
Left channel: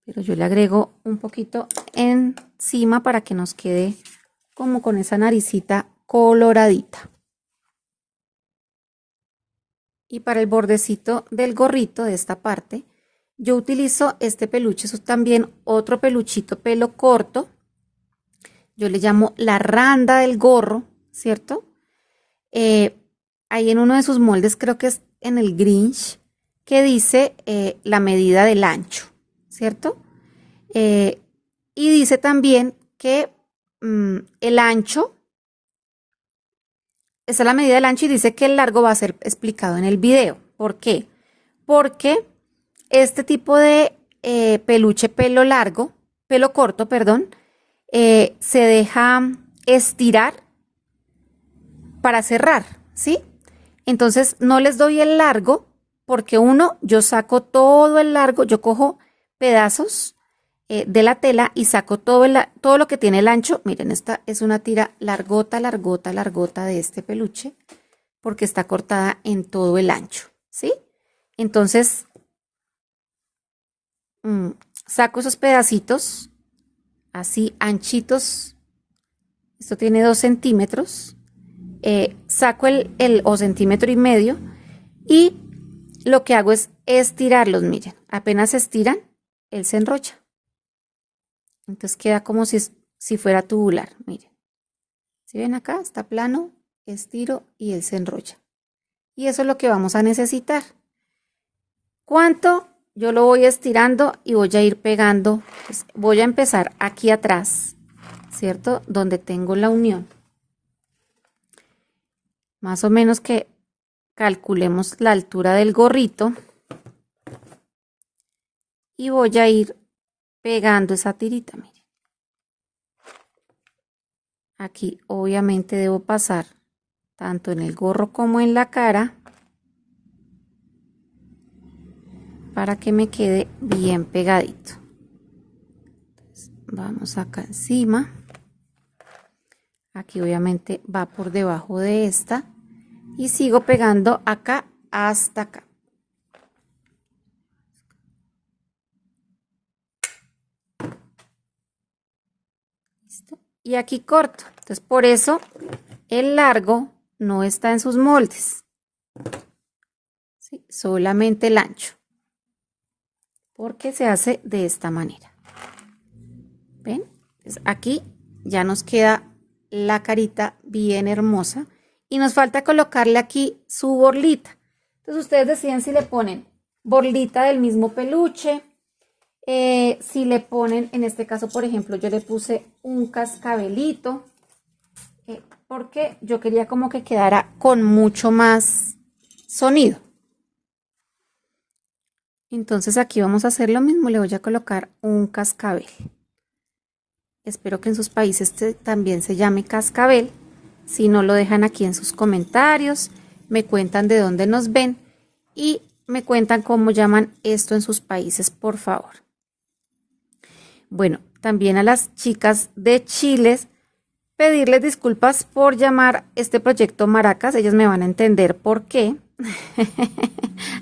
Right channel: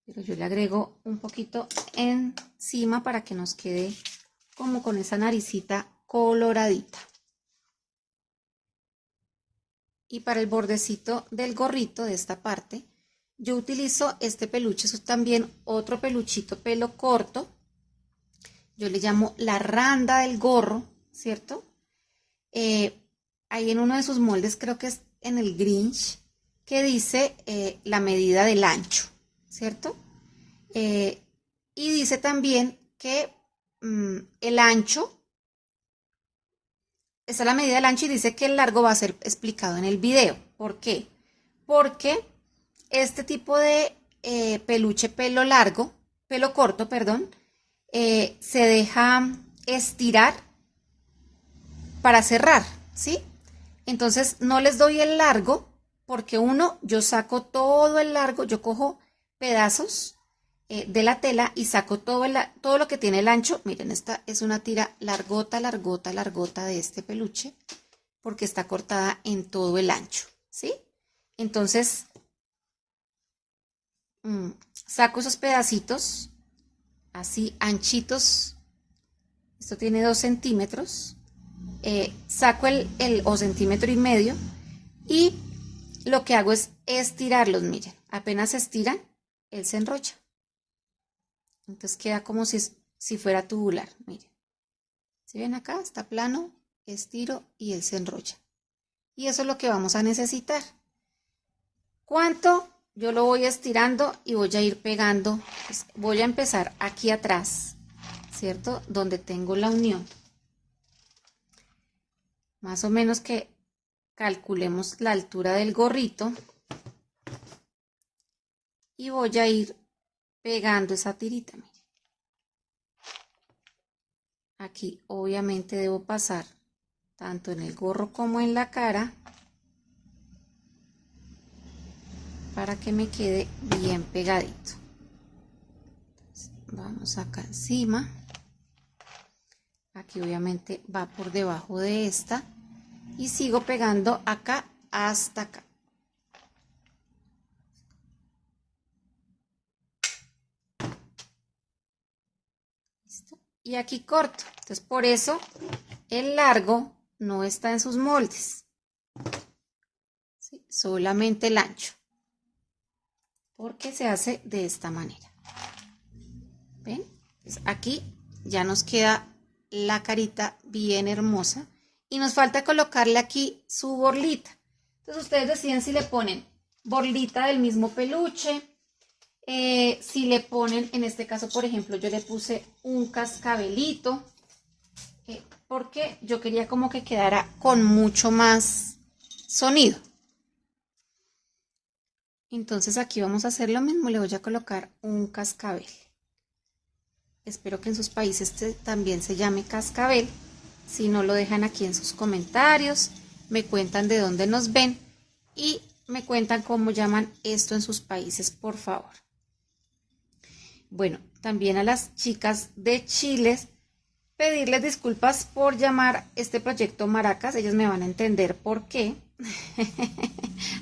Pero yo le agrego un poquito encima para que nos quede como con esa naricita coloradita. Y para el bordecito del gorrito de esta parte, yo utilizo este peluche, eso es también otro peluchito pelo corto. Yo le llamo la randa del gorro, ¿cierto? Ahí en uno de sus moldes, creo que es en el Grinch, que dice la medida del ancho, ¿cierto? Y dice también que el ancho, esa es la medida del ancho, y dice que el largo va a ser explicado en el video. ¿Por qué? Porque este tipo de peluche pelo corto, perdón, se deja estirar para cerrar, ¿sí? Entonces no les doy el largo porque yo saco todo el largo, yo cojo pedazos de la tela y saco todo lo que tiene el ancho. Miren, esta es una tira largota de este peluche porque está cortada en todo el ancho, ¿sí? Entonces saco esos pedacitos así anchitos. Esto tiene 2 centímetros. Saco o centímetro y medio y lo que hago es estirarlos. Miren, apenas se estiran, él se enrolla. Entonces queda como si fuera tubular, miren. ¿Sí ven acá? Está plano, estiro y él se enrolla. Y eso es lo que vamos a necesitar. ¿Cuánto? Yo lo voy estirando y voy a ir pegando. Pues voy a empezar aquí atrás, ¿cierto? Donde tengo la unión. Más o menos que calculemos la altura del gorrito. Y voy a ir pegando esa tirita, miren. Aquí obviamente debo pasar tanto en el gorro como en la cara para que me quede bien pegadito. Entonces, vamos acá encima. Aquí obviamente va por debajo de esta y sigo pegando acá hasta acá. ¿Listo? Y aquí corto. Entonces por eso el largo no está en sus moldes. ¿Sí? Solamente el ancho. Porque se hace de esta manera. ¿Ven? Entonces aquí ya nos queda la carita bien hermosa y nos falta colocarle aquí su borlita. Entonces ustedes deciden si le ponen borlita del mismo peluche, si le ponen, en este caso por ejemplo yo le puse un cascabelito, porque yo quería como que quedara con mucho más sonido. Entonces aquí vamos a hacer lo mismo, le voy a colocar un cascabel. Espero que en sus países también se llame cascabel. Si no, lo dejan aquí en sus comentarios, me cuentan de dónde nos ven y me cuentan cómo llaman esto en sus países, por favor. Bueno, también a las chicas de Chile, pedirles disculpas por llamar este proyecto Maracas. Ellas me van a entender por qué.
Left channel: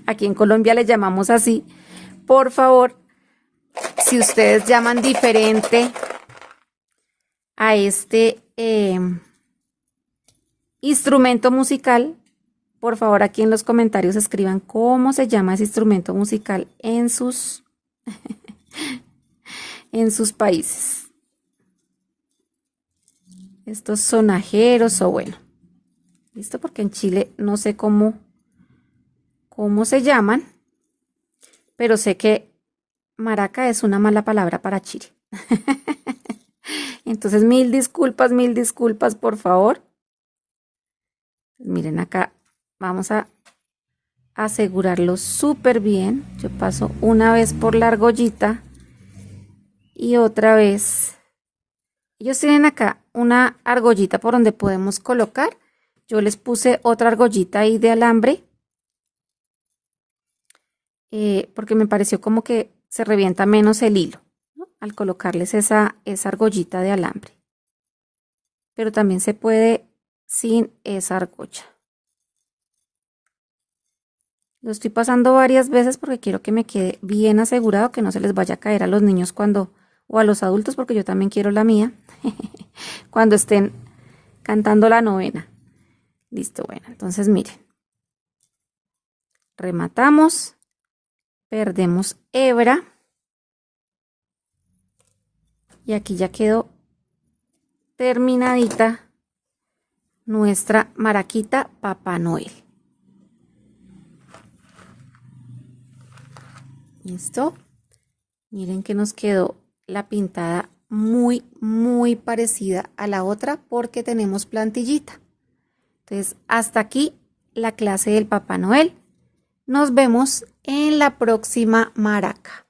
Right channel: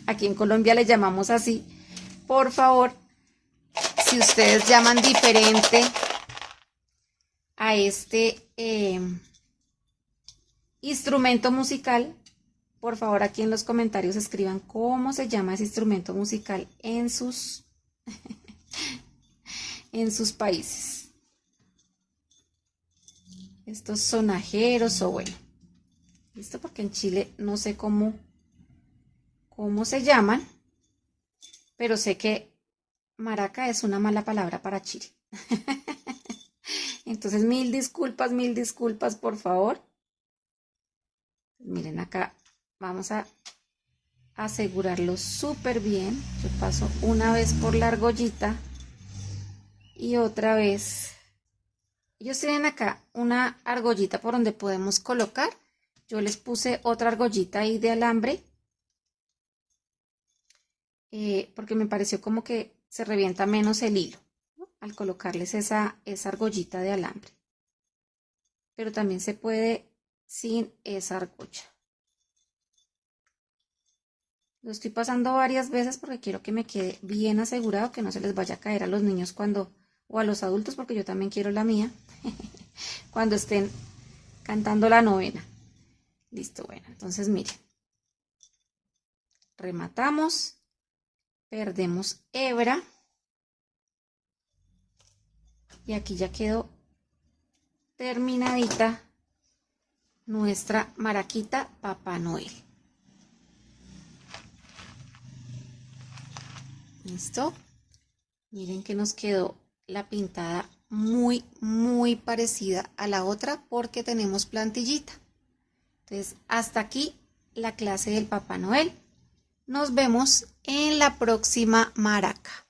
Aquí en Colombia le llamamos así. Por favor, si ustedes llaman diferente a este instrumento musical, por favor aquí en los comentarios escriban cómo se llama ese instrumento musical en sus en sus países. Estos sonajeros o bueno, listo, porque en Chile no sé cómo se llaman, pero sé que maraca es una mala palabra para Chile. Entonces mil disculpas por favor. Miren acá, vamos a asegurarlo súper bien. Yo paso una vez por la argollita y otra vez. Ellos tienen acá una argollita por donde podemos colocar. Yo les puse otra argollita ahí de alambre, porque me pareció como que se revienta menos el hilo, ¿no? Al colocarles esa argollita de alambre. Pero también se puede sin esa argolla. Lo estoy pasando varias veces porque quiero que me quede bien asegurado, que no se les vaya a caer a los niños o a los adultos, porque yo también quiero la mía, cuando estén cantando la novena. Listo, bueno, entonces miren. Rematamos, perdemos hebra y aquí ya quedó terminadita nuestra maraquita Papá Noel. ¿Listo? Miren que nos quedó la pintada muy parecida a la otra porque tenemos plantillita. Entonces, hasta aquí la clase del Papá Noel. Nos vemos en la próxima maraca.